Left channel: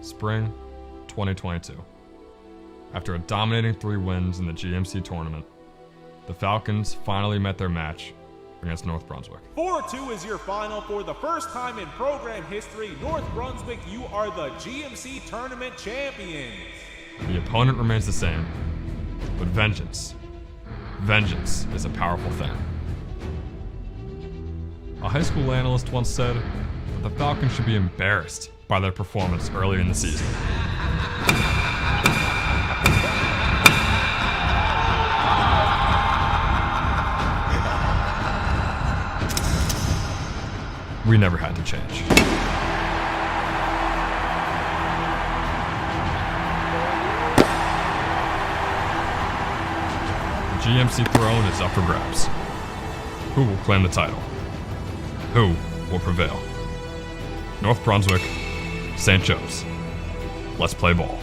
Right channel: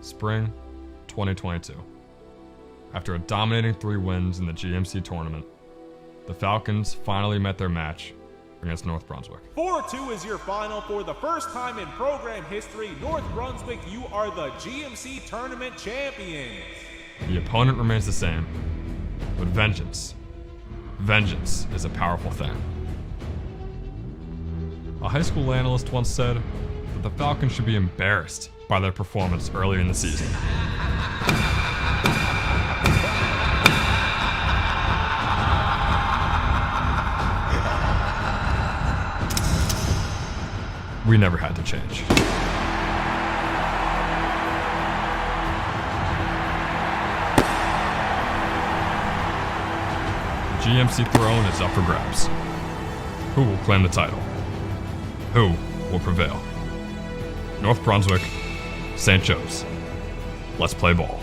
Spring 2022. After a dominating 3 wins in the GMC tournament, the Falcons finally met their match against North Brunswick. 4-2 is your final. For the first time in program history, North Brunswick, you are the GMC tournament champions. The opponent remains the same, but vengeance is a powerful thing. A high school analyst once said that the Falcons should be embarrassed by their performance early in the season. We never had to change. The GMC throne is up for grabs. Who will claim the title? Who will prevail? North Brunswick, St. Joe's. Let's play ball.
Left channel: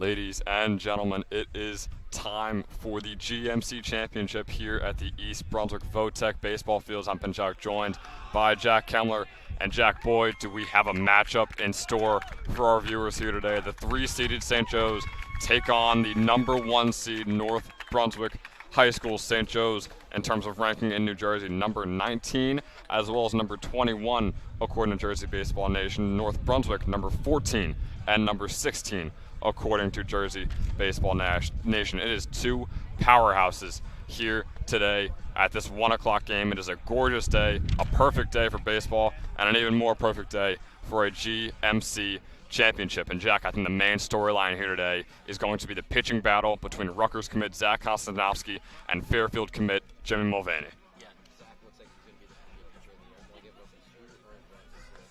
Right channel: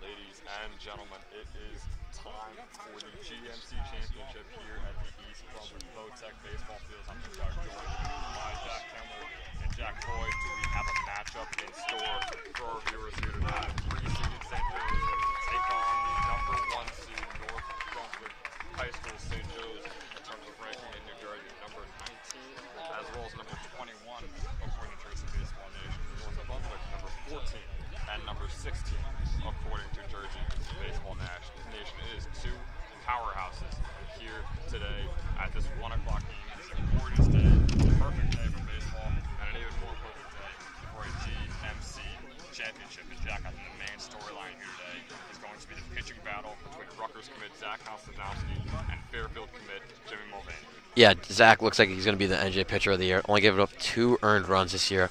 Ladies and gentlemen, it is time for the GMC Championship here at the East Brunswick Votech Baseball Fields. I'm joined by Jack Kemmler. And Jack, boy, do we have a matchup in store for our viewers here today. The 3-seeded St. Joe's take on the number 1 seed North Brunswick High School. St. Joe's, in terms of ranking in New Jersey, number 19, as well as number 21, according to Jersey Baseball Nation. North Brunswick, number 14, and number 16, according to Jersey Baseball Nation. It is 2 powerhouses here today at this 1 o'clock game. It is a gorgeous day, a perfect day for baseball, and an even more perfect day for a GMC championship. And Jack, I think the main storyline here today is going to be the pitching battle between Rutgers commit Zach Kostanowski and Fairfield commit Jimmy Mulvaney. Yeah, Zach looks like he's going to be the NJ pitcher of the year. Only giving up 2 earned runs this year,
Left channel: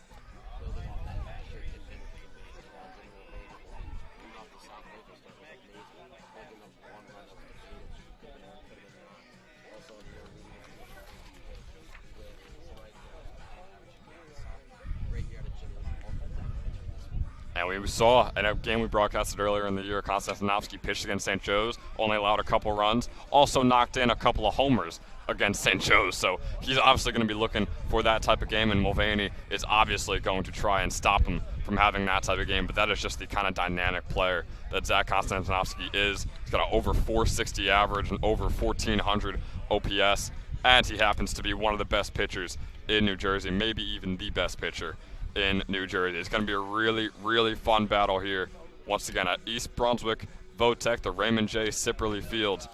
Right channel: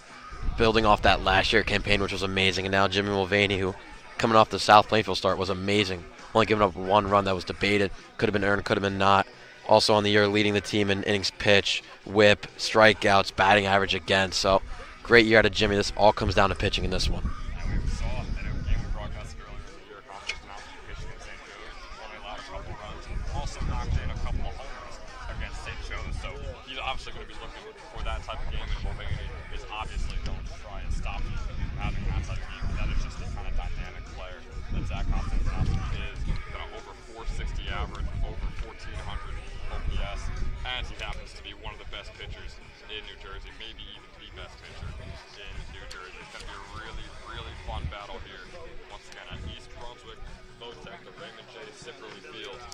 building off that last year campaign, which was amazing. And now Jimmy Mulvaney, who coming off the South Plainfield start, was amazing. Only giving up 1 run that was debated. Could have been earned, could have been not. Also on the year, leading the team in innings pitch, whip, strikeouts, batting average again. So great year out of Jimmy. This all comes down to pitching in this one. And we saw in a game we broadcasted earlier in the year, Kostanowski pitched against St. Joe's, only allowed a couple runs, also knocked in a couple of homers against St. Joe's. So he's obviously going to be looking for that type of game, and Mulvaney is obviously going to try and stop him from having that type of game. But that is just the kind of dynamic player that Zach Kostanowski is. He's got an over 460 average and over 1,400 OPS, and he happens to be one of the best pitchers in New Jersey, maybe even the best pitcher in New Jersey. It's going to be a really, really fun battle here. Once again, at East Brunswick Votech, the Raymond J. Sipperly Field.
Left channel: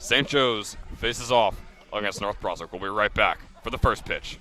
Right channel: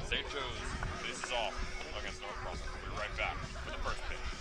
St. Joe's faces off against North Brunswick. We'll be right back for the first pitch.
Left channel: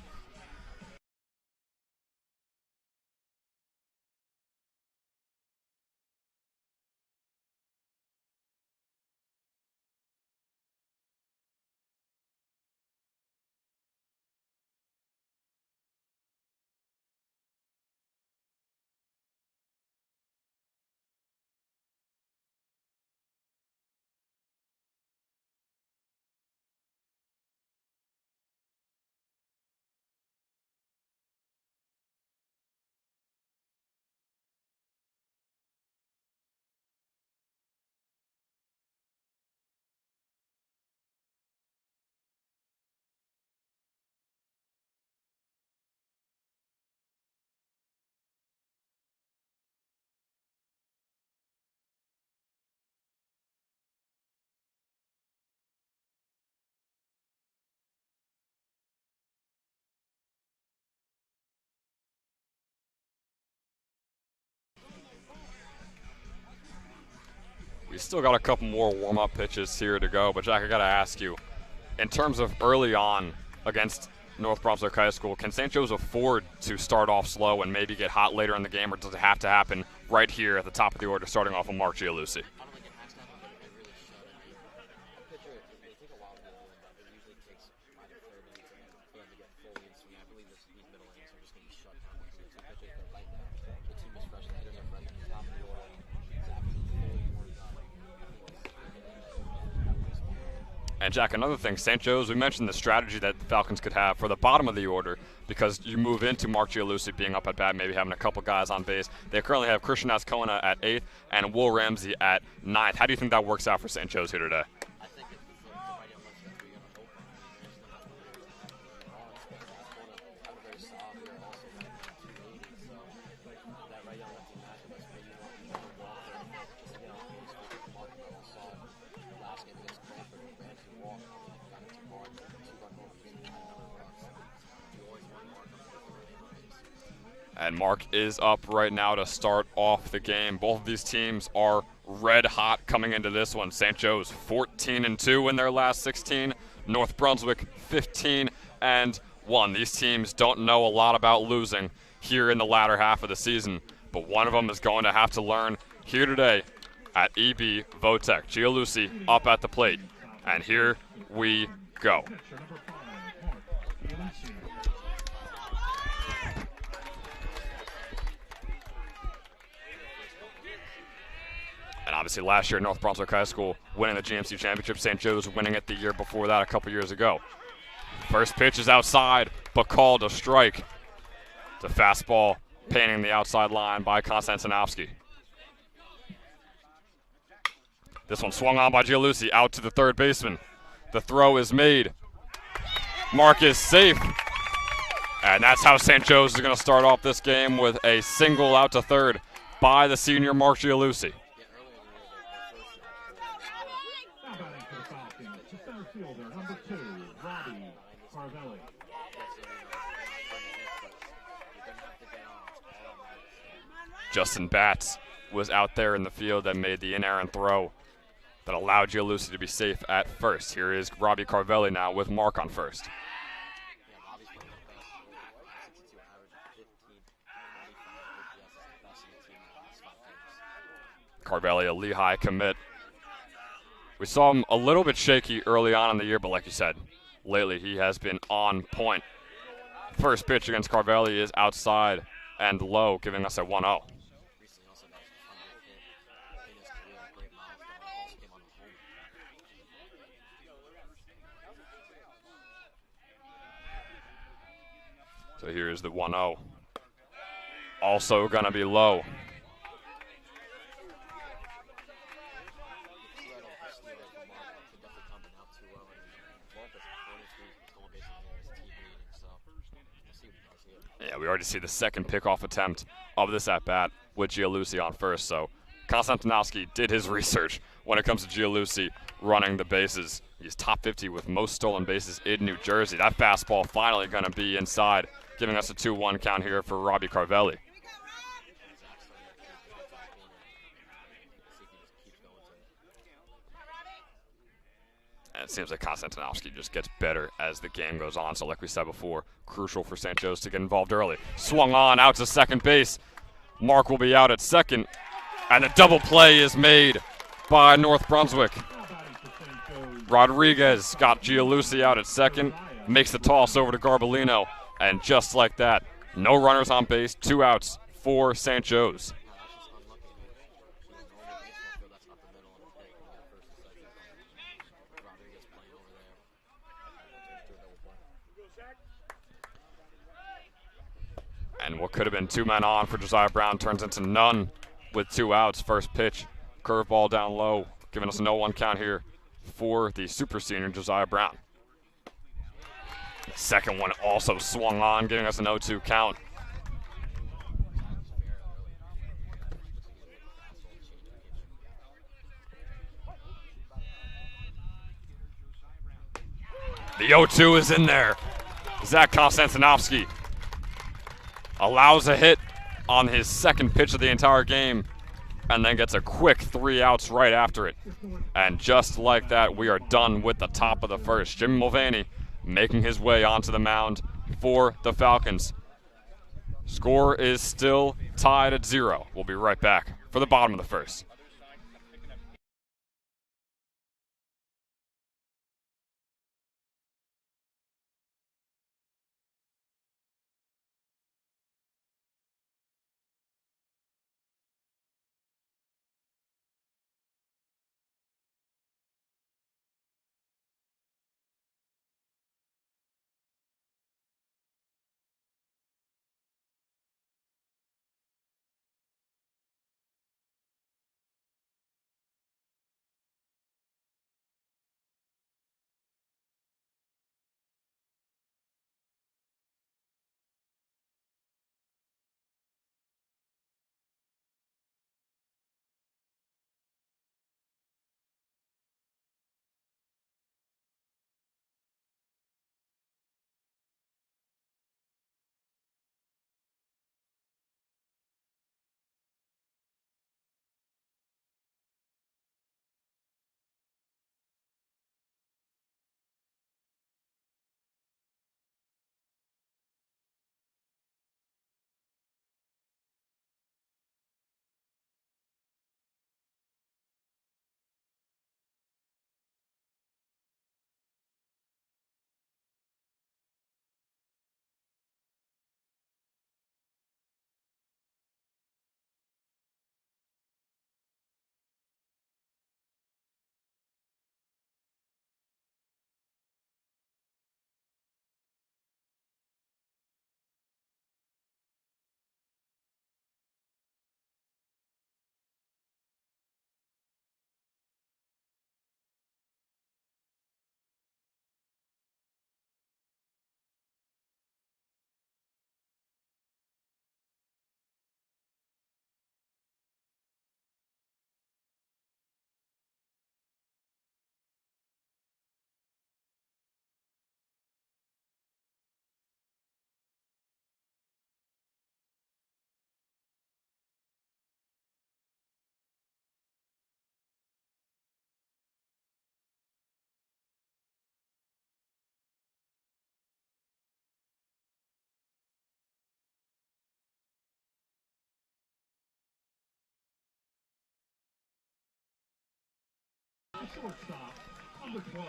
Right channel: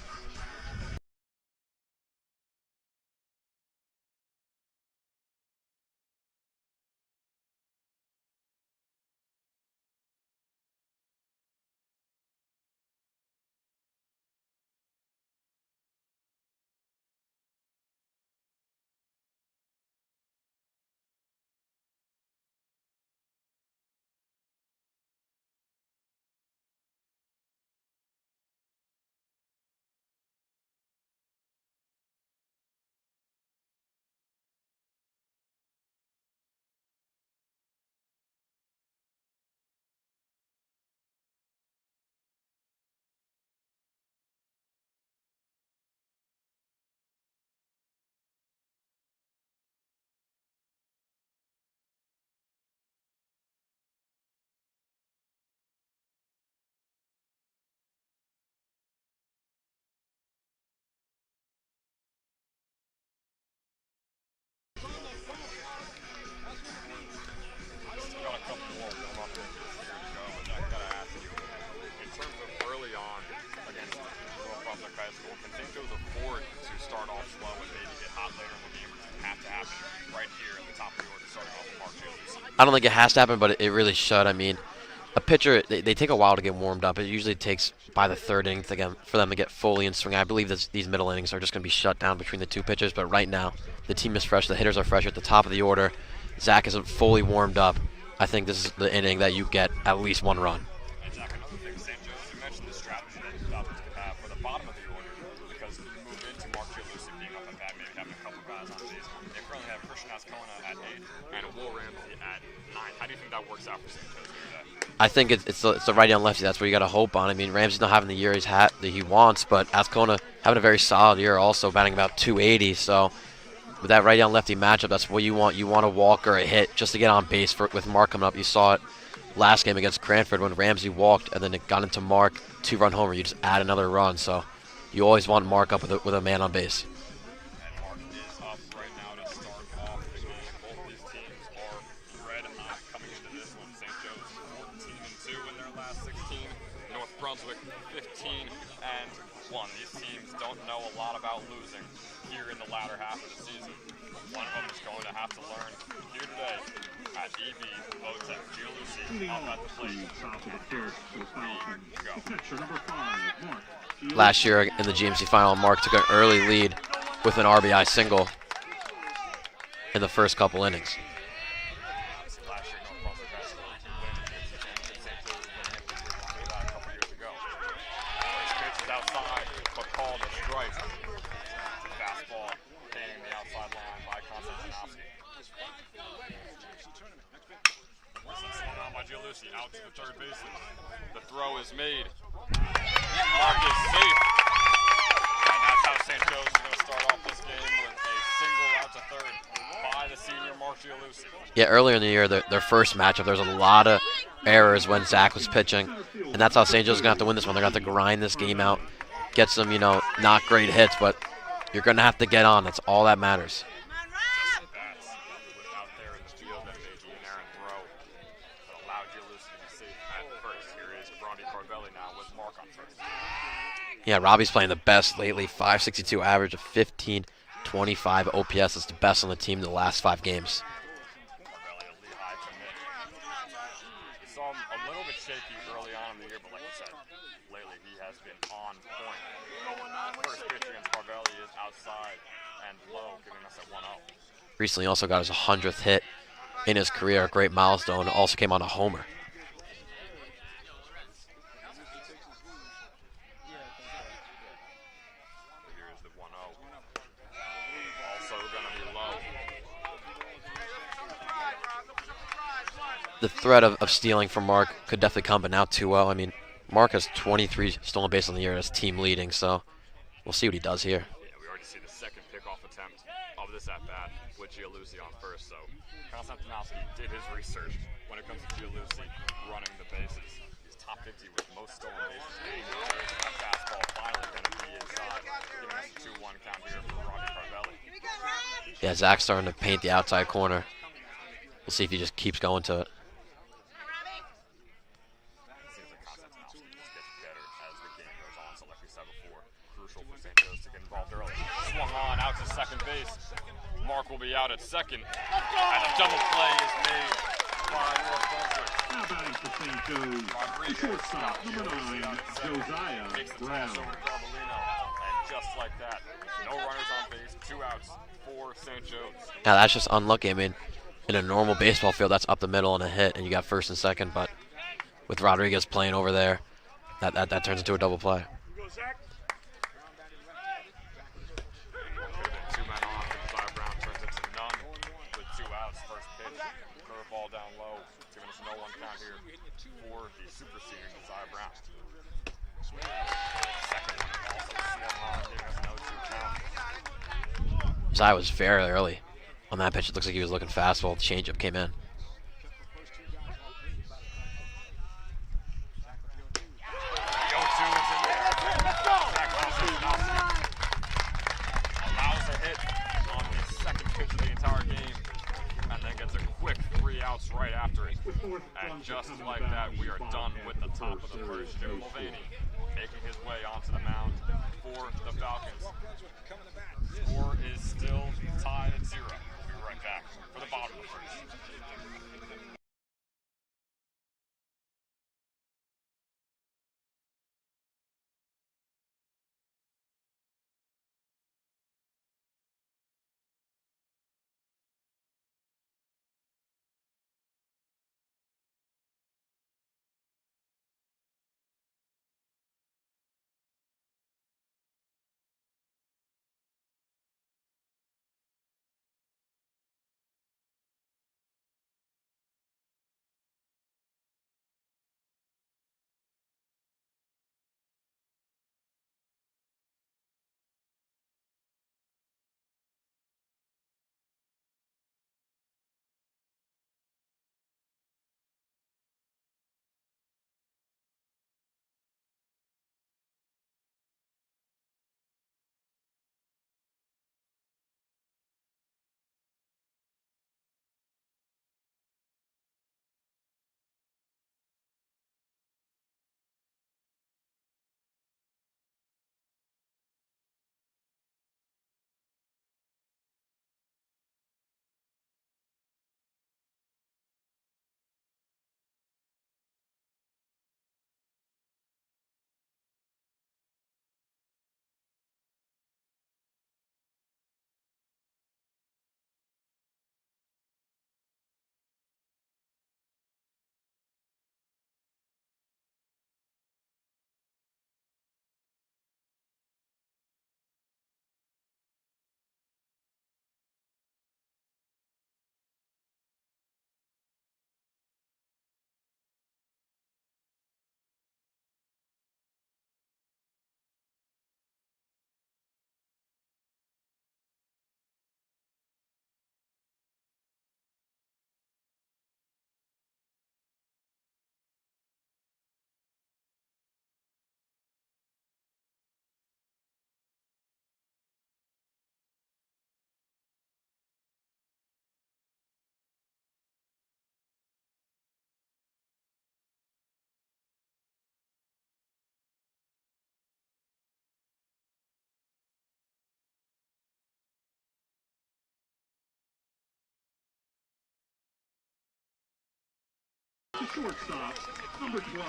still got a couple more warm-up pitches here to go. But Jack, I got to ask you, in terms of early on against North Brunswick High School, can St. Joe's afford to start off slow and maybe get hot later in the game, or does it have to happen right here at the top of the order, starting off with Mark Gialusi? I don't think it has to happen, but it really should. I mean, a pitcher, they take a while to get warmed up. It usually takes by the third inning for them to get fully in swing. I believe these middle innings are just going to be shut down between the two pitchers, but right now the team is fresh. The hitters are fresh at the top of the order. Zach isn't fully warmed up. I think this is the inning that you get at least one run. And Jack, another thing, St. Joe's, we mentioned the strategy that the Falcons could have for the bottom of the order, because you move into Mark Gialusi being up at bat, maybe having a couple guys on base. They currently have Christian Ascona at 8th and Will Ramsey at 9th. How do you think that works out for St. Joe's here today? I think it's the righty on lefty. That's what you got to hope on. I mean, Ramsey's not having the year that he wants, but Ascona having a very solid year, also batting about 280. So with that righty on lefty matchup, that's what you want. You want a walk or a hit just to get on base with Mark coming up. You saw it last game against Cranford when Ramsey walked and then it got into Mark, 2-run homer. You just add another run. So you always want Mark up with a man on base. And Mark is up right now to start off the game. Both of these teams are red hot coming into this one. St. Joe's 14-2 in their last 16. North Brunswick 15-1. These teams don't know a lot about losing here in the latter half of the season, but one of them is going to have to learn here today at EB Votech. Gialusi up at the plate, and here we go. Last year in the GMC final, Mark took an early lead with an RBI single in the first couple innings. And obviously last year, North Brunswick High School winning the GMC championship. St. Joe's winning it the year before that, a couple years ago. First pitch is outside, but called a strike. The fastball painting the outside line by Konstantinovsky. This one swung on by Gialusi, out to the third baseman. The throw is made. Mark is safe. And that's how St. Joe's is going to start off this game, with a single out to third by the senior Mark Gialusi. Yeah, earlier in the year, their first matchup, there was a lot of errors when Zach was pitching, and that's how St. Joe's is going to have to win this one. They're going to have to grind this game out, get some, not great hits, but you're going to have to get on. That's all that matters. Justin Batts was out there in the field that made the inerrant throw that allowed Gialusi to be safe at first. Here is Robbie Carvelli now with Mark on first. Yeah, Robbie's playing the best lately. 562 average, of 1525 OPS. That's the best on the team in the last 5 games. Carvelli, a Lehigh commit. We saw him a little bit shaky early on in the year, but like you said, lately he has been on point. First pitch against Carvelli is outside and low, giving us a 1-0. Recently also got his 100th hit in his career, a great milestone. Also came on a homer. So here's the 1-0. Also gonna be low. The threat of stealing from Mark could definitely come, but now 2-0. I mean, Mark has 23 stolen bases on the year as team leading, so we'll see what he does here. Yeah, we already see the second pickoff attempt of this at-bat with Gialusi on first, so Konstantinovsky did his research when it comes to Gialusi running the bases. He's top 50 with most stolen bases in New Jersey. That fastball finally going to be inside, giving us a 2-1 count here for Robbie Carvelli. Yeah, Zach's starting to paint the outside corner. We'll see if he just keeps going to it. And it seems like Konstantinovsky just gets better as the game goes on. So like we said before, crucial for St. Joe's to get involved early. Swung on out to second base. Mark will be out at second. And a double play is made by North Brunswick. Rodriguez got Gialusi out at second, makes the toss over to Garbolino, and just like that, no runners on base, 2 outs for St. Joe's. Now that's just unlucky. I mean, in a normal baseball field, that's up the middle and a hit, and you got first and second, but with Rodriguez playing over there, that turns into a double play. And what could have been 2 men on for Josiah Brown turns into none with 2 outs. First pitch, curveball down low, giving us a 0-1 count here for the super senior Josiah Brown. Second one also swung on, giving us an 0-2 count. Josiah was very early on that pitch. It looks like he was looking fastball. The changeup came in. The 0-2 is in there. Zach Konstantinovsky allows a hit on his second pitch of the entire game. and then gets a quick 3 outs right after it. And just like that, we are done with the top of the first. Jimmy Mulvaney making his way onto the mound for the Falcons. Score is still tied at 0. We'll be right back for the bottom of the first. Shortstop, number 12,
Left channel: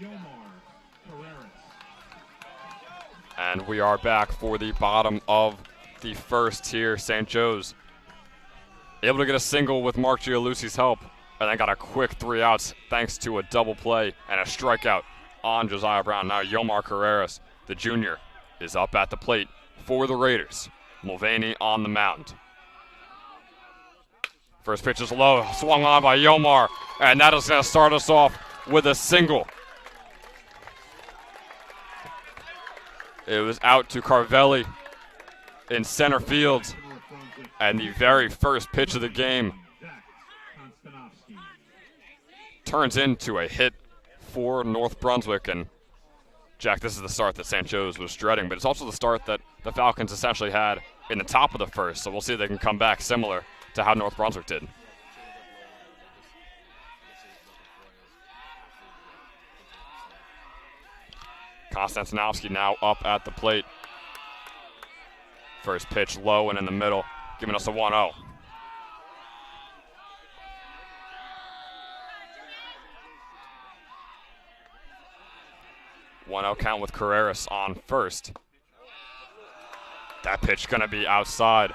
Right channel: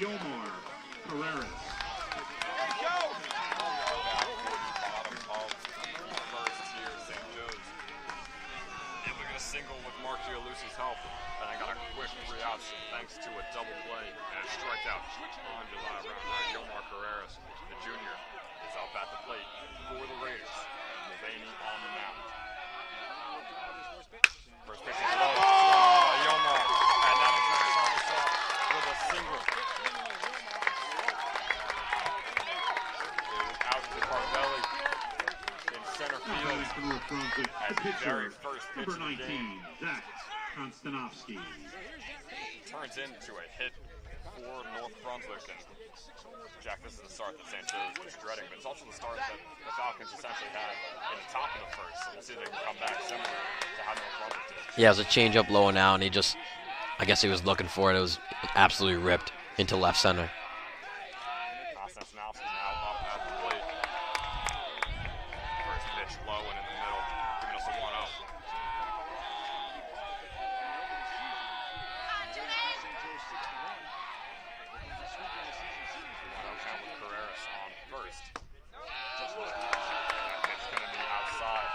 Yomar Carreras. And we are back for the bottom of the first here. St. Joe's able to get a single with Mark Gialussi's help, and then got a quick 3 outs thanks to a double play and a strikeout on Josiah Brown. Now Yomar Carreras, the junior, is up at the plate for the Raiders. Mulvaney on the mound. First pitch is low, swung on by Yomar, and that is going to start us off with a single. It was out to Carvelli in center field, and the very first pitch of the game turns into a hit for North Brunswick. And Jack, this is the start that St. Joe's was dreading, but it's also the start that the Falcons essentially had in the top of the first, so we'll see if they can come back similar to how North Brunswick did. Yeah, it was a change-up low and out, and he just, I guess he was looking for it. It was absolutely ripped into left center. Konstantinovsky now up at the plate. First pitch low and in the middle, giving us a 1-0. Count with Carreras on first. That pitch gonna be outside.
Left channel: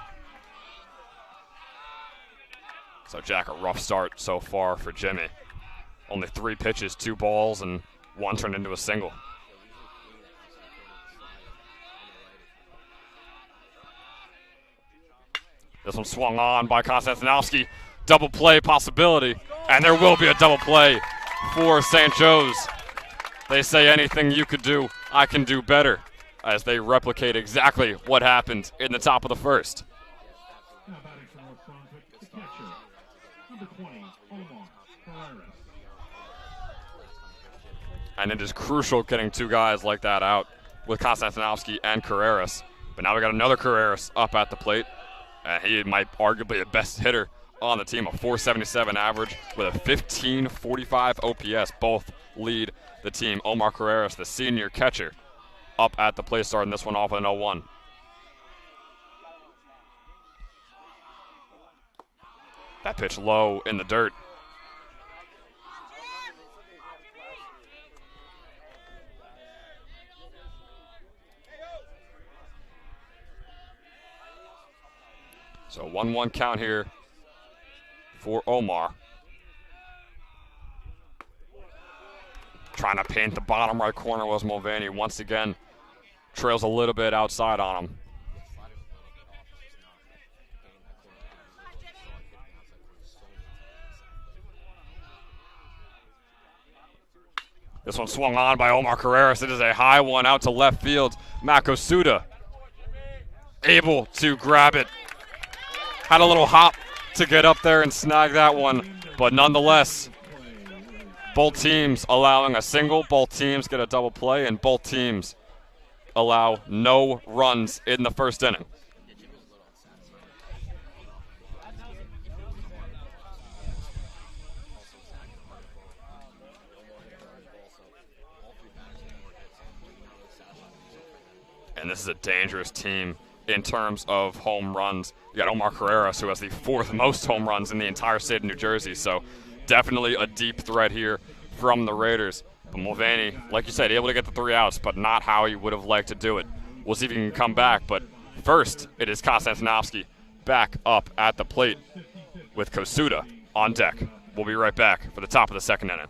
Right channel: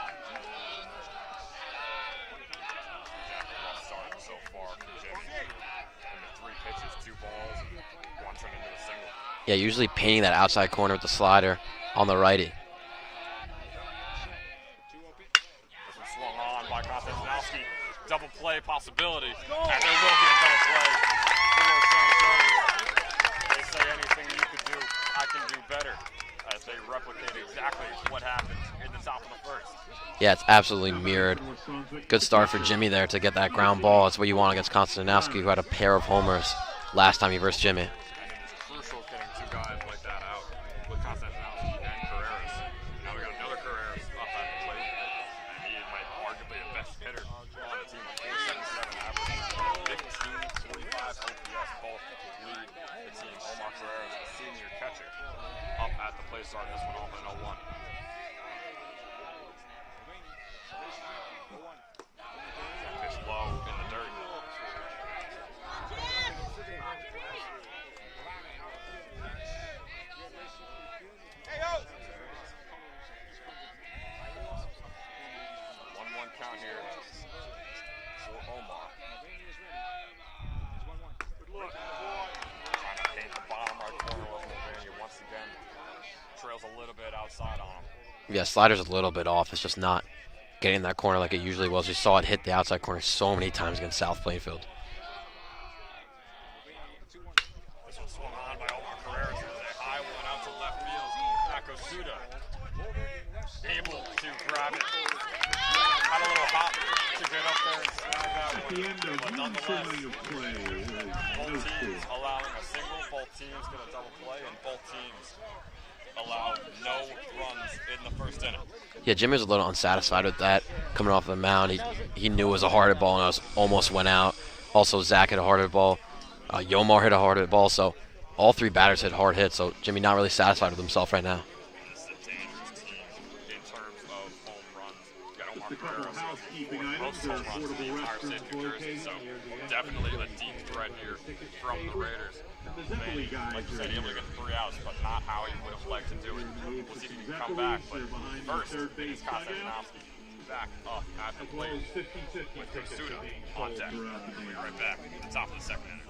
So Jack, a rough start so far for Jimmy. Only 3 pitches, 2 balls, and 1 turned into a single. Yeah, usually painting that outside corner with the slider on the righty. This one swung on by Konstantinovsky. Double play possibility, and there will be a double play for St. Joe's. They say anything you could do, I can do better, as they replicate exactly what happened in the top of the first. Yeah, it's absolutely mirrored. Good start for Jimmy there to get that ground ball. That's what you want against Konstantinovsky, who had a pair of homers last time he versed Jimmy. And it is crucial getting 2 guys like that out with Konstantinovsky and Carreras. But now we got another Carreras up at the plate. He might arguably the best hitter on the team, a .477 average with a 1545 OPS. Both lead the team. Omar Carreras, the senior catcher, up at the plate, starting this one off with an 0-1. That pitch low in the dirt. So 1-1 count here for Omar. Trying to paint the bottom right corner was Mulvaney. Once again, trails a little bit outside on him. Yeah, slider's a little bit off. It's just not getting that corner like it usually was. We saw it hit the outside corner so many times against South Plainfield. This one swung on by Omar Carreras. It is a high one out to left field. Matt Kosuda able to grab it. Had a little hop to get up there and snag that one, but nonetheless, both teams allowing a single, both teams get a double play, and both teams allow no runs in the first inning. Yeah, Jimmy was a little unsatisfied with that coming off the mound. He knew it was a hard hit ball and it almost went out. Also, Zach hit a hard hit ball. Yomar hit a hard hit ball. So all three batters hit hard hits. So Jimmy not really satisfied with himself right now. And this is a dangerous team in terms of home runs. You got Omar Carreras, who has the 4th most home runs in the entire state of New Jersey. So definitely a deep threat here from the Raiders. But Mulvaney, like you said, able to get the 3 outs, but not how he would have liked to do it. We'll see if he can come back. But first, it is Konstantinovsky back up at the plate with Kosuda on deck. We'll be right back for the top of the second inning.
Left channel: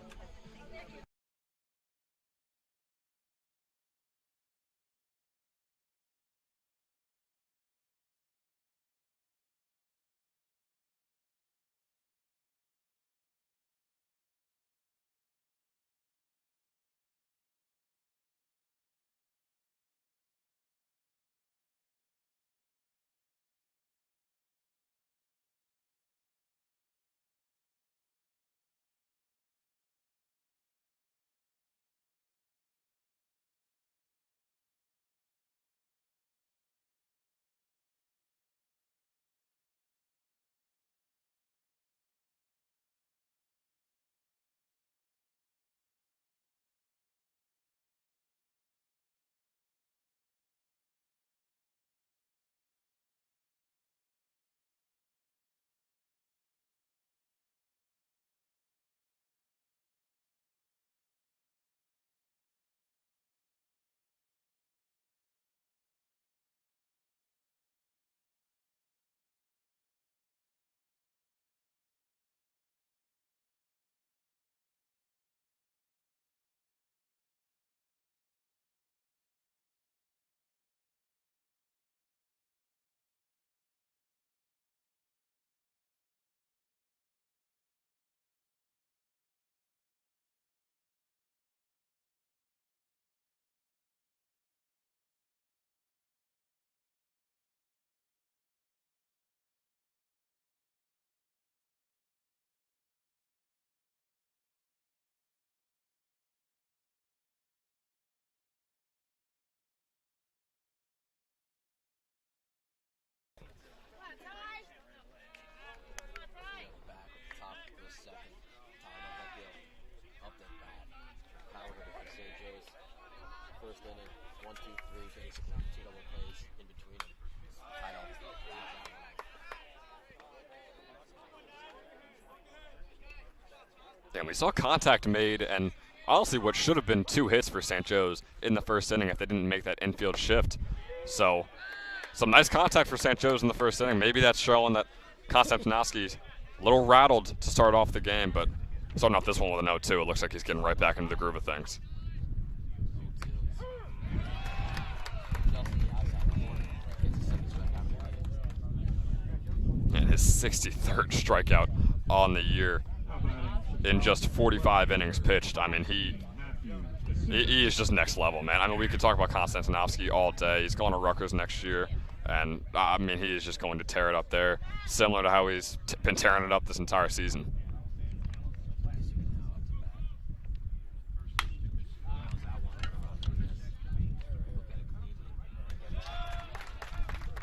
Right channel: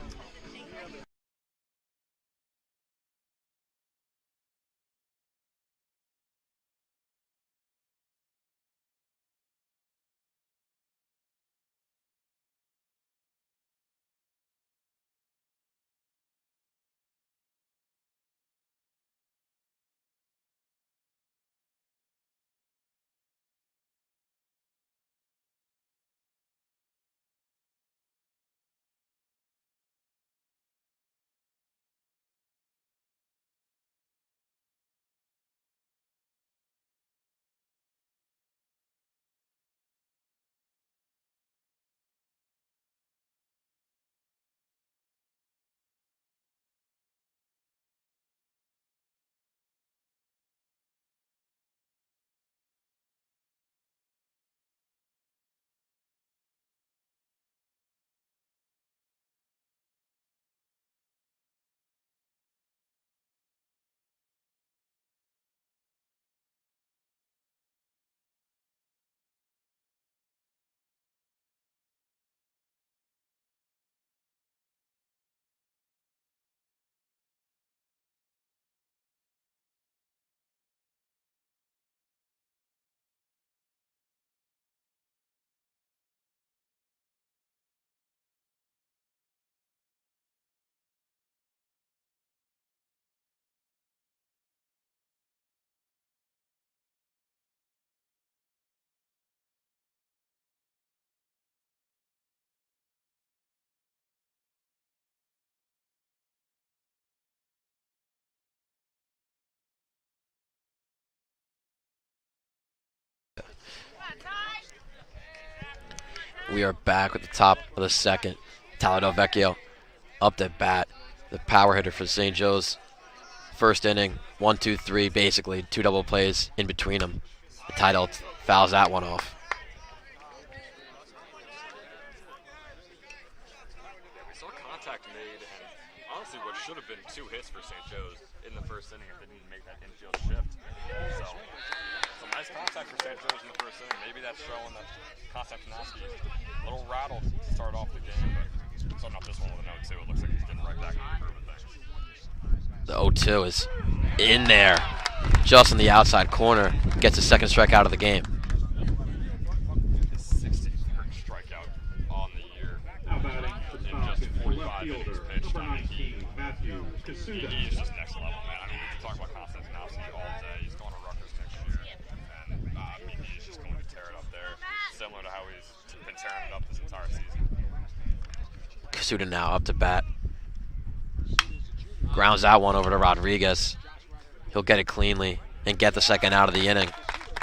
We are back at the top of the second. Tyler Del Vecchio up to bat. The power hitter for St. Joe's. First inning, 1, 2, 3, basically 2 double plays in between them. The title fouls that one off. And we saw contact made, and honestly what should have been 2 hits for St. Joe's in the first inning if they didn't make that infield shift. So some nice contact for St. Joe's in the first inning. Maybe that's showing that Konstantinovsky's a little rattled to start off the game, but starting off this one with an 0-2, it looks like he's getting right back into the groove of things. The 0-2 is in there, just in the outside corner. Gets his second strikeout of the game. And his 63rd strikeout on the year in just 45 innings pitched. I mean, he is just next level, man. I mean, we could talk about Konstantinovsky all day. He's going to Rutgers next year. And, I mean, he is just going to tear it up there, similar to how he's been tearing it up this entire season. Kosuda now up to bat. Grounds out one over to Rodriguez. He'll get it cleanly and get the second out of the inning.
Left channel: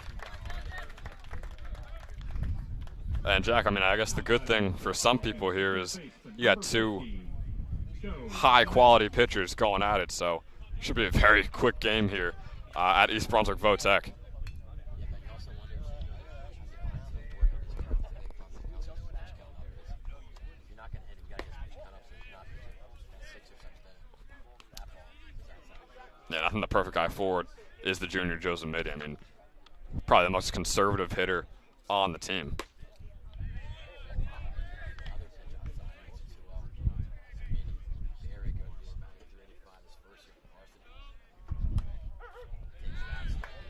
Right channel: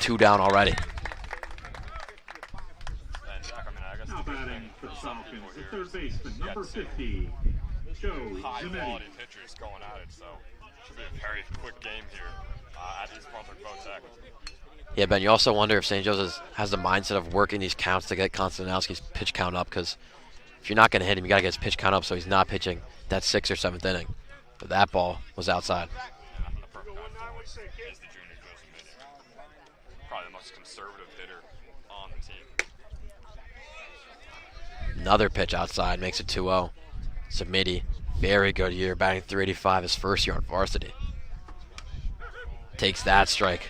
2 down already. And Jack, I mean, I guess the good thing for some people here is you got two high-quality pitchers going at it, so should be a very quick game here at East Brunswick Votech. Yeah, Ben, you also wonder if St. Joe's has the mindset of working these counts to get Konstantinowski's pitch count up, because if you're not going to hit him, you got to get his pitch count up so he's not pitching that 6th or 7th inning. But that ball was outside. Yeah, I think the perfect guy forward is the junior Joe Zamidi. I mean, probably the most conservative hitter on the team. Another pitch outside makes it 2-0. Zamidi, very good year, batting .385 his first year on varsity. Takes that strike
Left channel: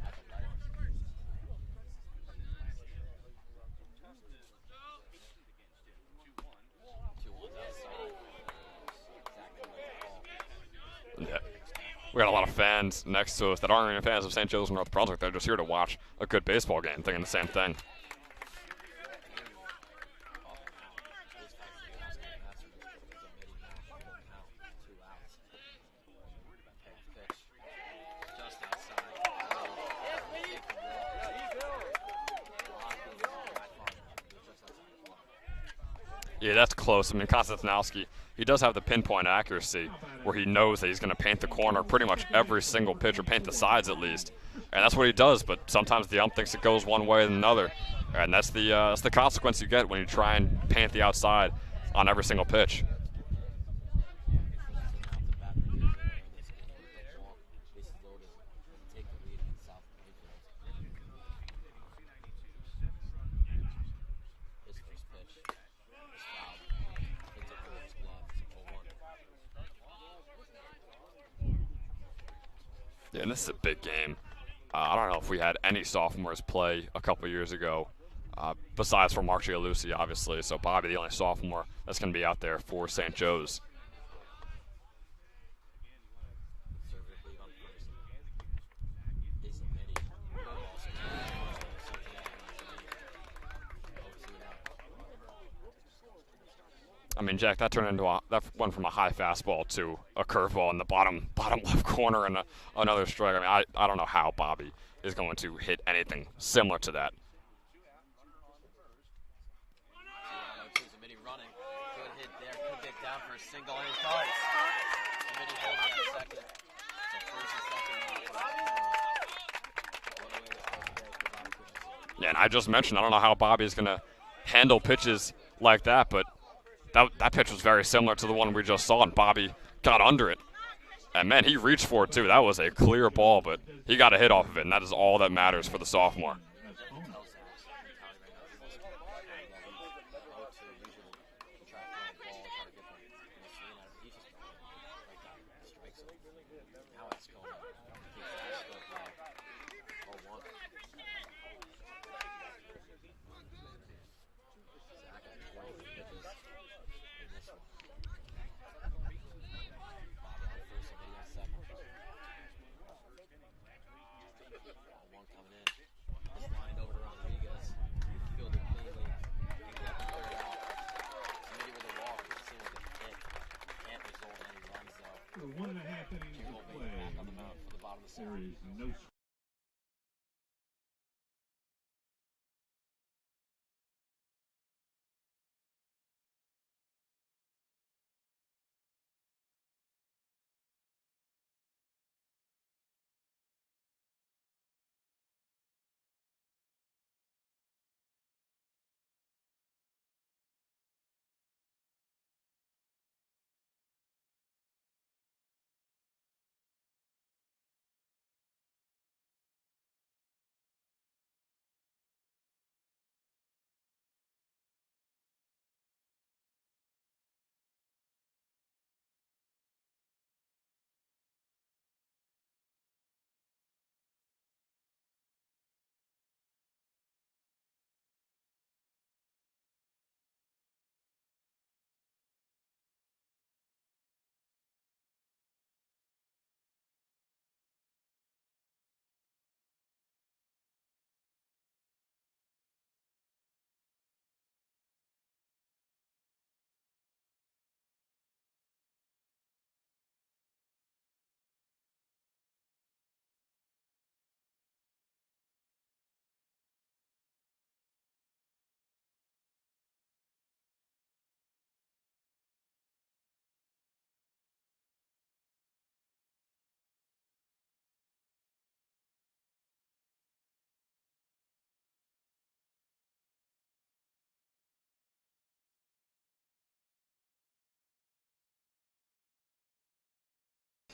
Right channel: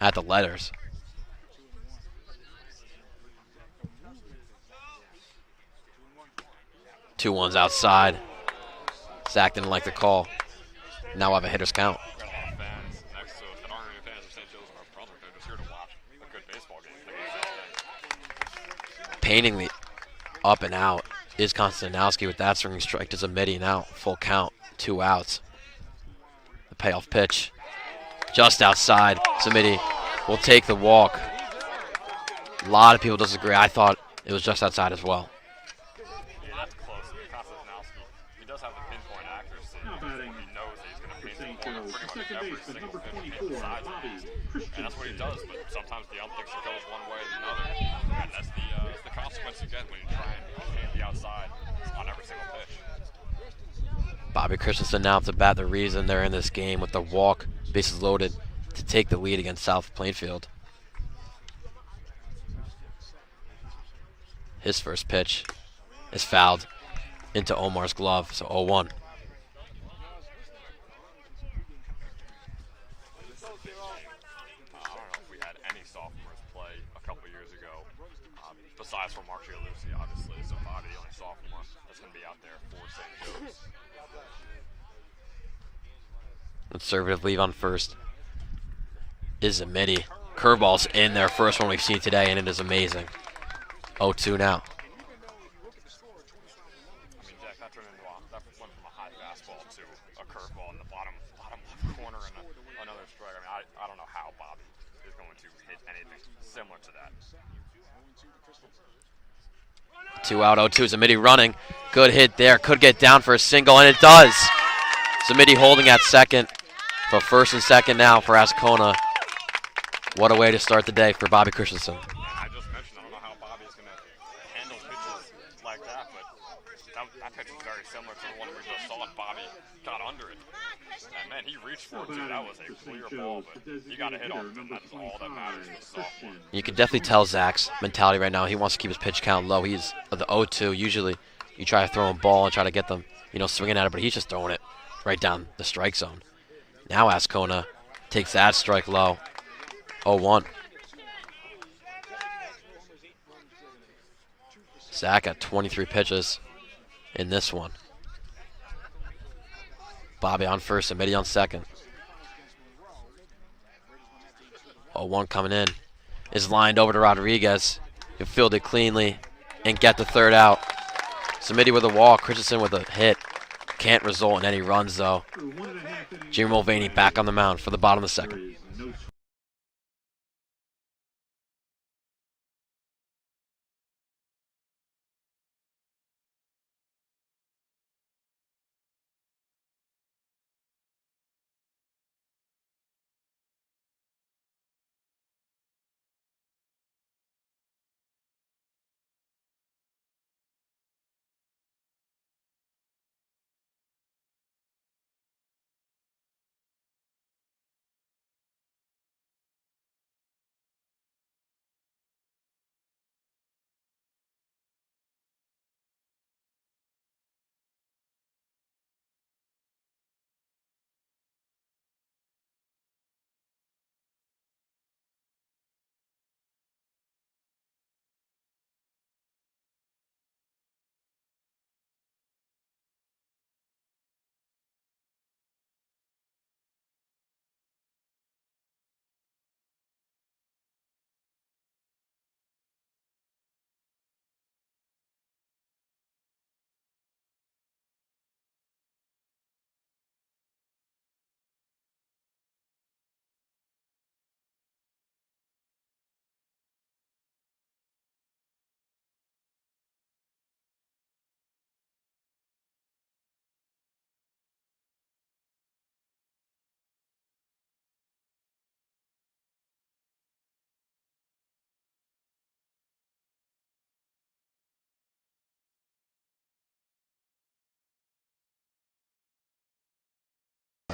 at the letters. Two ones outside. Zach didn't like the call. Now I have a hitter's count. We got a lot of fans next to us that aren't even fans of St. Joe's and North Brunswick. They're just here to watch a good baseball game, thinking the same thing. Paintingly up and out is Konstantinowski with that swinging strike to Zamidi. Now full count, 2 outs. The payoff pitch just outside. Zamidi will take the walk. A lot of people disagree. I thought it was just outside as well. Yeah, that's close. I mean, Konstantinowski, he does have the pinpoint accuracy where he knows that he's going to paint the corner pretty much every single pitch, or paint the sides at least. And that's what he does, but sometimes the ump thinks it goes one way than another. And that's the consequence you get when you try and paint the outside on every single pitch. Bobby Christensen now to bat, the reason they're in this game with the walk, bases loaded, to take the lead against South Plainfield. His first pitch is fouled into Omar's glove, so 0-1. Yeah, and this is a big game. I don't know if we had any sophomores play a couple years ago, besides for Mark Gialusi, obviously. So Bobby, the only sophomore that's going to be out there for St. Joe's. Conservative leave on first is Zamidi. Curveball's in there, first one we've seen today, and it is amazing. 0-2 now. I mean, Jack, that went from a high fastball to a curveball in the bottom left corner and another strike. I mean, I don't know how Bobby is going to hit anything similar to that. 2 out, 0-2. Zamidi running. Good hit there. Could get down for a single, and it does. Zamidi holding at second. But first and second now for Ascona. What a way to start the day for Bobby Christensen. Yeah, and I just mentioned, I don't know how Bobby is going to handle pitches like that, but that pitch was very similar to the one we just saw, and Bobby got under it. And, man, he reached for it, too. That was a clear ball, but he got a hit off of it, and that is all that matters for the sophomore. You can definitely tell Zach's mentality right now. He wants to keep his pitch count low. He's the 0-2. Usually you try to throw him a ball and try to get them, swinging at it, but he's just throwing it right down the strike zone. Now Ascona takes that strike low. 0-1. Zach at 23 pitches in this one. Bobby on first, Zamidi on second. 0-1 coming in. Is lined over to Rodriguez. He'll field it cleanly and get the third out. Zamidi with a walk, Christensen with a hit. Can't result in any runs though. Jimmy Mulvaney back on the mound for the bottom of the second.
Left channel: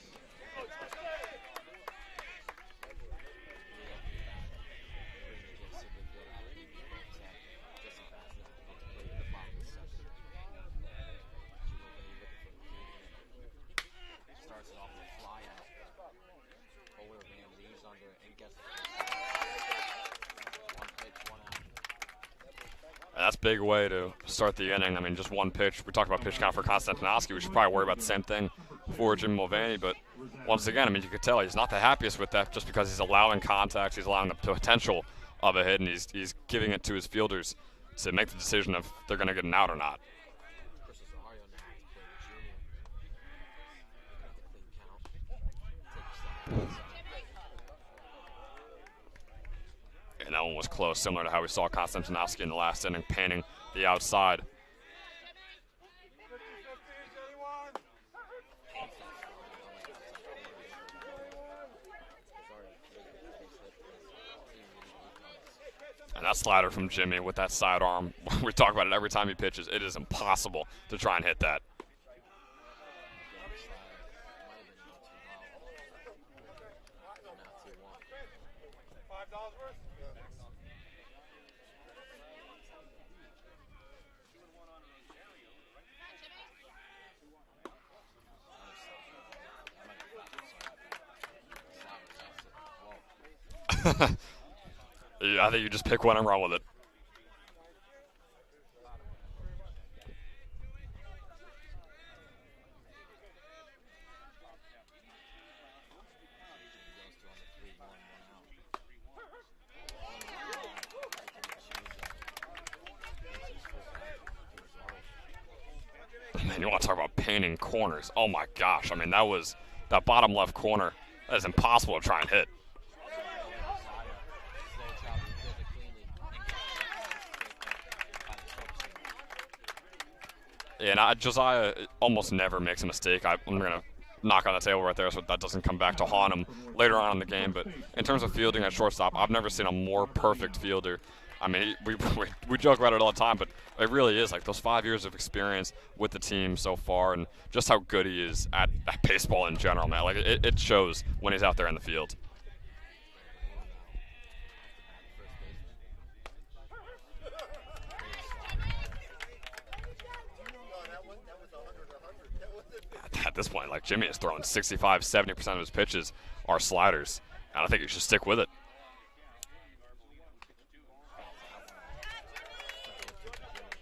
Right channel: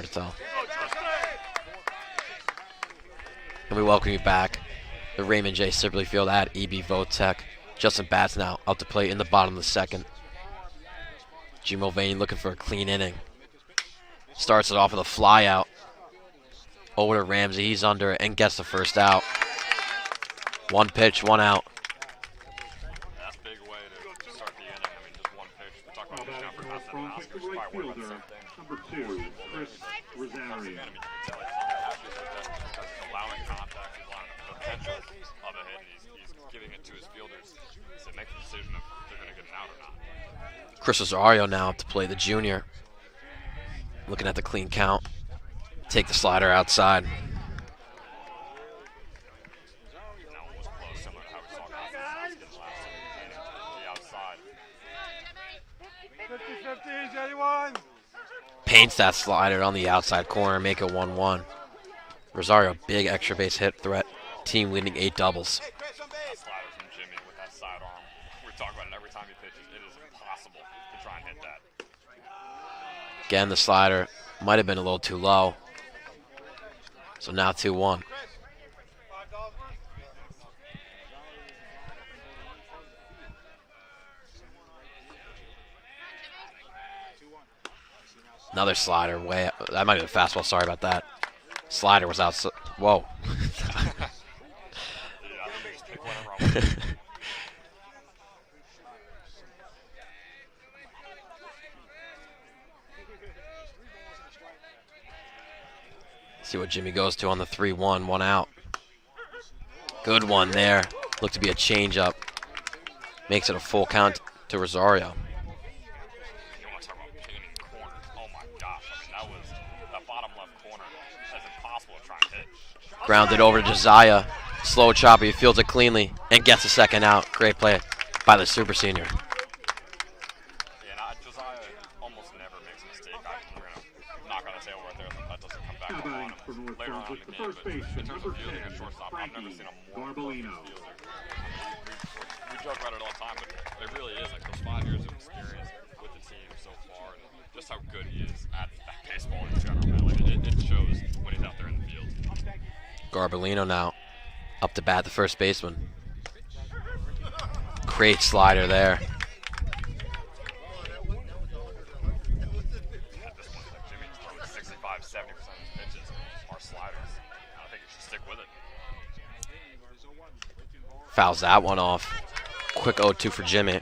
to tell. And we welcome you back. The Raymond J. Sibley Field at EB Votech. Justin Batts now up to play in the bottom of the second. G. Mulvaney looking for a clean inning. Starts it off with a fly out. Over to Ramsey. He's under it and gets the first out. One pitch, one out. That's a big way to start the inning. I mean, just one pitch. We talked about pitch count for Konstantinovsky. We should probably worry about the same thing for Jim Mulvaney. But once again, I mean, you could tell he's not the happiest with that just because he's allowing contact. He's allowing the potential of a hit, and he's giving it to his fielders to make the decision of they're going to get an out or not. Chris Rosario now up to play the junior. Looking at the clean count. Take the slider outside. And that one was close, similar to how we saw Konstantinovsky in the last inning, painting the outside. Paints that slider on the outside corner, make it 1-1. Rosario, big extra base hit threat. Team leading 8 doubles. And that slider from Jimmy with that sidearm, we talk about it every time he pitches. It is impossible to try and hit that. Again, the slider might have been a little too low. So now 2-1. Another slider way up. That might have been a fastball. Sorry about that. Slider was out. Whoa. I think you just pick one and run with it. See what Jimmy goes to on the 3-1, one out. Good one there. Looked to be a changeup. Makes it a full count to Rosario. Man, you want to talk about painting corners. Oh my gosh. I mean, that bottom left corner. That is impossible to try and hit. Grounded over to Josiah. Slow chopper. He fields it cleanly and gets the second out. Great play by the super senior. Yeah, and Josiah almost never makes a mistake. I'm going to knock on the table right there so that doesn't come back to haunt him later on in the game. But in terms of fielding at shortstop, I've never seen a more perfect fielder. I mean, we joke about it all the time, but it really is like those 5 years of experience with the team so far and just how good he is at baseball in general, man. Like it shows when he's out there in the field. Garbolino now up to bat, the first baseman. Great slider there. At this point, like Jimmy is throwing 65-70% of his pitches are sliders, and I think he should stick with it. Fouls that one off. Quick 0-2 for Jimmy.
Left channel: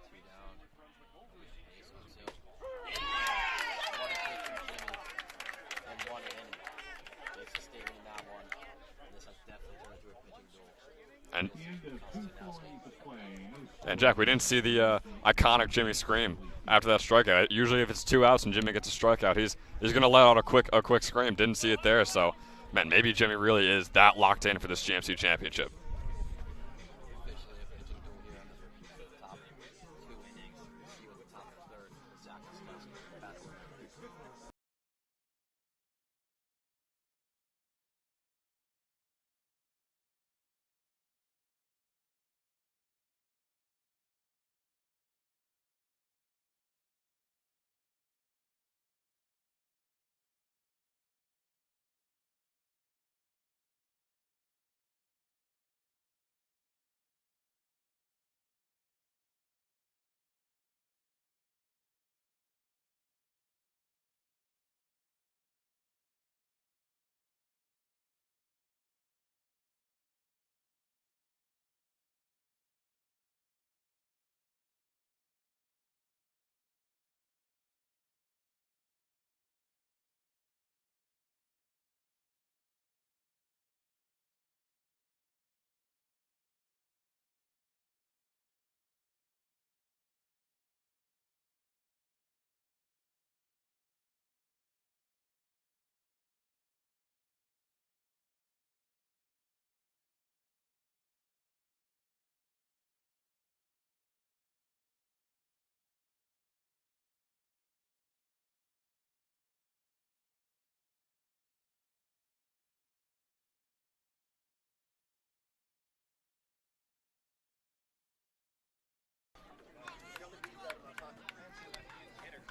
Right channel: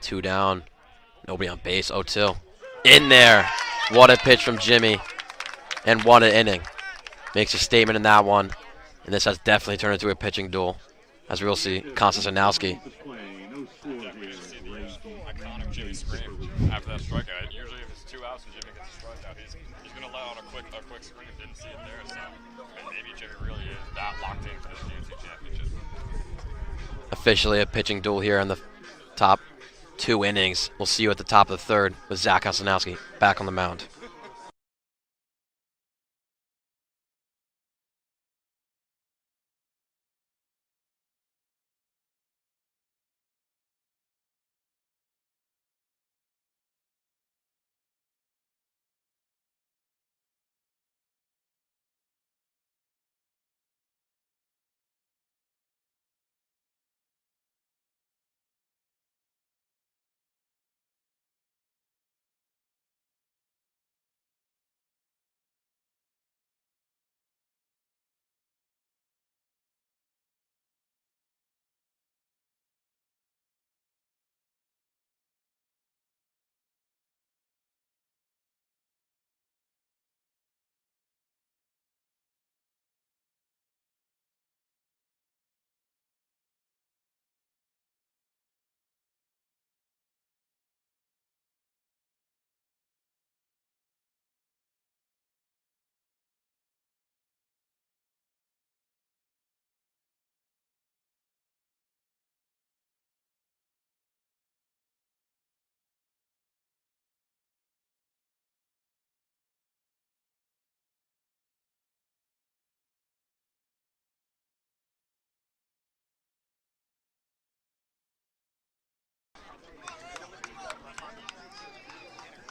Two down. Nobody on base. 0-2. In there. What a pitch from Jimmy. And what an inning. Makes a statement in that one. And this has definitely turned into a pitching duel. As we'll see, Konstantinovsky. And Jack, we didn't see the iconic Jimmy scream after that strikeout. Usually if it's 2 outs and Jimmy gets a strikeout, he's going to let out a quick scream. Didn't see it there, so man, maybe Jimmy really is that locked in for this GMC championship. Officially a pitching duel here in the top 2 innings. We'll see you at the top of the third with Zach Konstantinovsky back on the mound.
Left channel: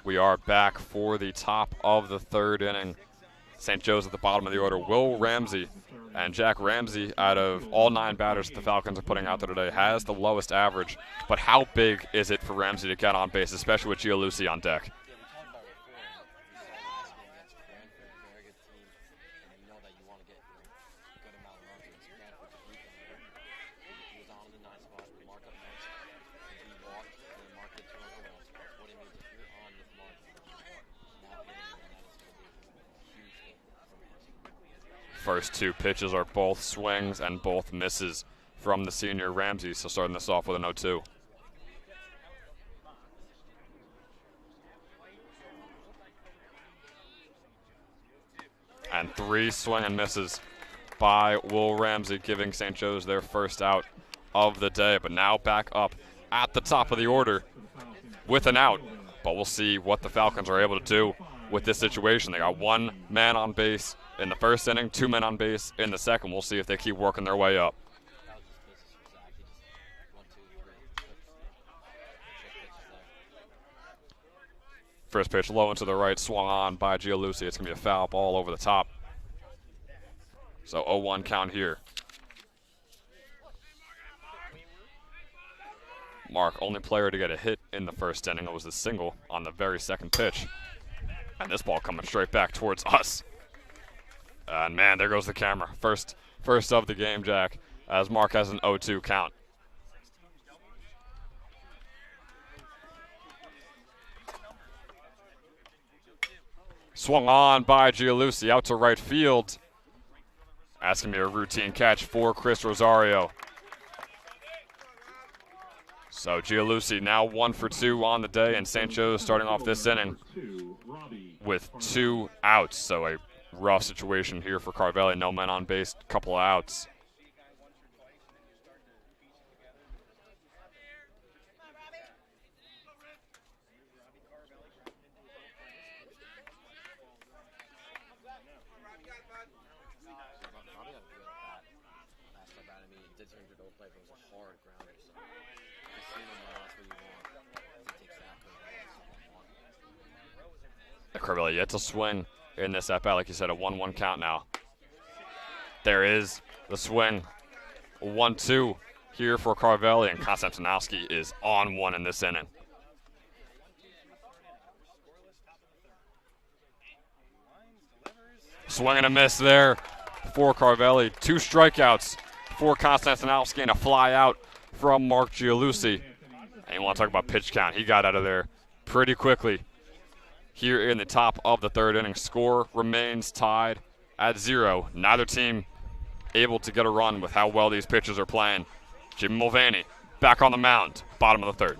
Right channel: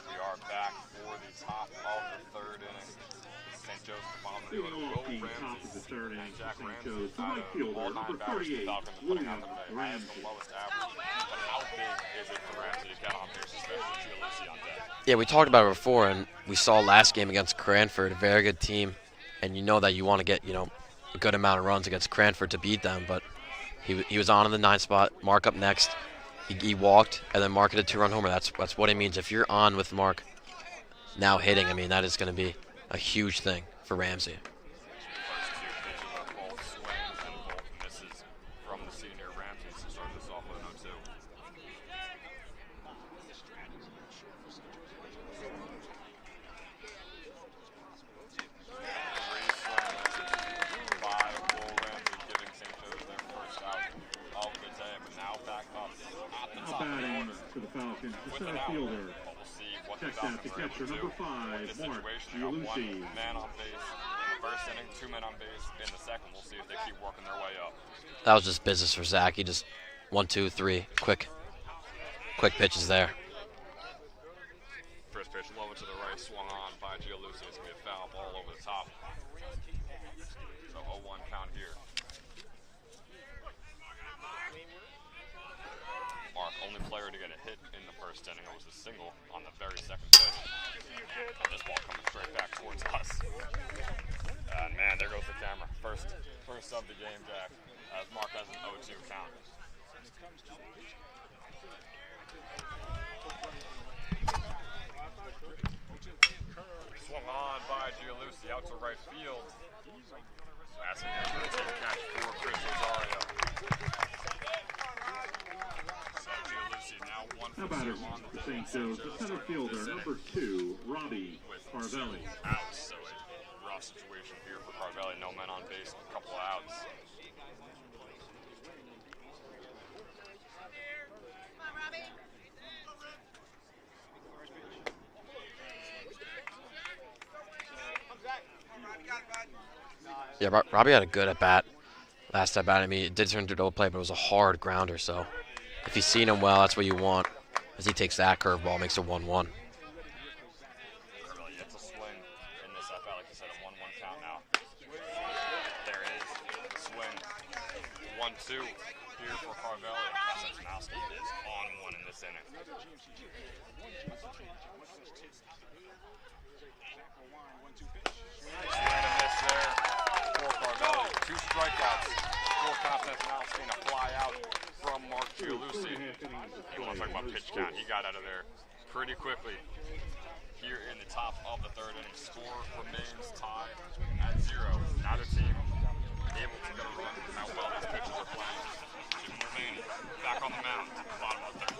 We are back for the top of the third inning. St. Joe's at the bottom of the order. Will Ramsey and Jack Ramsey, out of all 9 batters the Falcons are putting out there today, has the lowest average. But how big is it for Ramsey to get on base, especially with Gianluci on deck? Yeah, we talked about it before, and we saw last game against Cranford, a very good team, and you know that you want to get, a good amount of runs against Cranford to beat them, but he was on in the 9th spot. Mark up next. He walked, and then Mark hit a 2-run homer. That's what it means. If you're on with Mark now hitting, I mean, that is going to be a huge thing for Ramsey. First 2 pitches are both swings and both misses from the senior Ramsey, so starting this off with an 0-2. And 3 swing and misses by Will Ramsey, giving St. Joe's their first out of the day. But now back up at the top of the order with an out. But we'll see what the Falcons are able to do with this situation. They got 1 man on base in the first inning, 2 men on base in the second. We'll see if they keep working their way up. That was just business for Zach. He just 1, 2, 3, quick pitches there. First pitch low and to the right, swung on by Gianluci. It's going to be a foul ball over the top. So 0-1 count here. Mark, only player to get a hit in the first inning. It was a single on the very second pitch. And this ball coming straight back towards us. And man, there goes the camera. First of the game, Jack, as Mark has an 0-2 count. Swung on by Gianluci out to right field. That's going to be a routine catch for Chris Rosario. So Gianluci now 1 for 2 on the day, and St. Joe's starting off this inning with 2 outs. So a rough situation here for Carvelli. No men on base, couple of outs. Yeah, Robbie had a good at-bat last at-bat. I mean, it did turn into a double play, but it was a hard grounder, so if you've seen him well, that's what you want, as he takes that curveball, makes it 1-1. Carvelli yet to swing in this at-bat. Like you said, a 1-1 count now. There is the swing. 1-2 here for Carvelli, and Konstantinowski is on 1 in this inning. Swing and a miss there for Carvelli. 2 strikeouts for Konstantinowski and a fly out from Mark Gianluci. And you want to talk about pitch count. He got out of there pretty quickly. Here in the top of the third inning, score remains tied at 0. Neither team able to get a run with how well these pitchers are playing. Jim Mulvaney back on the mound, bottom of the third.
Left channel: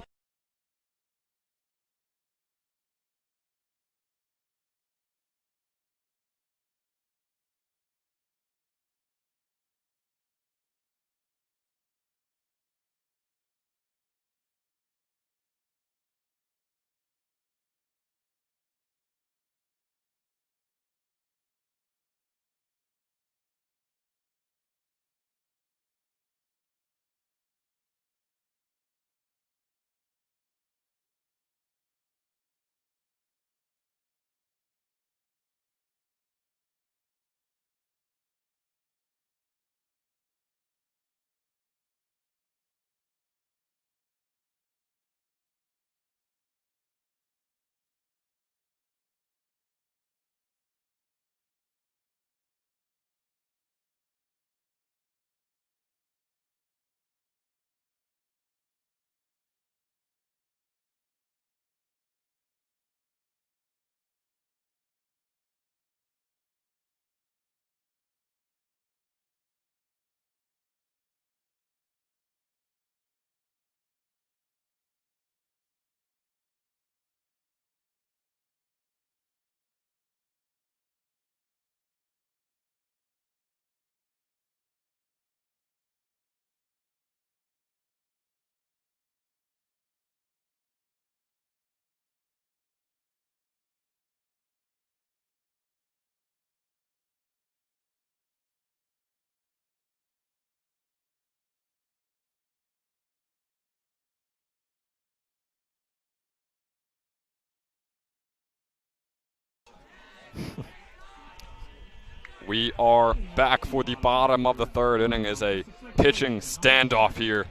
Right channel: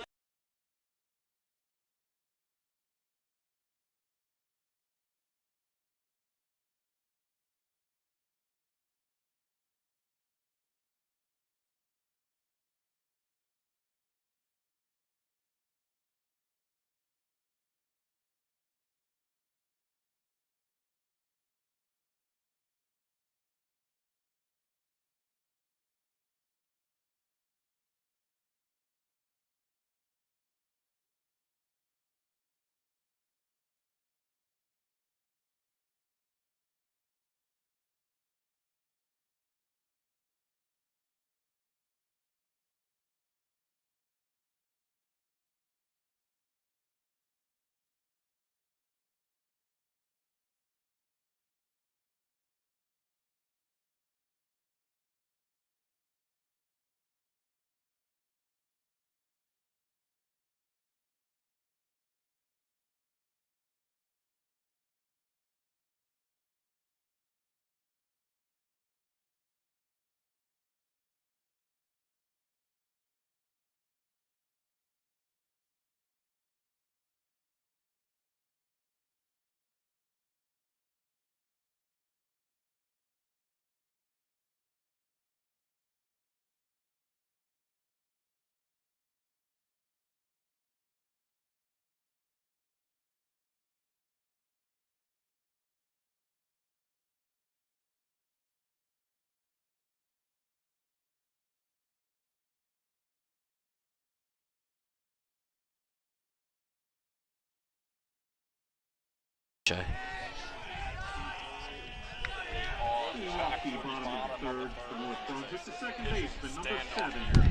We are back for the bottom of the third inning as a pitching standoff here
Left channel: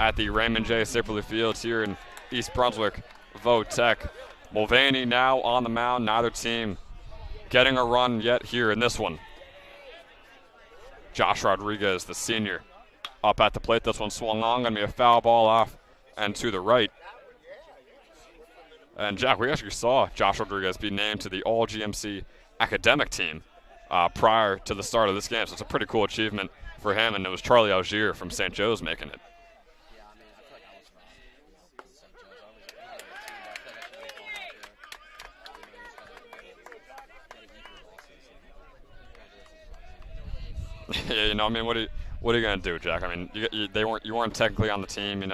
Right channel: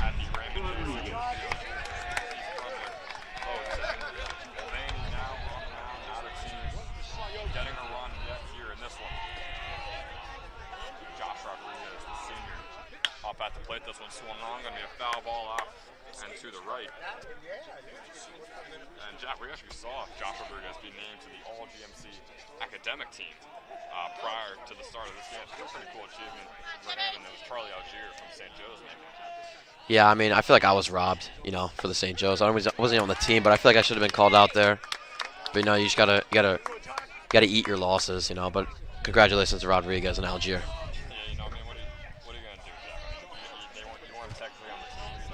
at the Raymond J. Sipperley Fields here in East Brunswick, Votech. Mulvaney now on the mound, neither team getting a run yet here in this one. Josh Rodriguez, the senior, up at the plate. This one swung on, gonna be a foul ball off and to the right. And Jack, we actually saw Josh Rodriguez be named to the All-GMC academic team prior to the start of this game. So it's a pretty cool achievement for him, and it was Charlie Algier from St. Joe's making it. Yeah, I mean, I feel like I was robbed, for the St. Joe's. I wasn't on the team, but I feel like I should have been called out there. But you just gotta eat your losses, But congratulations to Rodriguez and Algier. Yeah, I mean, what are you gonna do, Jack? I mean, you weren't technically on the team,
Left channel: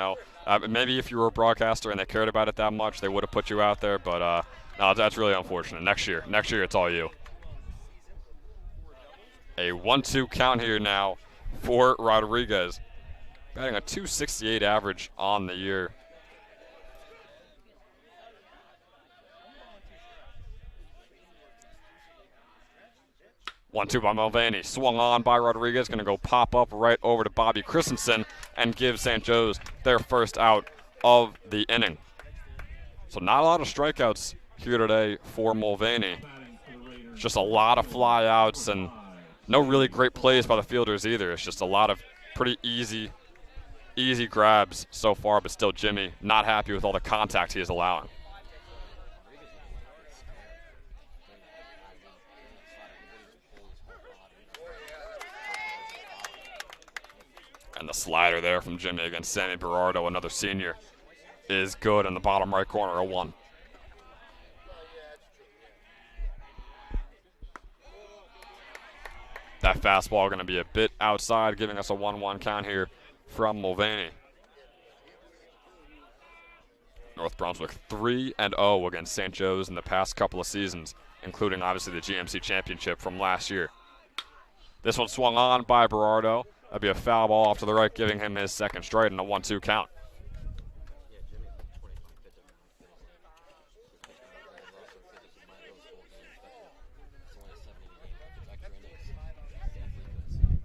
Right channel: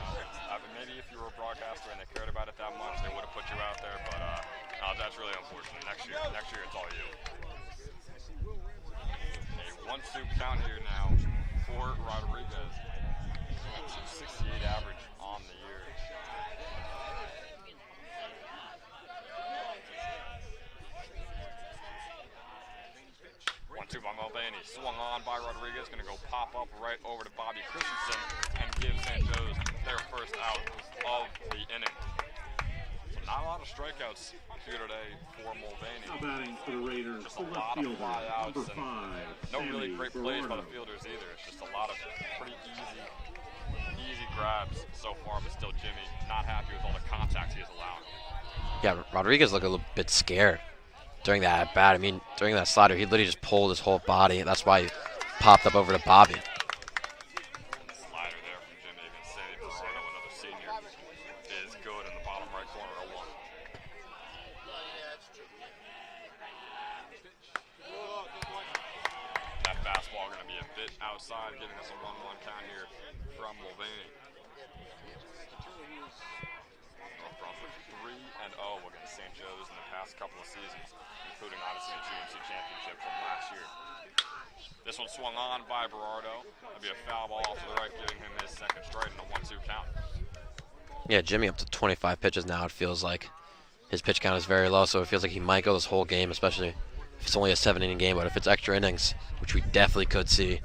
Maybe if you were a broadcaster and they cared about it that much, they would have put you out there. But no, that's really unfortunate. Next year, it's all you. A 1-2 count here now for Rodriguez. Getting a 268 average on the year. One-two by Mulvaney. Swung on by Rodriguez. Going to go pop up right over to Bobby Christensen and give St. Joe's their first out of the inning. So not a lot of strikeouts here today for Mulvaney. Just a lot of flyouts and no really great plays by the fielders either. It's just a lot of pretty easy grabs so far, but still Jimmy not happy with all the contact he is allowing. Yeah, Rodriguez looked a little bit scared during that at bat. I mean, during that slider, he literally just pulled his whole body, and that's why he popped up over to Bobby. And the slider there from Jimmy against Sammy Berardo, another senior, is good in the bottom right corner, a 1. That fastball going to be a bit outside, giving us a 1-1 count here from Mulvaney. North Brunswick 3-0 against St. Joe's in the past couple of seasons, including obviously the GMC championship from last year. This one swung on by Berardo. That'd be a foul ball off to the right, giving him his second strike and a 1-2 count. Yeah, Jimmy up to 25 pitches now, it feels like. His pitch count is very low, so it feels like he might go this whole game, especially if it's only a 7-inning game. But if it's extra innings, which we definitely could see,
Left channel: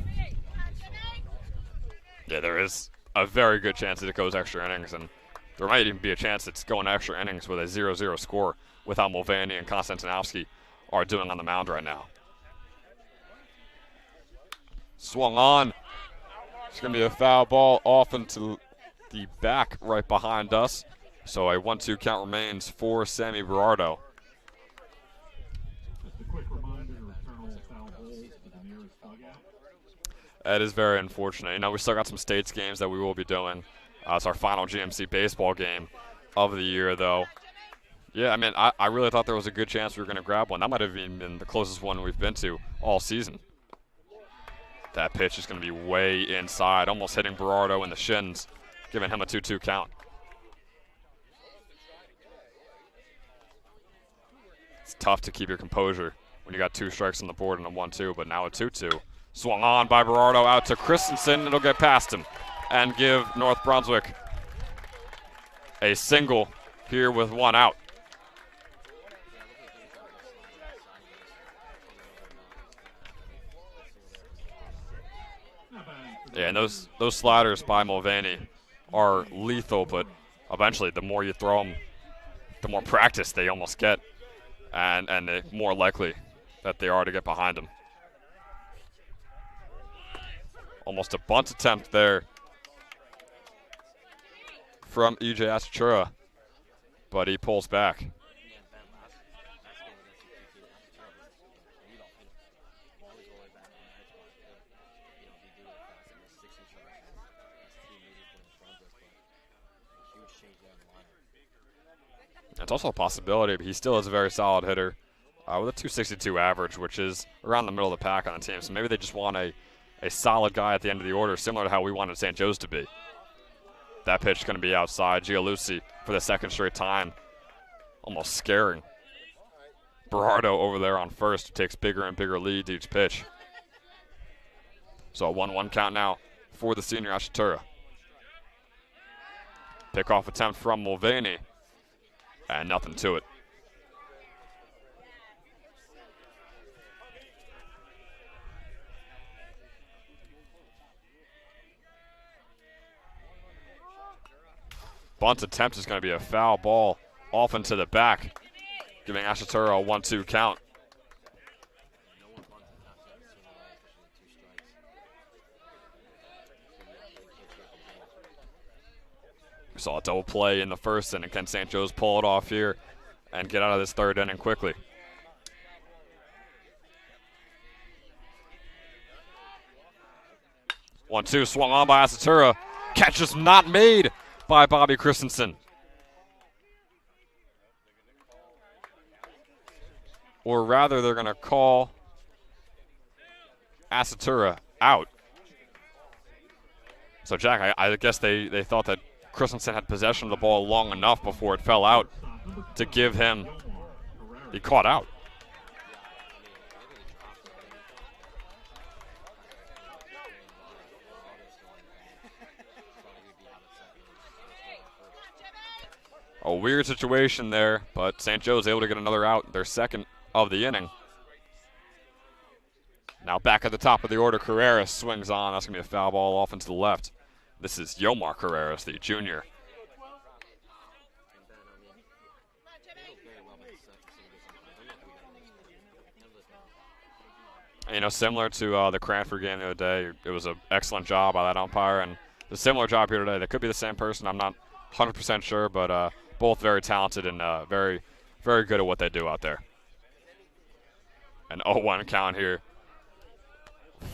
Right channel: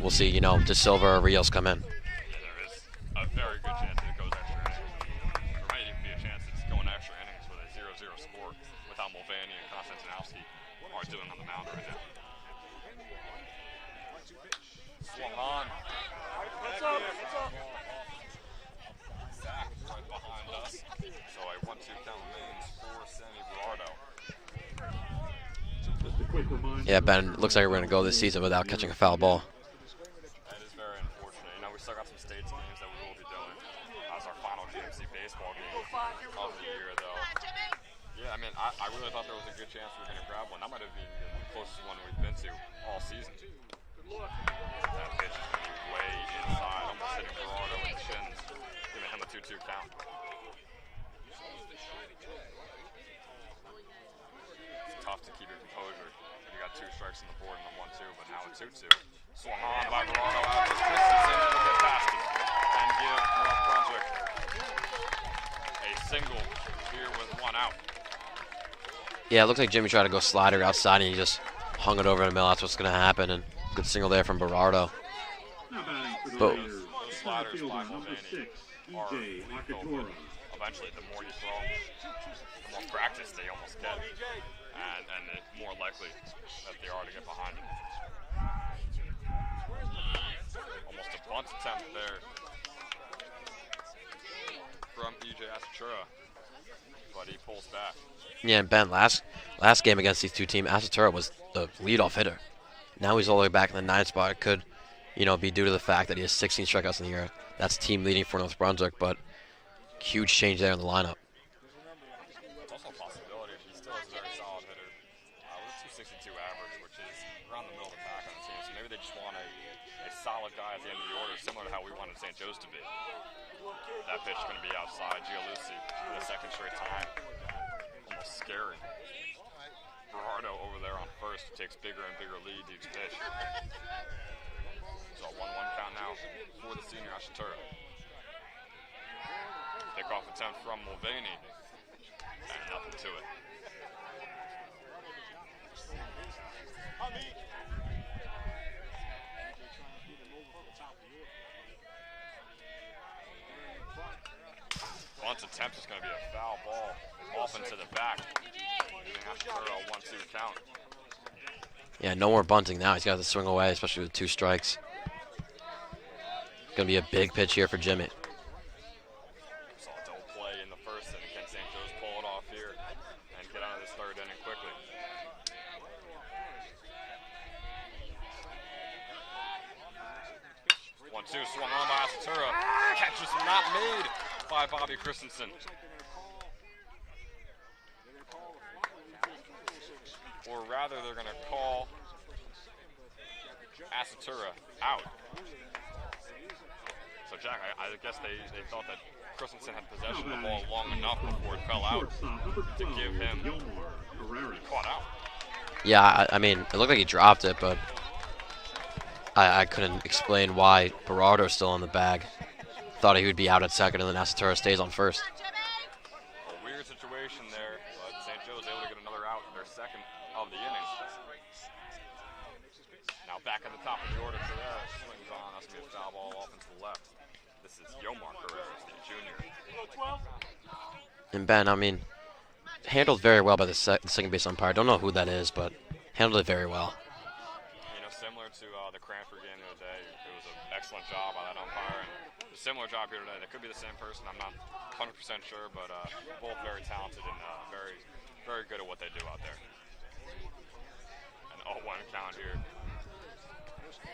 we'll see, De Silva or Rios come in. Yeah, there is a very good chance that it goes extra innings, and there might even be a chance it's going extra innings with a 0-0 score with how Mulvaney and Konstantinovsky are doing on the mound right now. Swung on. It's going to be a foul ball off into the back right behind us. So a 1-2 count remains for Sammy Berardo. Yeah, Ben, it looks like we're going to go this season without catching a foul ball. That is very unfortunate. We still got some states games that we will be doing. It's our final GMC baseball game of the year, though. Yeah, I mean, I really thought there was a good chance we were going to grab one. That might have even been the closest one we've been to all season. That pitch is going to be way inside, almost hitting Berardo in the shins, giving him a 2-2 count. It's tough to keep your composure when you got 2 strikes on the board and a 1-2, but now a 2-2. Swung on by Berardo out to Christensen. It'll get past him and give North Brunswick a single here with 1 out. Yeah, it looks like Jimmy tried to go slider outside and he just hung it over the middle. That's what's going to happen. And good single there from Berardo. Yeah, those sliders by Mulvaney are lethal, but eventually the more you throw them, the more practice they almost get, and the more likely that they are to get behind him. Almost a bunt attempt there from E.J. Asatura, but he pulls back. Yeah, and Ben, last game against these two teams, Asatura was the leadoff hitter. Now he's all the way back in the 9th spot. It could, be due to the fact that he has 16 strikeouts in the year. That's team leading for North Brunswick, but huge change there in the lineup. It's also a possibility, but he still is a very solid hitter with a 262 average, which is around the middle of the pack on the team. So maybe they just want a solid guy at the end of the order, similar to how we wanted St. Joe's to be. That pitch is going to be outside. Gialucci for the 2nd straight time. Almost scaring Berardo over there on first. Takes bigger and bigger leads each pitch. So a 1-1 count now for the senior Asatura. Pickoff attempt from Mulvaney, and nothing to it. bunt attempt is going to be a foul ball off into the back, giving Asatura a 1-2 count. Yeah, no more bunting now. He's got to swing away, especially with 2 strikes. Going to be a big pitch here for Jimmy. We saw a double play in the first inning. Can St. Joe's pull it off here and get out of this third inning quickly? One-two swung on by Asatura. Catch is not made by Bobby Christensen. Or rather, they're going to call Asatura out. So, Jack, I guess they thought that Christensen had possession of the ball long enough before it fell out to give him, he caught out. Yeah, I mean, it looked like he dropped it, but I couldn't explain why Berardo's still on the bag. Thought he would be out at second, and then Asatura stays on first. A weird situation there, but St. Joe's able to get another out, their second of the inning. Now back at the top of the order, Carreras swings on. That's going to be a foul ball off into the left. This is Yomar Carreras, the junior. And Ben, I mean, handled very well by the second base umpire. Don't know who that is, but handled it very well. You know, similar to the Cranford game the other day, it was an excellent job by that umpire, and a similar job here today. That could be the same person. I'm not 100% sure, but both very talented and very, very good at what they do out there. An 0-1 count here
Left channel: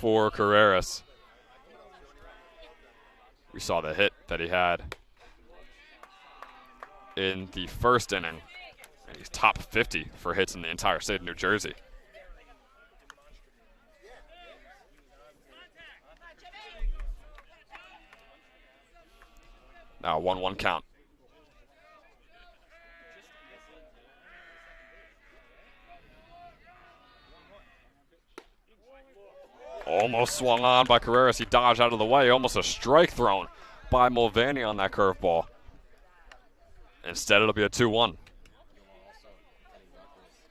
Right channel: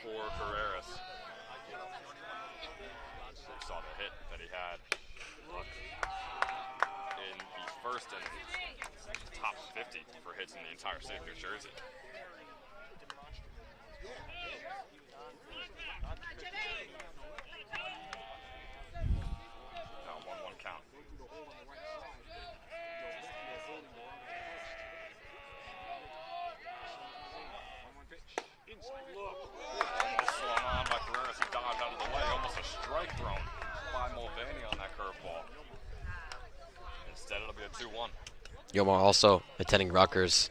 for Carreras. We saw the hit that he had in the first inning. He's top 50 for hits in the entire state of New Jersey. Now 1-1 count. Almost swung on by Carreras. He dodged out of the way. Almost a strike thrown by Mulvaney on that curveball. Instead, it'll be a 2-1. Yomar also attending Rutgers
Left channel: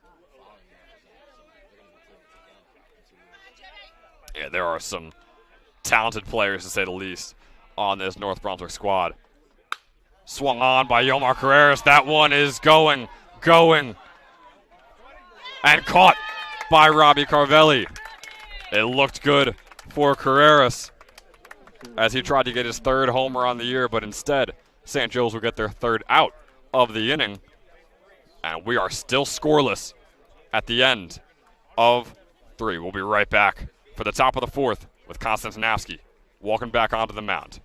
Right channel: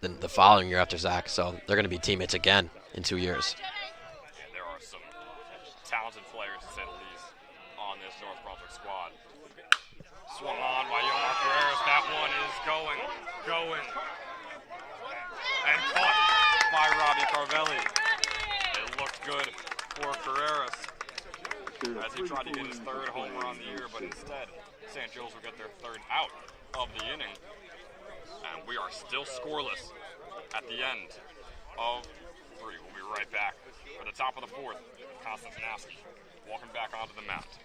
the following year after Zach, so they're going to be teammates again in 2 years. Yeah, there are some talented players, to say the least, on this North Brunswick squad. Swung on by Yomar Carreras. That one is going, and caught by Robbie Carvelli. It looked good for Carreras as he tried to get his third homer on the year, but instead, St. Joe's will get their third out of the inning. And we are still scoreless at the end of 3. We'll be right back for the top of the 4th with Konstantinowski walking back onto the mound.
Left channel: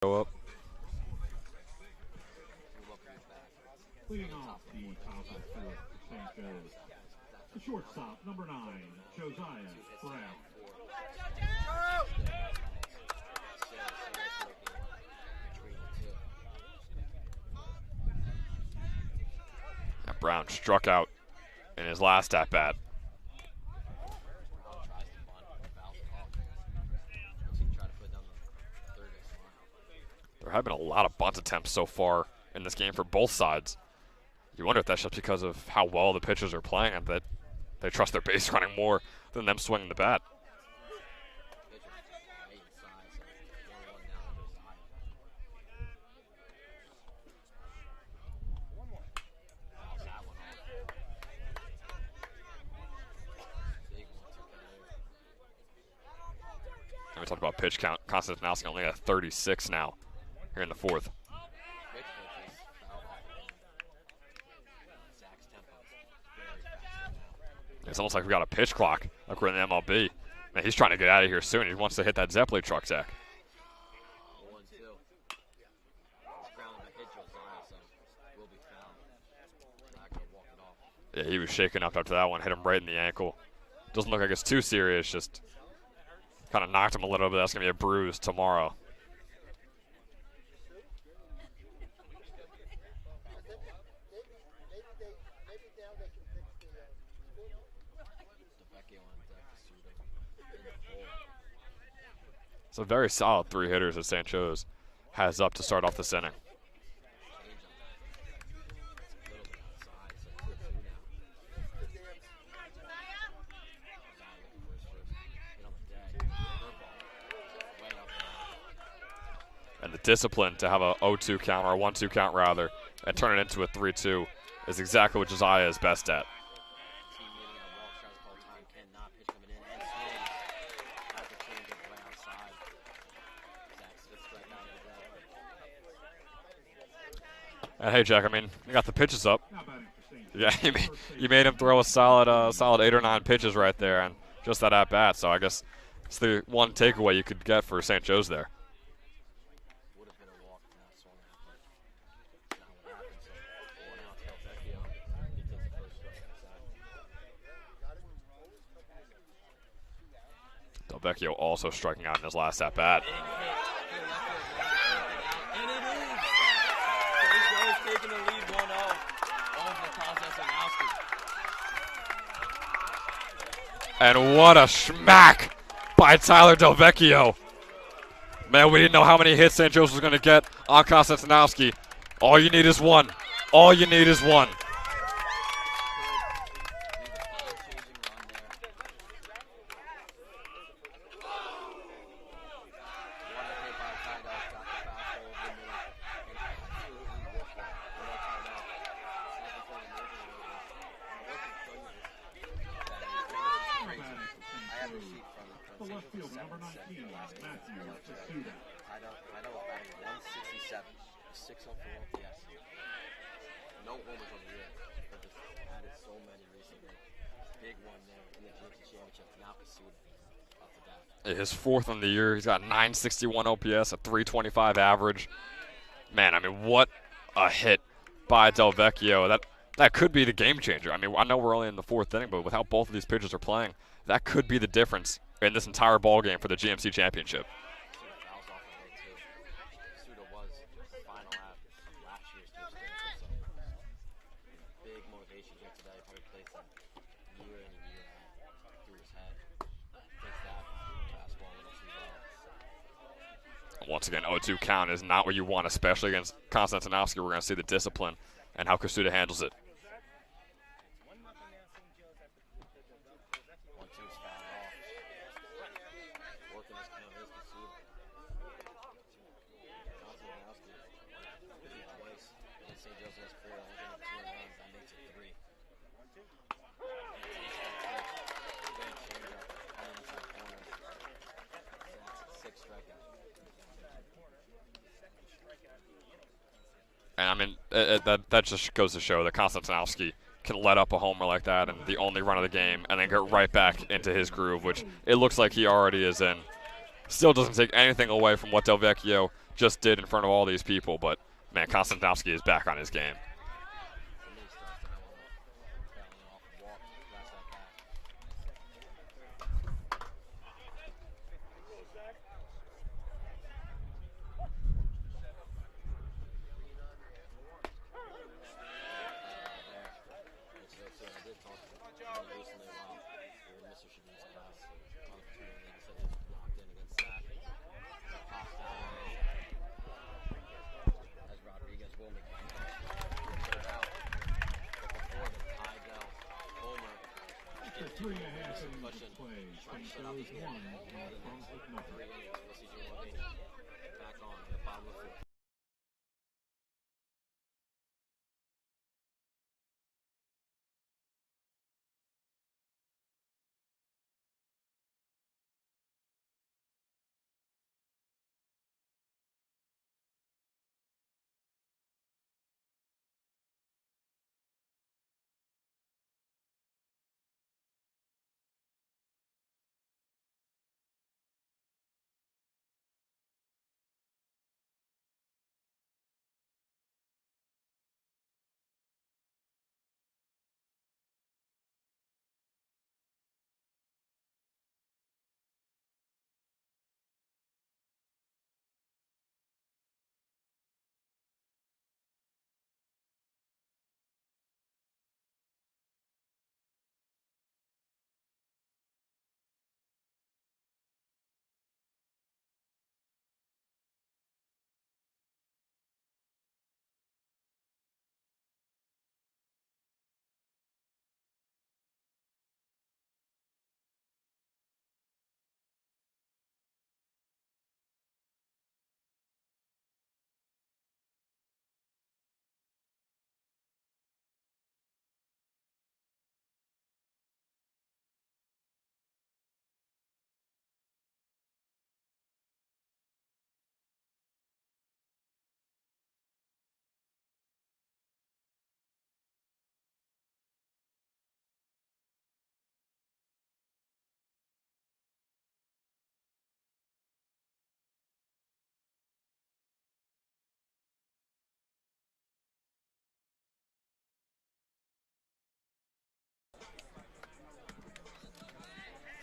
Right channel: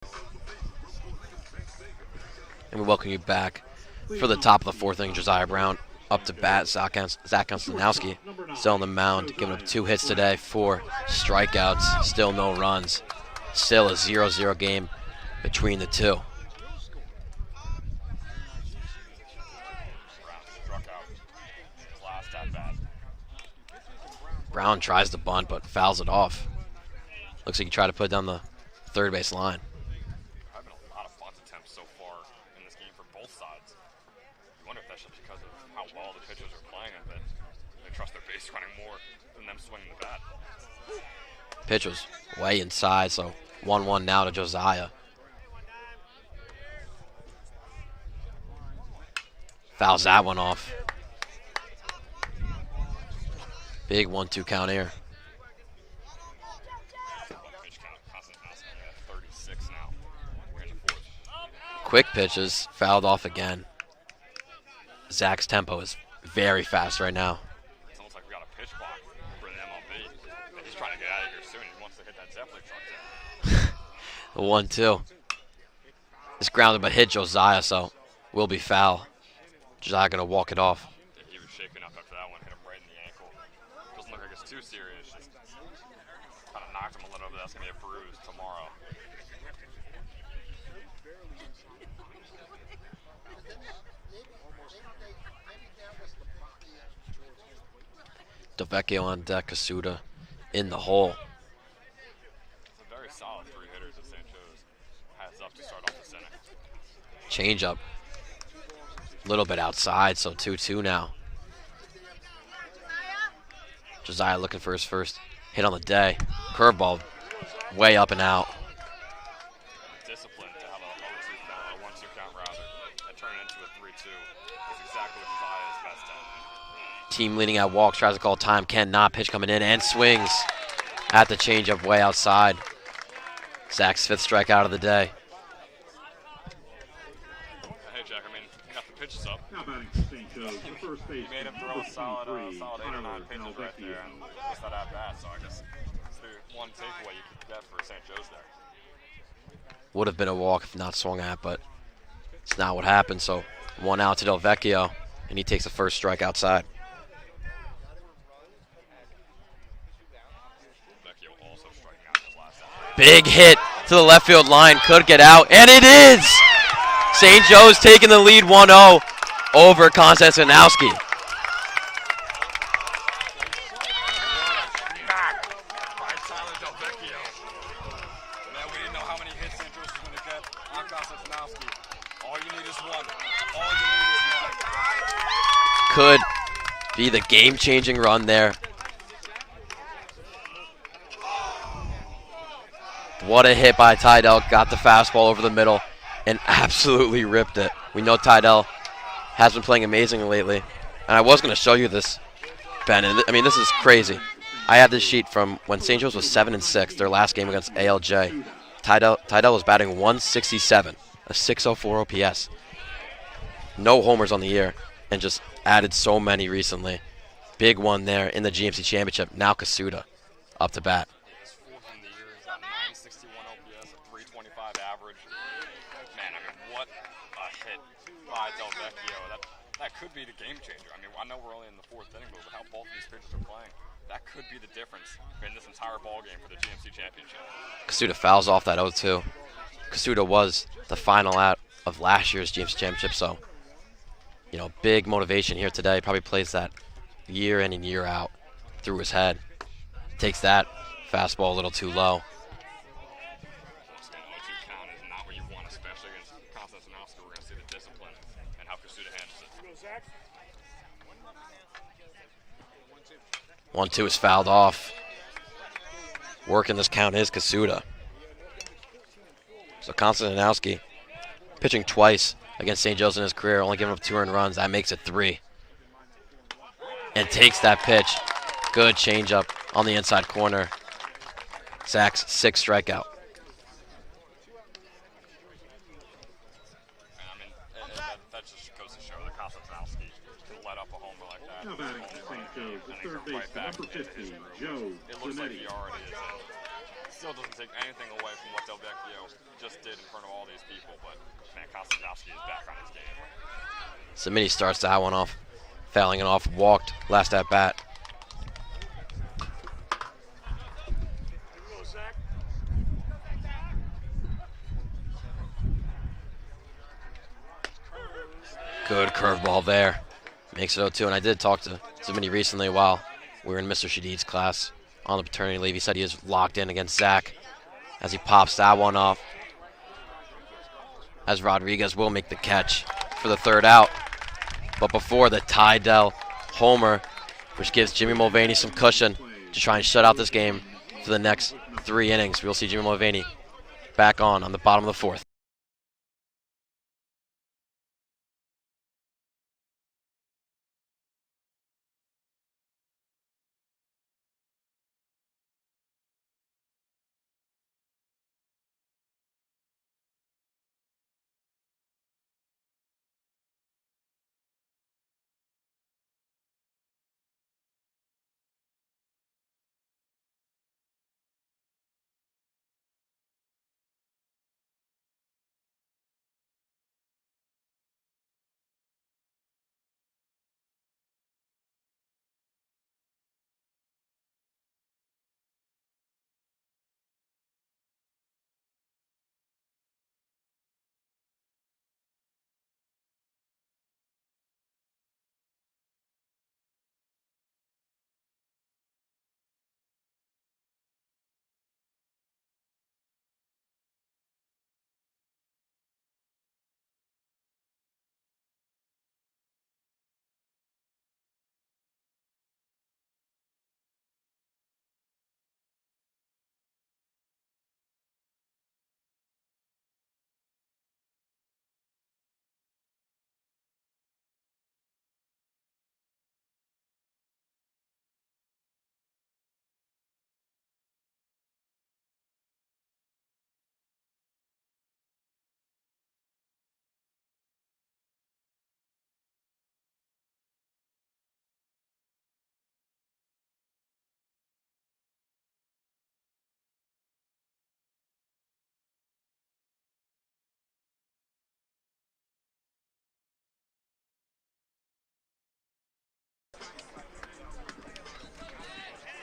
Go up. And we welcome you back for the top of the 4th inning. Josiah Brown up to bat. Zach Konstantinowski still on the mound, giving up 2 hits today, 4 strikeouts, still no runs. Still a 0-0 game between the two. Brown struck out in his last at-bat. Brown tries to bunt, but fouls it off. Looks like he tried to put it down the third base line. There have been a lot of bunt attempts so far in this game for both sides. You wonder if that's just because of how well the pitchers are playing, that they trust their base running more than them swinging the bat. Pitch was way inside, so 1-1 now to Josiah. Fouls that one off. Big 1-2 count here. I talk about pitch count. Konstantinowski only at 36 now here in the fourth. Quick pitches, fouled off again. Zach's tempo is very fast right now. It's almost like we got a pitch clock like we're in the MLB. Man, he's trying to get out of here soon. He wants to hit that Zeppeli truck, Zach. The 1-2. It's grounded but hit Josiah, so will be foul. Josiah gonna walk it off. Yeah, he was shaking up after that one. Hit him right in the ankle. Doesn't look like it's too serious. Just kind of knocked him a little bit. That's gonna be a bruise tomorrow. Delvecchio on deck, Kasuda in the hole. It's a very solid 3 hitters that St. Joe's has up to start off this inning. Change up. A little bit outside, so 2-2 now. Josiah looking for his first hit on the day. Curveball way up and out. And the discipline to have a 0-2 count, or a 1-2 count rather, and turn it into a 3-2 is exactly what Josiah is best at. Team leading at walks, tries to call time, cannot. Pitch coming in and swings at the changeup way outside. Zach's 5th strikeout of the day. Hey, Jack, I mean, you got the pitches up. Now batting St. Yeah, Joe's, you made him throw a solid 8 or 9 pitches right there, and just that at-bat. So I guess it's the one takeaway you could get for St. Joe's there. Would have been a walk if not swung at, but it's not what happened. So 1 out to Delvecchio, and he takes the first strike outside. Delvecchio also striking out in his last at-bat. Big hit to the left field line, could get out, and it is! St. Joe's taking the lead 1-0 over Konstantinowski. And what a smack by Tyler Delvecchio. Man, we didn't know how many hits St. Joe's was going to get on Konstantinowski. All you need is one. All you need is one. Could be the game-changing run there. What a hit by Tydell. Got the fastball over the middle and absolutely ripped it. We know Tydell has been playing amazingly lately. And I was going to show you this, Ben. And I mean, this is crazy. I have this sheet from when St. Joe's was 7-6, their last game against ALJ. Tydell was batting 167, a 604 OPS. No homers on the year, and just added so many recently. Big one there in the GMC Championship. Now Kasuda up to bat. His 4th on the year. He's got 961 OPS, a 325 average. Man, I mean, what a hit by Delvecchio. That could be the game changer. I mean, I know we're only in the 4th inning, but with how both of these pitchers are playing, that could be the difference in this entire ball game for the GMC Championship. Kasuda fouls off that 0-2. Kasuda was the final out of last year's GMC Championship, so, you know, big motivation here today. Probably plays that year in and year out through his head. Takes that fastball a little too low. Once again, 0-2 count is not what you want, especially against Konstantinowski. We're going to see the discipline and how Kasuda handles it. 1-2 is fouled off. Working this count is Kasuda. So Konstantinowski pitching twice against St. Joe's in his career, only giving up 2 earned runs. That makes it 3. And takes that pitch. Good changeup on the inside corner. Zach's 6th strikeout. And I mean, that just goes to show that Konstantinowski can let up a homer like that and the only run of the game and then get right back into his groove, which it looks like he already is in. Still doesn't take anything away from what Delvecchio just did in front of all these people, but man, Konstantinowski is back on his game. Samini starts that one off, fouling it off, walked last at bat. Good curveball there. Makes it 0-2, and I did talk to Vinny recently while we were in Mr. Shadid's class on the paternity leave. He said he was locked in against Zach as he pops that one off. As Rodriguez will make the catch for the third out. But before the Tydell homer, which gives Jimmy Mulvaney some cushion to try and shut out this game for the next 3 innings. We'll see Jimmy Mulvaney back on the bottom of the 4th.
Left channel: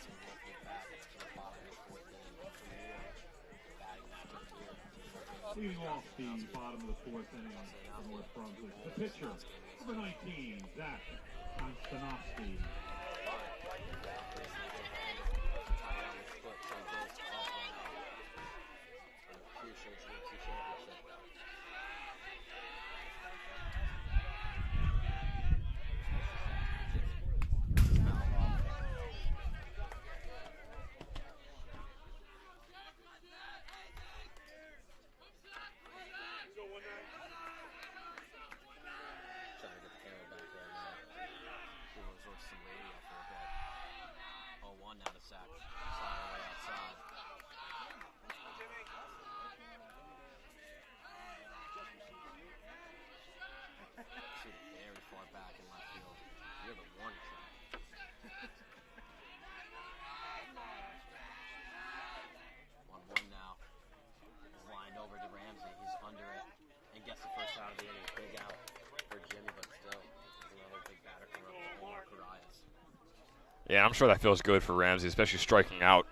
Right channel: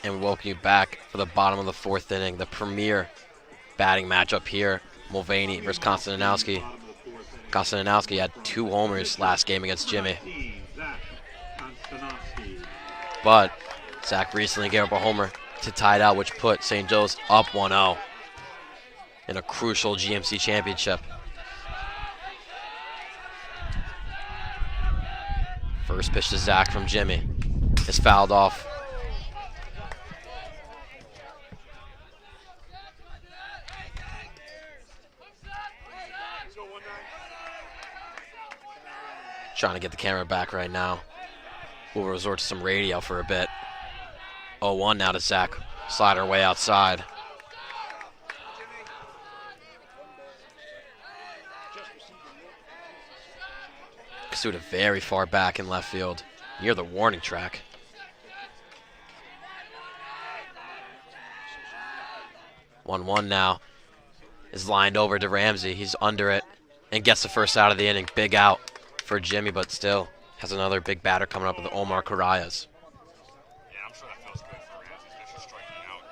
And we welcome you back for the bottom of the 4th inning, the premier batting matchup here. Mulvaney versus Konstantinowski. Konstantinowski had 2 homers last game against Jimmy. But Zach recently gave up a homer to tie it out, which put St. Joe's up 1-0 in a crucial GMC championship. First pitch to Zach from Jimmy is fouled off. Trying to get the camera back right now. We'll resort to some radio for a bit. 0-1 now to Zach. Slider way outside. Kasuda very far back in left field, near the warning track. One now is lined over to Ramsey. He's under it and gets the first out of the inning. Big out for Jimmy, but still has another big batter coming up with Omar Carayas. Yeah, I'm sure that feels good for Ramsey, especially striking out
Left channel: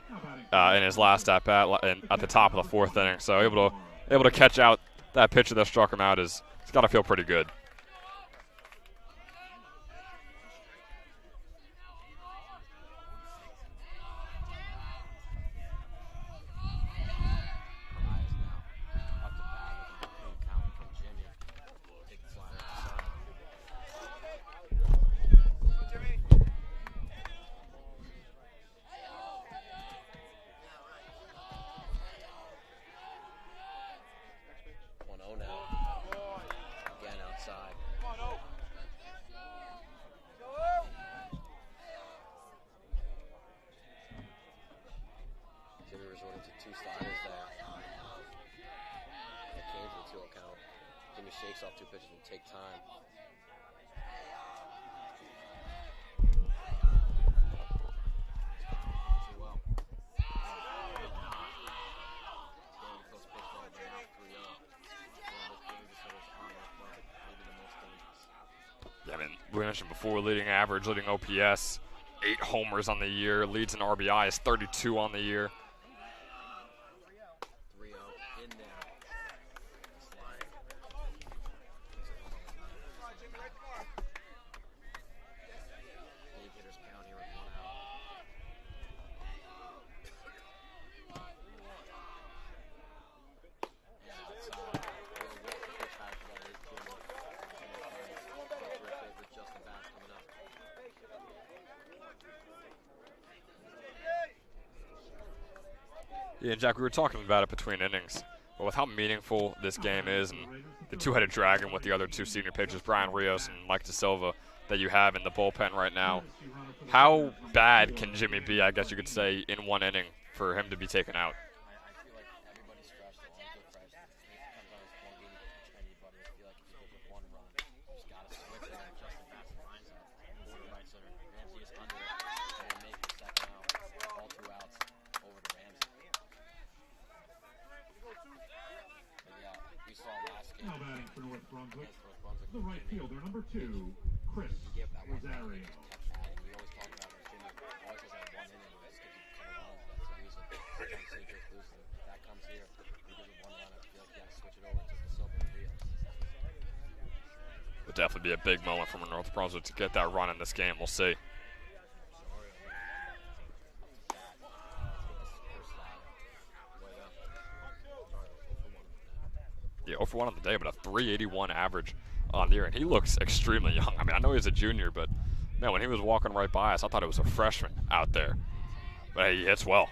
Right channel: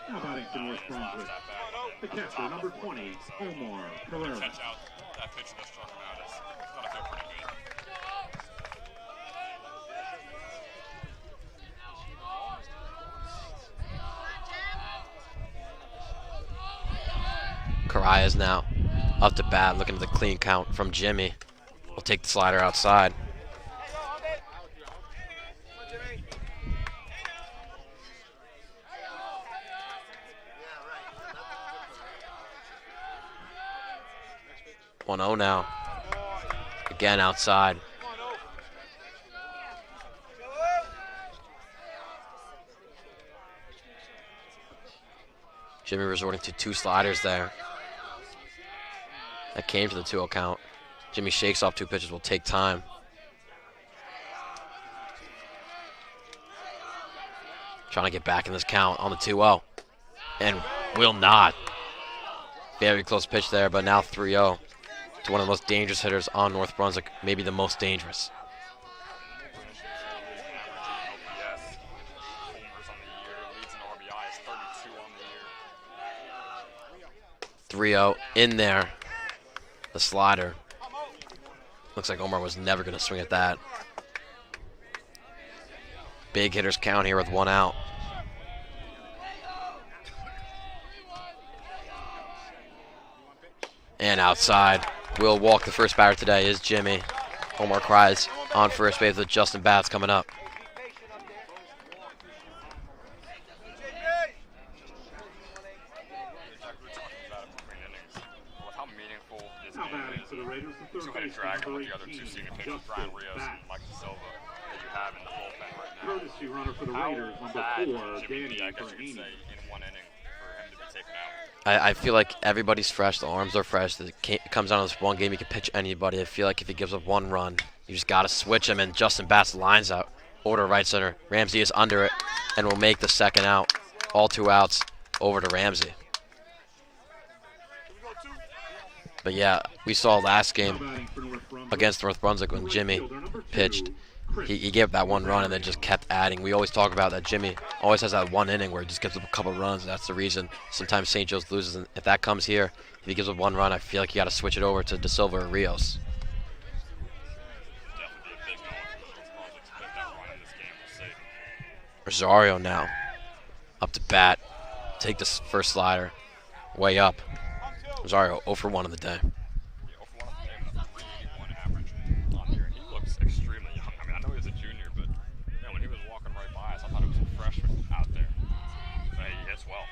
in his last at bat at the top of the 4th inning. So able to catch out that pitcher that struck him out it's got to feel pretty good. Carayas now up to bat, looking at the clean count from Jimmy. We'll take the slider outside. One 0 now. Again outside. Jimmy resorting to 2 sliders there. That came to the 2-0 count. Jimmy shakes off 2 pitches, will take time. Trying to get back in this count on the 2-0. And will not. Very close pitch there, but now 3-0 to one of the most dangerous hitters on North Brunswick, maybe the most dangerous. We mentioned before, leading average, leading OPS, 8 homers on the year, leads in RBI is 32 on the year. 3-0 in there. The slider. Looks like Omar was never going to swing at that. Big hitters count here with 1 out. And outside. Will walk the first batter today is Jimmy. Omar Cries on first base with Justin Batts coming up. Yeah, Jack, we were talking about it between innings, but with how meaningful this game is, and the two-headed dragon with the other two senior pitchers, Brian Rios and Mike DeSilva, that you have in the bullpen right now, how bad can Jimmy be, I guess you could say, in one inning for him to be taken out? I feel like everybody's fresh. The arms are fresh. It comes down to this one game. You can pitch anybody. I feel like if he gives up 1 run, you just got to switch him, and Justin Batts lines out over to right center. Ramsey is under it and will make the second out. All 2 outs over to Ramsey. But yeah, we saw last game against North Brunswick when Jimmy pitched. He gave that 1 run and then just kept adding. We always talk about that Jimmy always has that 1 inning where he just gives up a couple runs. And that's the reason sometimes St. Joe's loses. And if that comes here, if he gives up 1 run, I feel like you got to switch it over to DeSilva or Rios. Would definitely be a big moment from North Brunswick to get that run in this game. We'll see. Rosario now up to bat. Take this first slider. Way up. Rosario 0 for 1 on the day. Yeah, 0 for 1 on the day, but a 381 average on the year. And he looks extremely young. I mean, I know he's a junior, but man, when he was walking right by us, I thought it was a freshman out there. But hey, he hits well.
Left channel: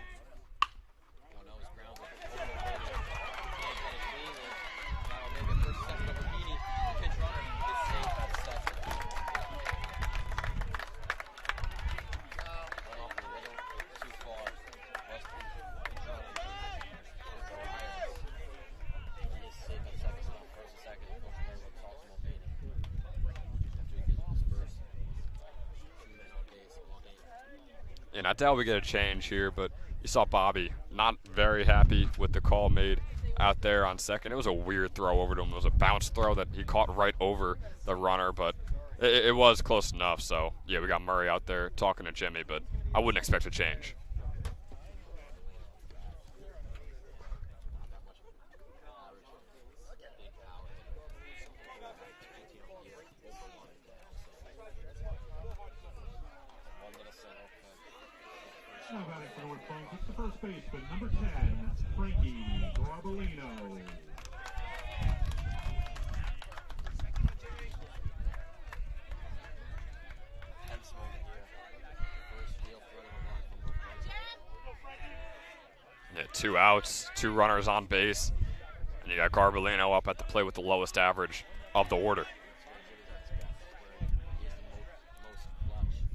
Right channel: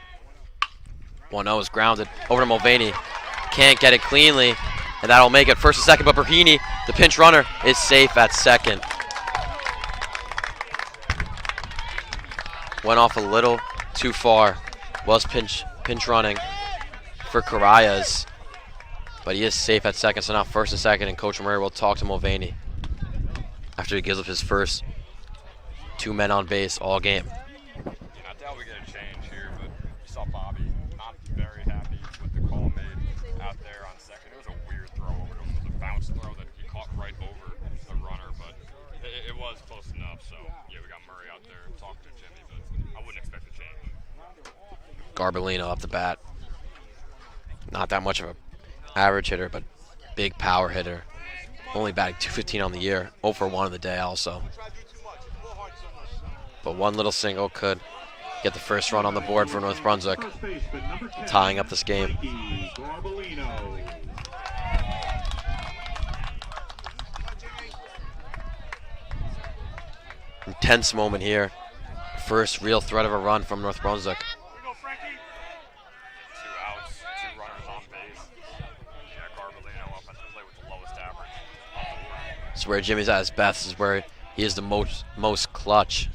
1-0 is grounded over to Mulvaney. Can't get it cleanly, and that'll make it first and second. But Berhini, the pinch runner, is safe at second. Went off a little too far. Was pinch running for Carayas, but he is safe at second. So now first and second, and Coach Murray will talk to Mulvaney after he gives up his first 2 men on base all game. And I doubt we get a change here, but you saw Bobby not very happy with the call made out there on second. It was a weird throw over to him. It was a bounce throw that he caught right over the runner, but it was close enough. So yeah, we got Murray out there talking to Jimmy, but I wouldn't expect a change. Garbellino up the bat. Not that much of an average hitter, but big power hitter. Only batting .215 on the year. 0 for 1 on the day also. But 1 little single could get the first run on the board for North Brunswick, tying up this game. Intense moment here. First real threat of a run from North Brunswick. Yeah, 2 outs, 2 runners on base. You got Garbellino up at the plate with the lowest average of the order. It's where Jimmy's at his best. This is where he is the most clutch.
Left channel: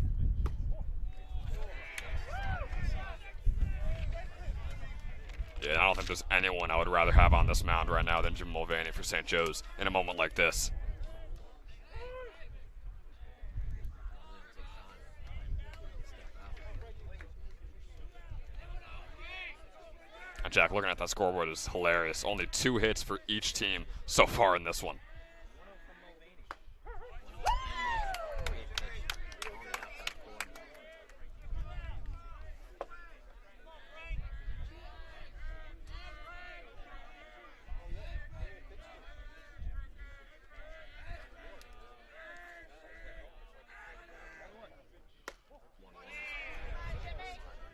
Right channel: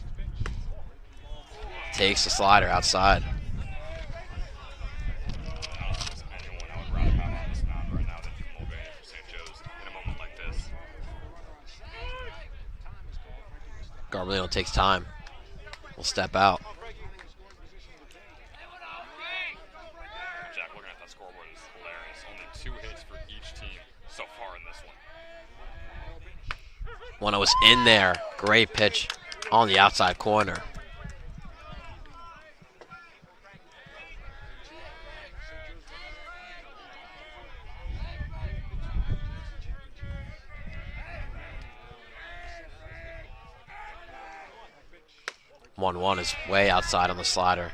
Takes the slider outside. Yeah, I don't think there's anyone I would rather have on this mound right now than Jim Mulvaney for St. Joe's in a moment like this. Garbellino takes time. Will step out. And Jack, looking at that scoreboard is hilarious. Only 2 hits for each team so far in this one. When I was in there, great pitch on the outside corner. One is way outside on the slider.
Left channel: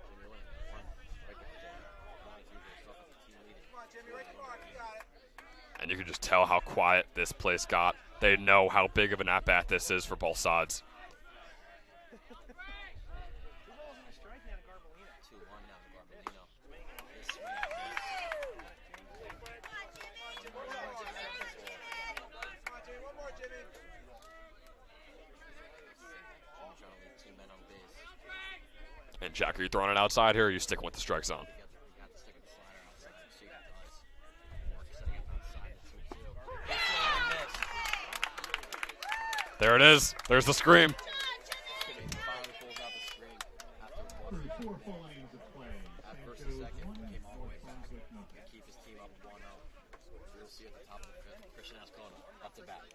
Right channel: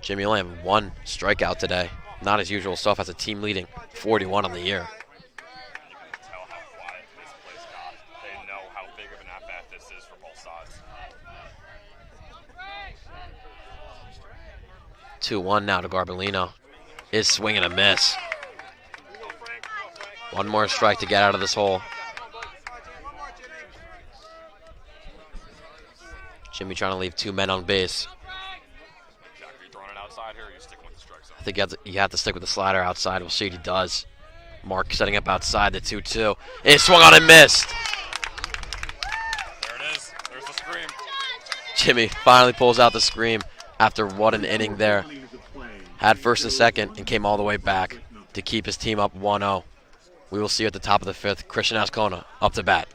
Jimmy only had 1 strikeout today. Not his usual stuff. Has a team leading 41 on the year. And you can just tell how quiet this place got. They know how big of an at-bat this is for both sides. 2-1 now to Garbellino. Is swing and a miss. 1 more strike to get out of this hole. Jimmy trying to leave 2 men on base. And Jack, are you throwing it outside here, or are you sticking with the strike zone? I think you have to stick with the slider outside. We'll see what he does. Mark setting up outside the 2-2. It swung on and missed. There it is. There's the scream. Jimmy finally pulls out the scream after what an inning there. Had first and second and came all the way back to keep his team up 1-0. We will see you at the top of the 5th. Christian Ascona up to bat.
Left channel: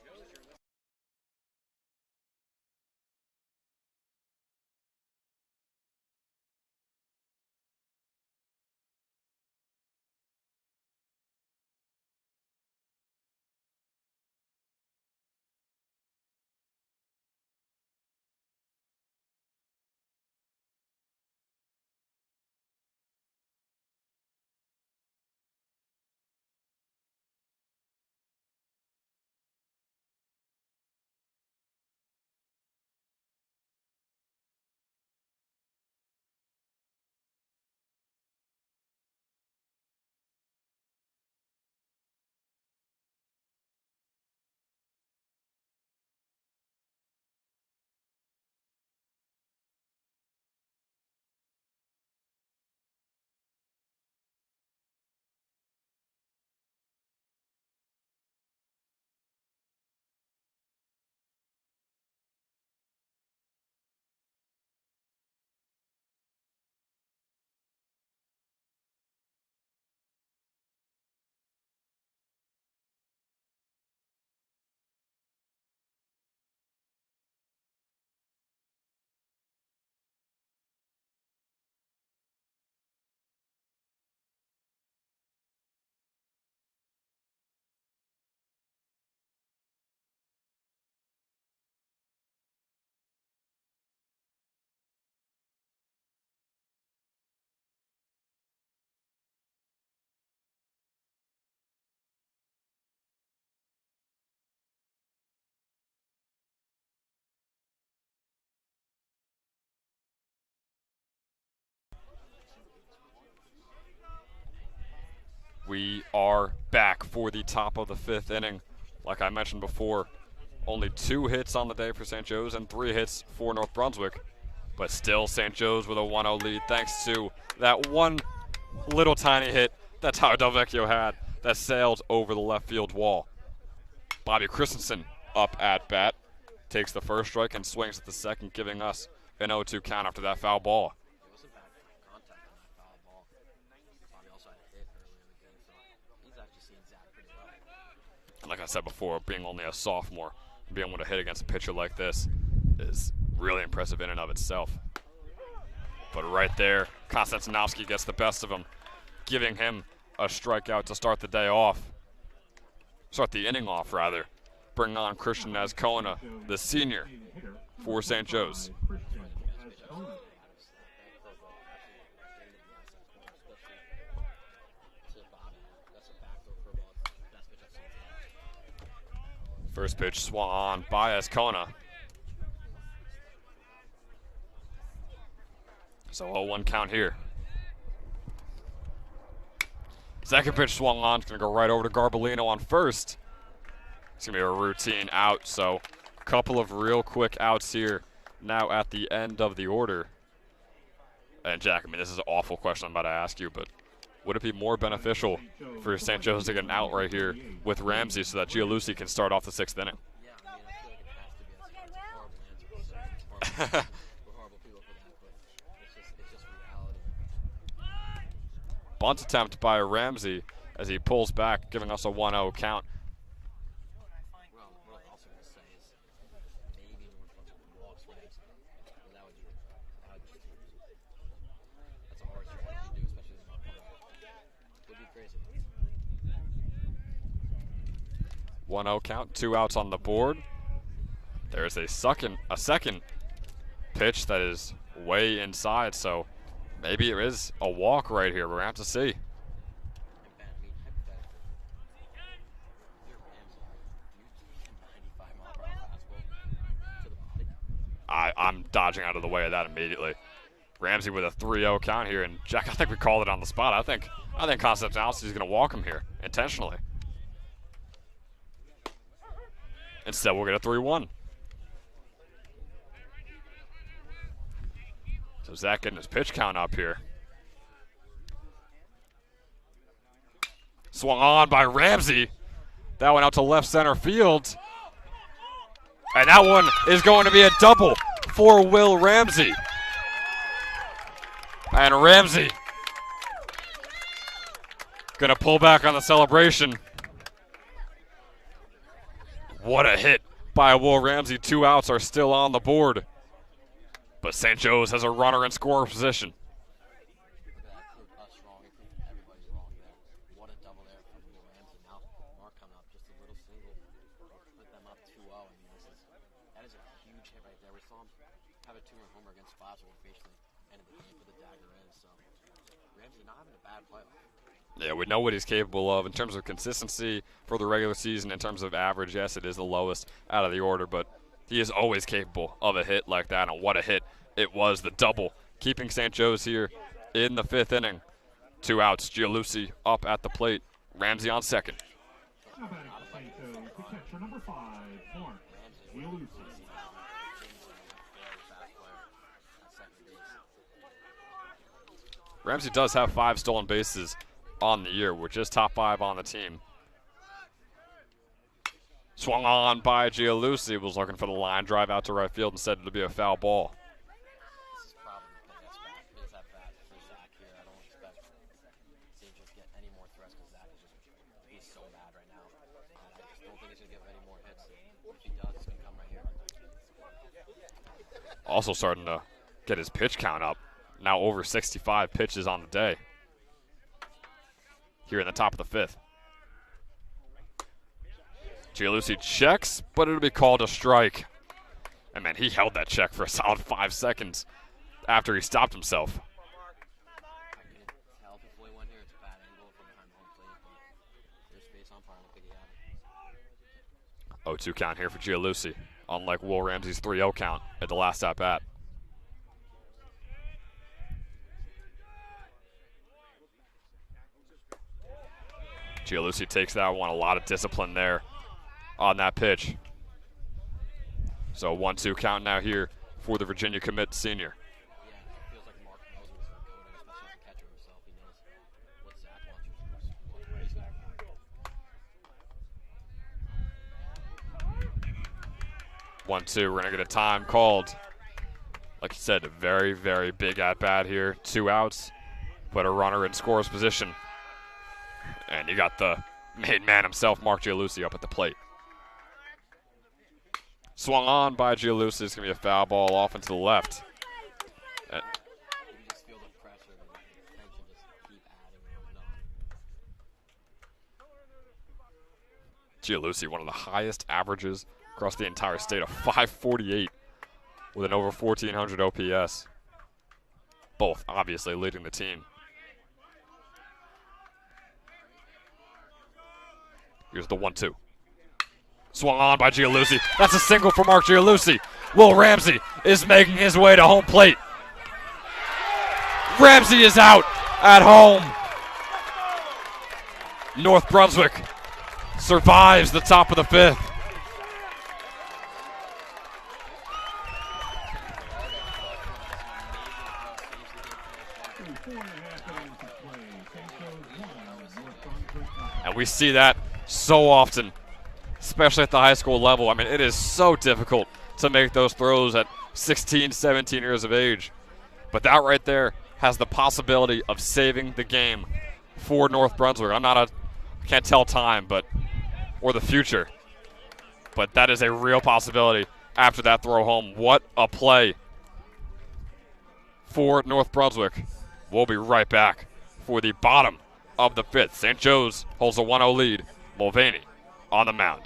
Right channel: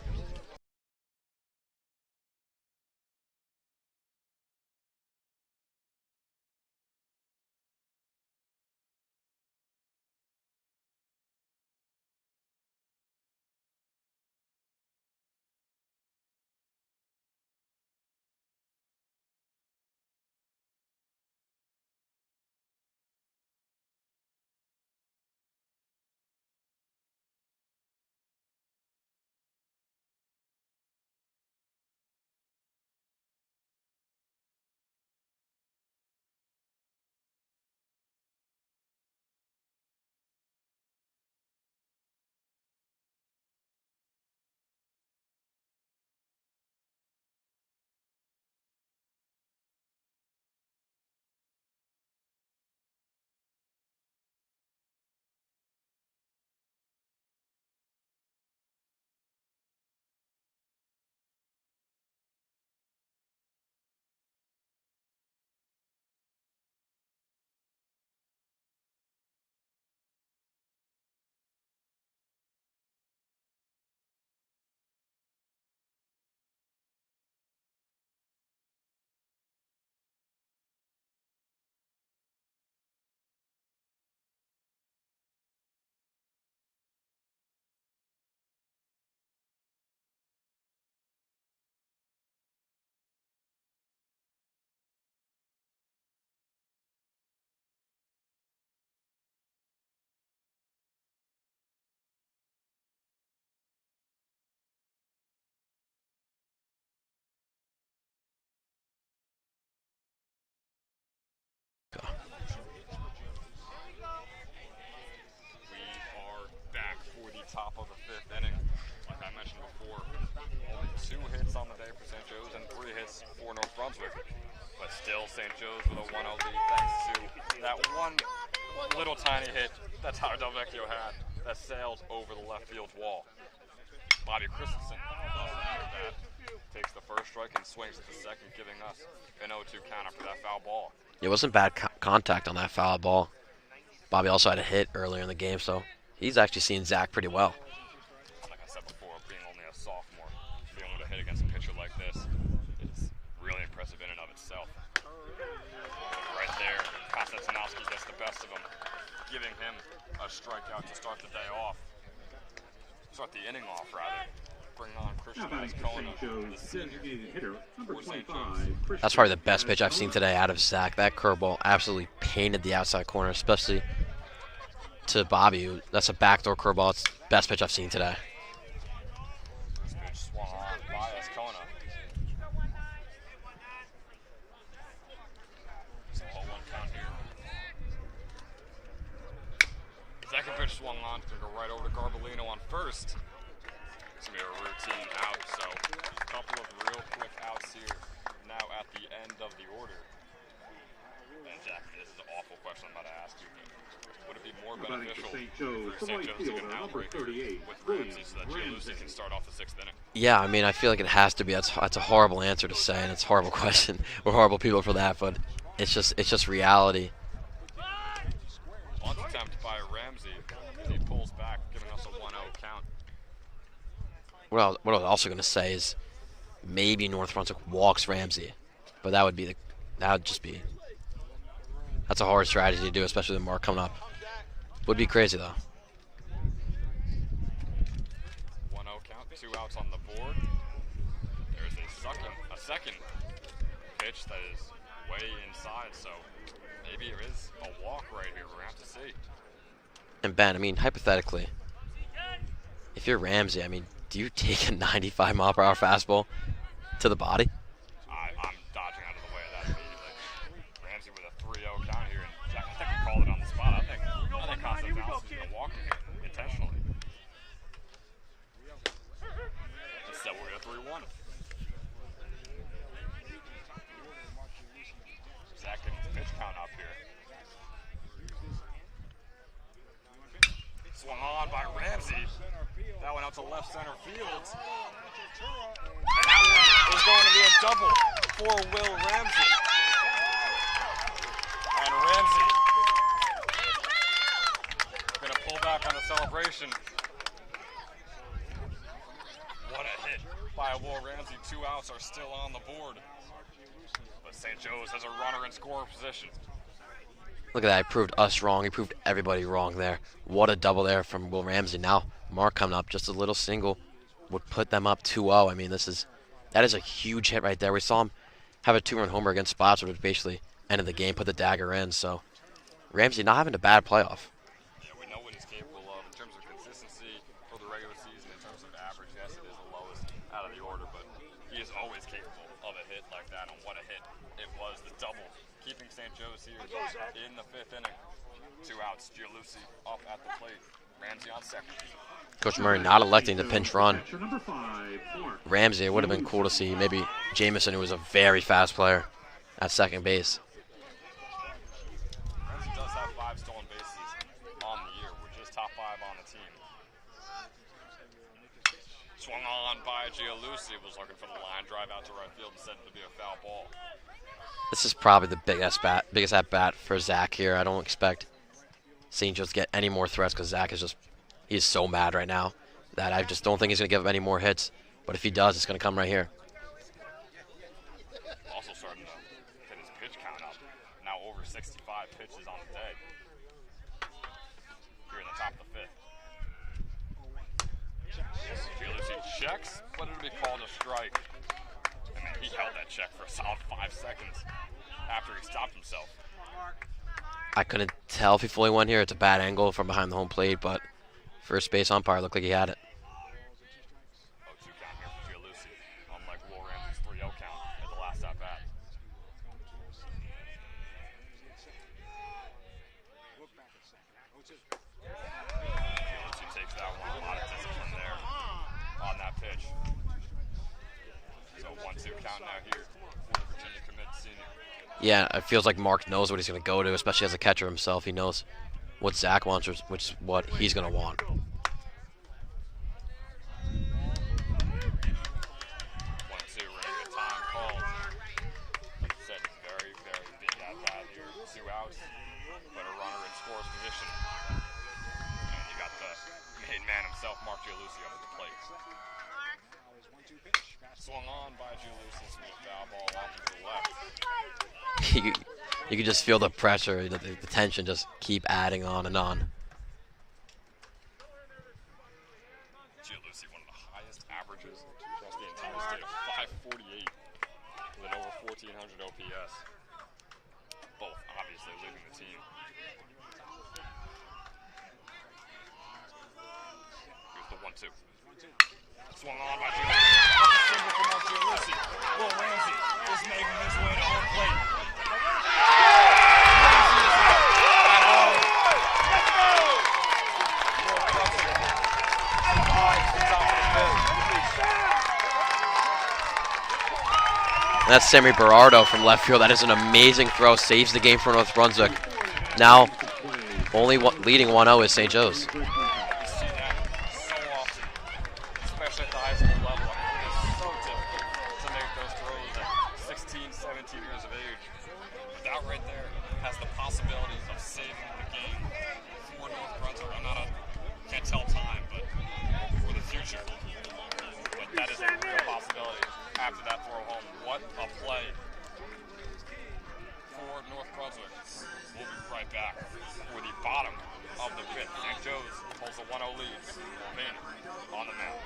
back for the top of the 5th inning. Like I mentioned before, only 2 hits on the day for St. Joe's and 3 hits for North Brunswick. But still St. Joe's with a 1-0 lead thanks to that one little tiny hit that Tyler Delvecchio had that sailed over the left field wall. Bobby Christensen up at bat, takes the first strike and swings at the second, giving us an 0-2 count after that foul ball. It wasn't bad contact on that foul ball. Bobby also had a hit earlier in the game, so he's actually seen Zach pretty well. Like I said before, being only a sophomore, being able to hit against a pitcher like this is really impressive in and of itself. But right there, Konstantinovsky gets the best of him, giving him a strikeout to start the day off. Start the inning off, rather. Bring on Christian Azcona, the senior for St. Joe's. That's probably the best pitch I've seen today out of Zach. That curveball absolutely painted the outside corner, especially to Bobby. That's a backdoor curveball. It's the best pitch I've seen today. First pitch swung on by Azcona. So 0-1 count here. Second pitch swung on. It's going to go right over to Garbolino on first. It's going to be a routine out, so a couple of real quick outs here now at the end of the order. And Jack, I mean, this is an awful question I'm about to ask you, but would it be more beneficial for St. Joe's to get an out right here with Ramsey so that Gialusi can start off the 6th inning? Yeah, I mean, I feel like it has to be. That's a horrible answer to say, and it's a horrible question. We're horrible people for that, but it's just reality. Bunt attempt by Ramsey as he pulls back, giving us a 1-0 count. What I was also going to say is maybe North Brunswick walks Ramsey, but that's a hard strategy to do, especially with Mark coming up. Would be crazy though. 1-0 count, 2 outs on the board. There's a second pitch that is way inside, so maybe it is a walk right here. We're gonna have to see. And Ben, I mean, hypothetically, if you're Ramsey, I mean, do you take a 95-mile-per-hour fastball to the body? I'm dodging out of the way of that immediately. Ramsey with a 3-0 count here, and Jack, I think we called it on the spot. I think Konstantinovsky is going to walk him here intentionally. Instead, we'll get a 3-1. So Zach getting his pitch count up here. Swung on by Ramsey. That one out to left center field. And that one is going to be a double for Will Ramsey. And Ramsey gonna pull back on the celebration. What a hit by Will Ramsey. 2 outs are still on the board. But St. Joe's has a runner in scoring position. Look at that, he proved us wrong. He proved everybody wrong there. What a double there from Will Ramsey. Now Mark coming up, just a little single would put them up 2-0. I mean, that is a huge hit right there. We saw him have a 2-run homer against Spots, which basically ended the game, put the dagger in. So Ramsey not having a bad playoff. Yeah, we know what he's capable of in terms of consistency for the regular season. In terms of average, yes, it is the lowest out of the order, but he is always capable of a hit like that. And what a hit it was, the double, keeping St. Joe's here in the 5th inning. 2 outs, Gialusi up at the plate, Ramsey on second. Coach Murray not electing to pinch run Ramsey. It would have been cool to see maybe Jameson, who was a very fast player, at second base. Ramsey does have 5 stolen bases on the year, which is top 5 on the team. Swung on by Gialusi, was looking for the line drive out to right field, instead it'll be a foul ball. This is probably the biggest at bat for Zach here. I don't expect St. Joe's to get any more threats because Zach is he's so mad right now that I just don't think he's going to give up any more hits. But if he does, it's going to come right here. Also starting to get his pitch count up. Now over 65 pitches on the day. Here in the top of the 5th. Gialusi checks, but it'll be called a strike. And man, he held that check for a solid 5 seconds after he stopped himself. I couldn't tell if he fully went here. It's a bad angle from behind the home plate, but first base umpire looked like he had it. 0-2 count here for Gialusi, unlike Will Ramsey's 3-0 count at the last at bat. Gialusi takes that one. A lot of discipline there on that pitch. So 1-2 count now here for the Virginia commit senior. Yeah, it feels like Mark knows what he's going to go to, especially as a catcher himself. He knows what Zach wants, which is what he's going to want. 1-2, we're going to get a time called. Like you said, a very, very big at-bat here. 2 outs, but a runner in scorer's position. And you got the main man himself, Mark Gialusi, up at the plate. Swung on by Gialusi. It's going to be a foul ball off into the left. You can just feel the pressure, the tension just keep adding on and on. Gialusi, one of the highest averages across the entire state, of 548 with an over 1,400 OPS. Both obviously leading the team. Here's the 1-2. Swung on by Gialusi. That's a single for Mark Gialusi. Will Ramsey is making his way to home plate. Ramsey is out at home. North Brunswick survives the top of the 5th. That's Sammy Berardo from left field. That is an amazing throw. Saves the game for North Brunswick. Now, only leading 1-0 is St. Joe's. And we see that so often, especially at the high school level. I mean, it is so difficult to make those throws at 16, 17 years of age. But that right there has the possibility of saving the game for North Brunswick. Can't tell time, but or the future. But that is a real possibility after that throw home. What a play for North Brunswick. We'll be right back for the bottom of the 5th. St. Joe's holds a 1-0 lead. Mulvaney on the mound.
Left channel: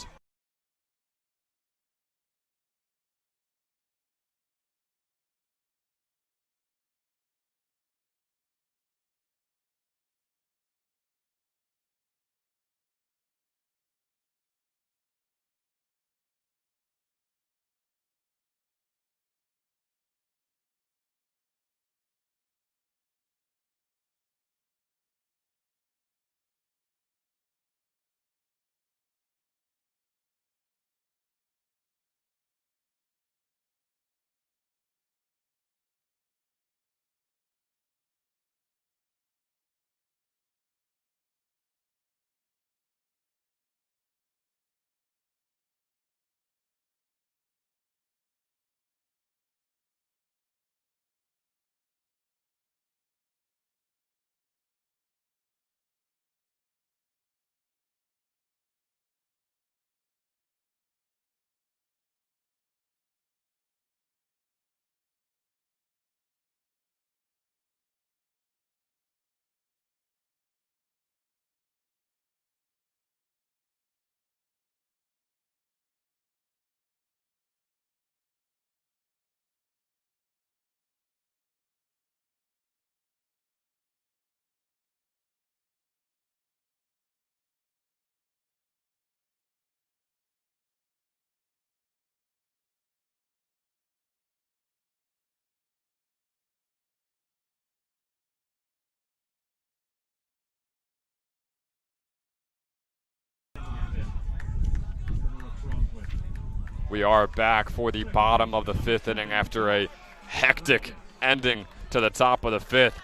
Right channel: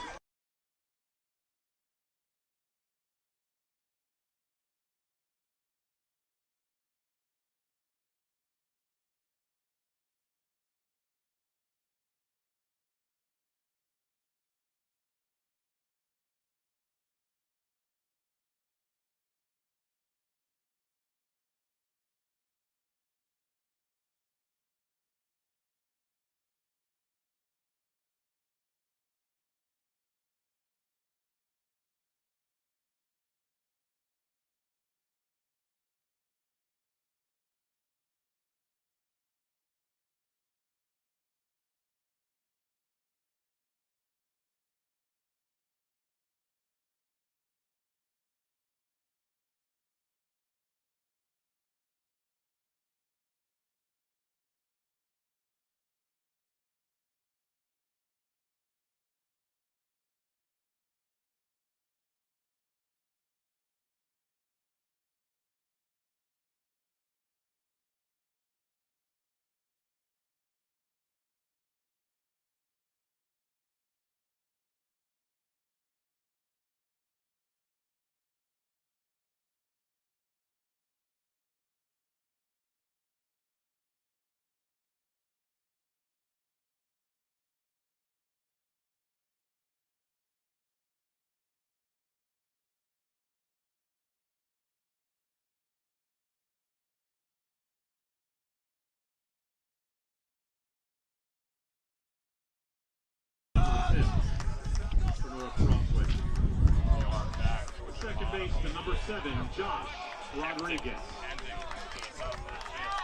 We are back for the bottom of the 5th inning after a hectic ending to the top of the 5th.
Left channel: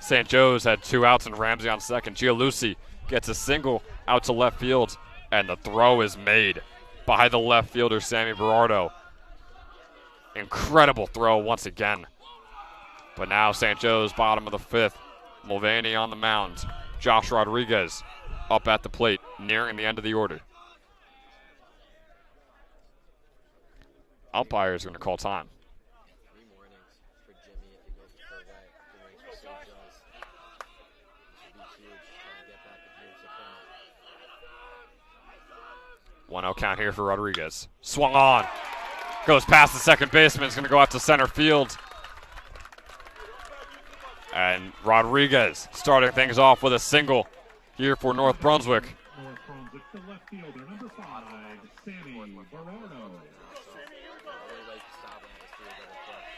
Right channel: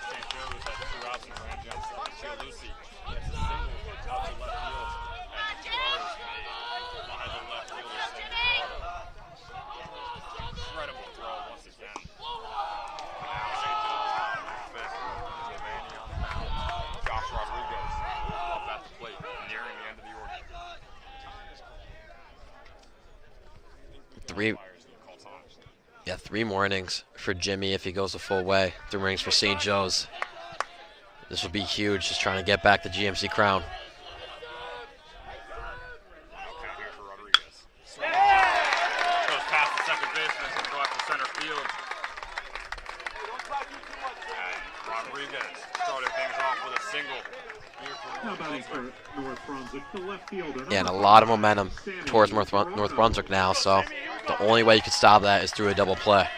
St. Joe's had 2 outs and Ramsey on second. Gialusi gets a single out to left field, and the throw is made by the left fielder, Sammy Berardo. Incredible throw once again. But now St. Joe's bottom of the 5th. Mulvaney on the mound. Josh Rodriguez up at the plate, nearing the end of the order. Umpire's going to call time. Yeah, 3 more innings for Jimmy if he goes the full way. 3 innings for St. Joe's. This will be huge, just trying to get back the GMC crown. 1-0 count here for Rodriguez. Swung on. Goes past the second baseman. It's going to go out to center field. And Rodriguez starting things off with a single here for North Brunswick. Yeah, and a lot of momentum towards North Brunswick now, so the only way you could stop that is through a double play.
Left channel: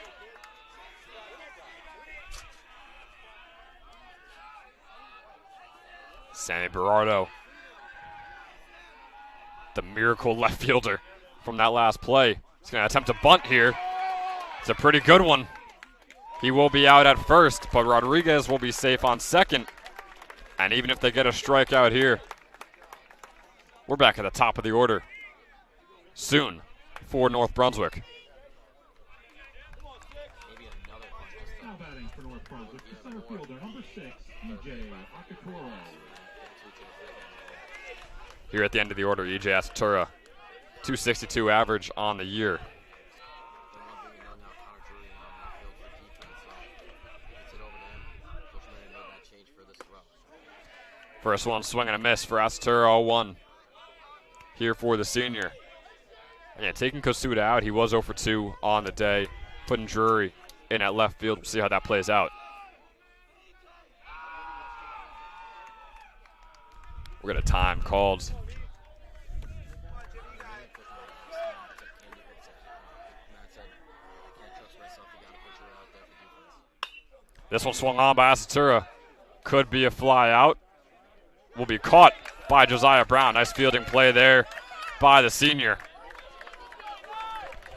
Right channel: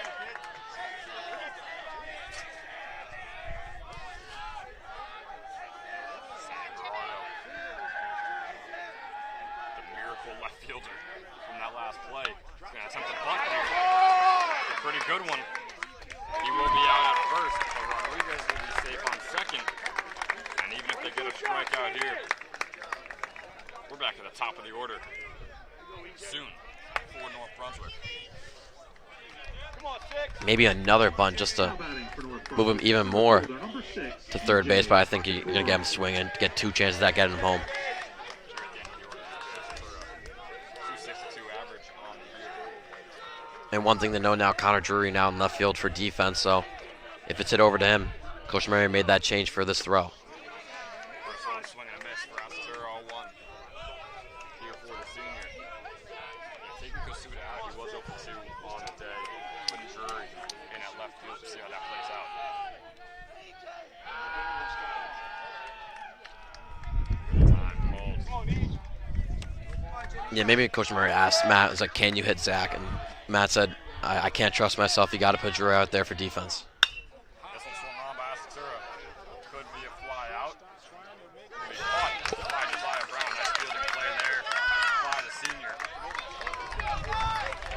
Sammy Berardo the miracle left fielder from that last play. He's going to attempt a bunt here. It's a pretty good one. He will be out at first, but Rodriguez will be safe on second. And even if they get a strikeout here, we're back at the top of the order soon for North Brunswick. Maybe another bunt just to move him even more to third base, but I think you're going to get him swinging, get 2 chances at getting him home. Here at the end of the order, E.J. Asatura, 262 average on the year. And one thing to know now, Connor Drury now in left field for defense, so if it's hit over to him, Coach Murray made that change for this throw. First one, swing and a miss for Asatura, 0-1 here for the senior. Yeah, taking Kosuda out, he was 0 for 2 on the day, putting Drury in at left field. We'll see how that plays out. We're going to time called. Yeah, maybe Coach Murray asked Matt, was like, can you hit Zach? And Matt said, I can't trust myself. You got to put Drury out there for defense. This one swung on by Asatura. Could be a fly out. Will be caught by Josiah Brown. Nice fielding play there by the senior.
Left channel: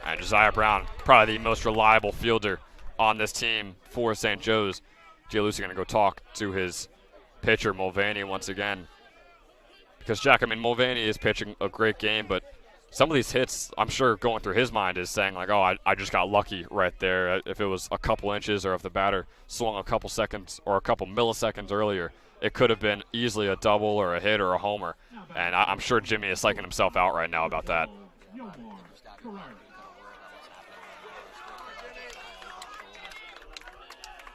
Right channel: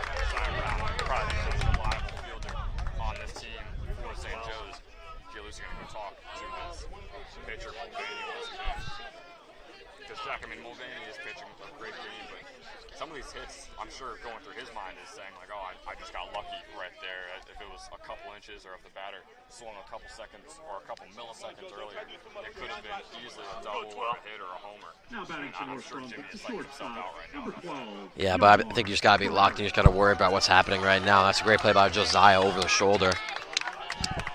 And Josiah Brown, probably the most reliable fielder on this team for St. Joe's. Gianluca going to go talk to his pitcher, Mulvaney, once again. Because, Jack, I mean, Mulvaney is pitching a great game, but some of these hits, I'm sure going through his mind is saying, like, oh, I just got lucky right there. If it was a couple inches or if the batter swung a couple seconds or a couple milliseconds earlier, it could have been easily a double or a hit or a homer. And I'm sure Jimmy is psyching himself out right now about that. Yeah, but I think you just got to be locked in. You just got to worry about what's happening right now. That's a great play by Josiah over the shoulder.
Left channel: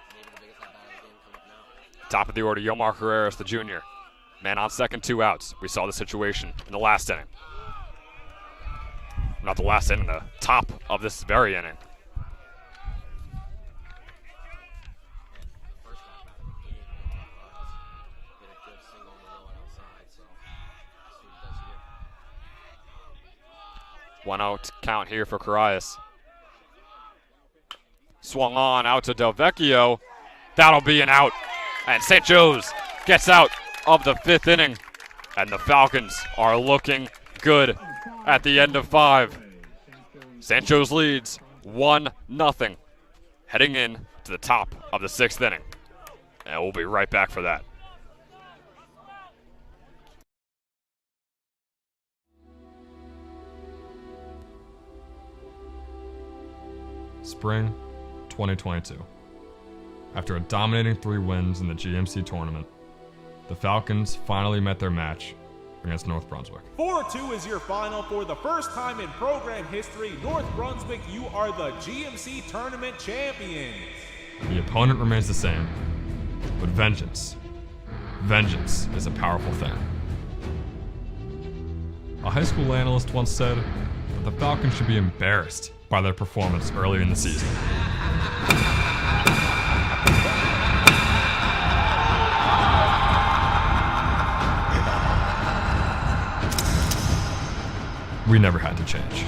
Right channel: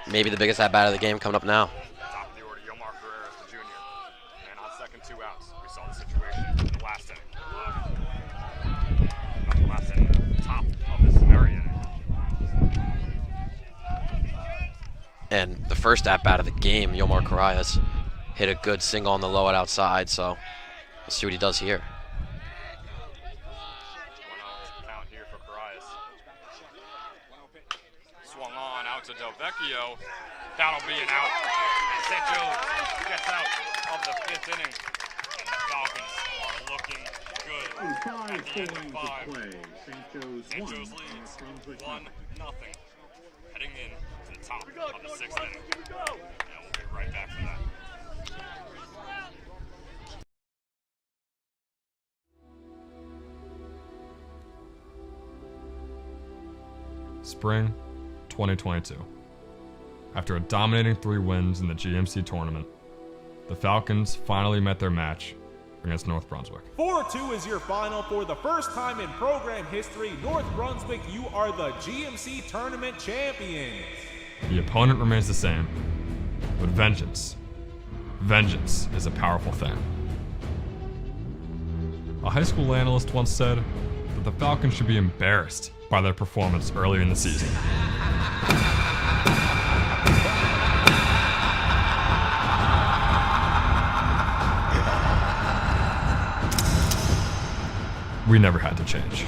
Maybe the biggest at-bat of the game coming up now. Top of the order, Yomar Carreras, the junior. Man on second, 2 outs. We saw the situation in the last inning. Not the last inning, the top of this very inning. And the first at-bat of the game, Yomar Carreras hit a good single on the low and outside, so let's see what he does here. 1 out count here for Carreras. Swung on out to Del Vecchio. That'll be an out. And St. Joe's gets out of the 5th inning. And the Falcons are looking good at the end of 5. St. Joe's leads 1-0, heading in to the top of the 6th inning. And we'll be right back for that. Spring 2022. After a dominating 3 wins in the GMC tournament, the Falcons finally met their match against North Brunswick. 4-2 is your final. For the first time in program history, North Brunswick, you are the GMC tournament champions. The opponent remains the same, but vengeance is a powerful thing. A high school analyst once said that the Falcons should be embarrassed by their performance early in the season. We never had to change.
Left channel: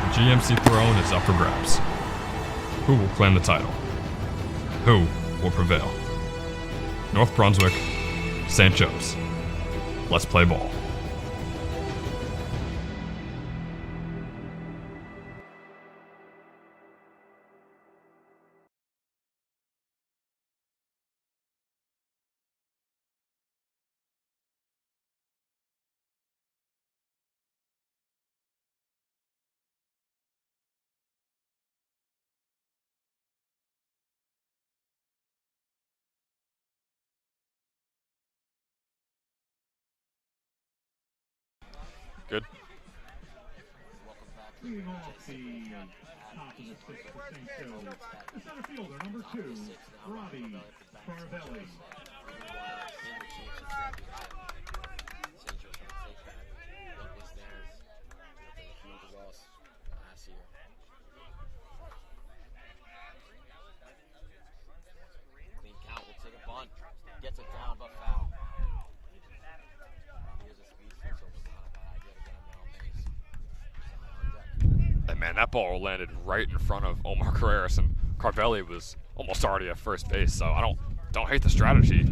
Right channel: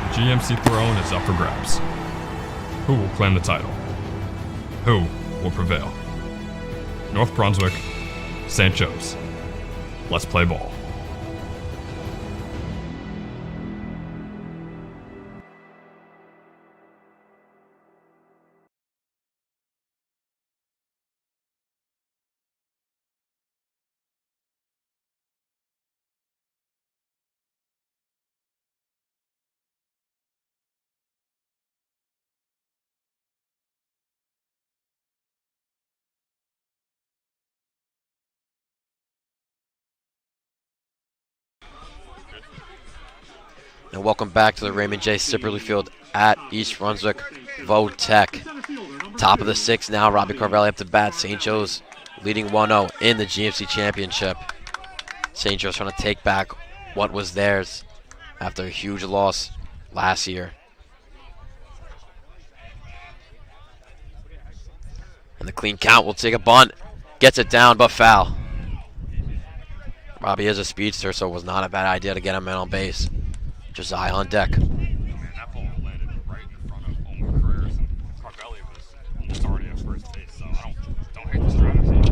The GMC throne is up for grabs. Who will claim the title? Who will prevail? North Brunswick, St. Joe's. Let's play ball. Good. And welcome back to the Raymond J. Sipperly Field at East Brunswick Votech. Top of the 6th now, Robbie Carvelli up to bat. St. Joe's leading 1-0 in the GMC Championship. St. Joe's trying to take back what was theirs after a huge loss last year. And the clean count will take a bunt. Gets it down, but foul. Robbie is a speedster, so it was not a bad idea to get him in on base. Josiah on deck. Hey man, that ball landed right in front of Omar Carreras, and Carvelli was almost already at first base, so I don't hate the strategy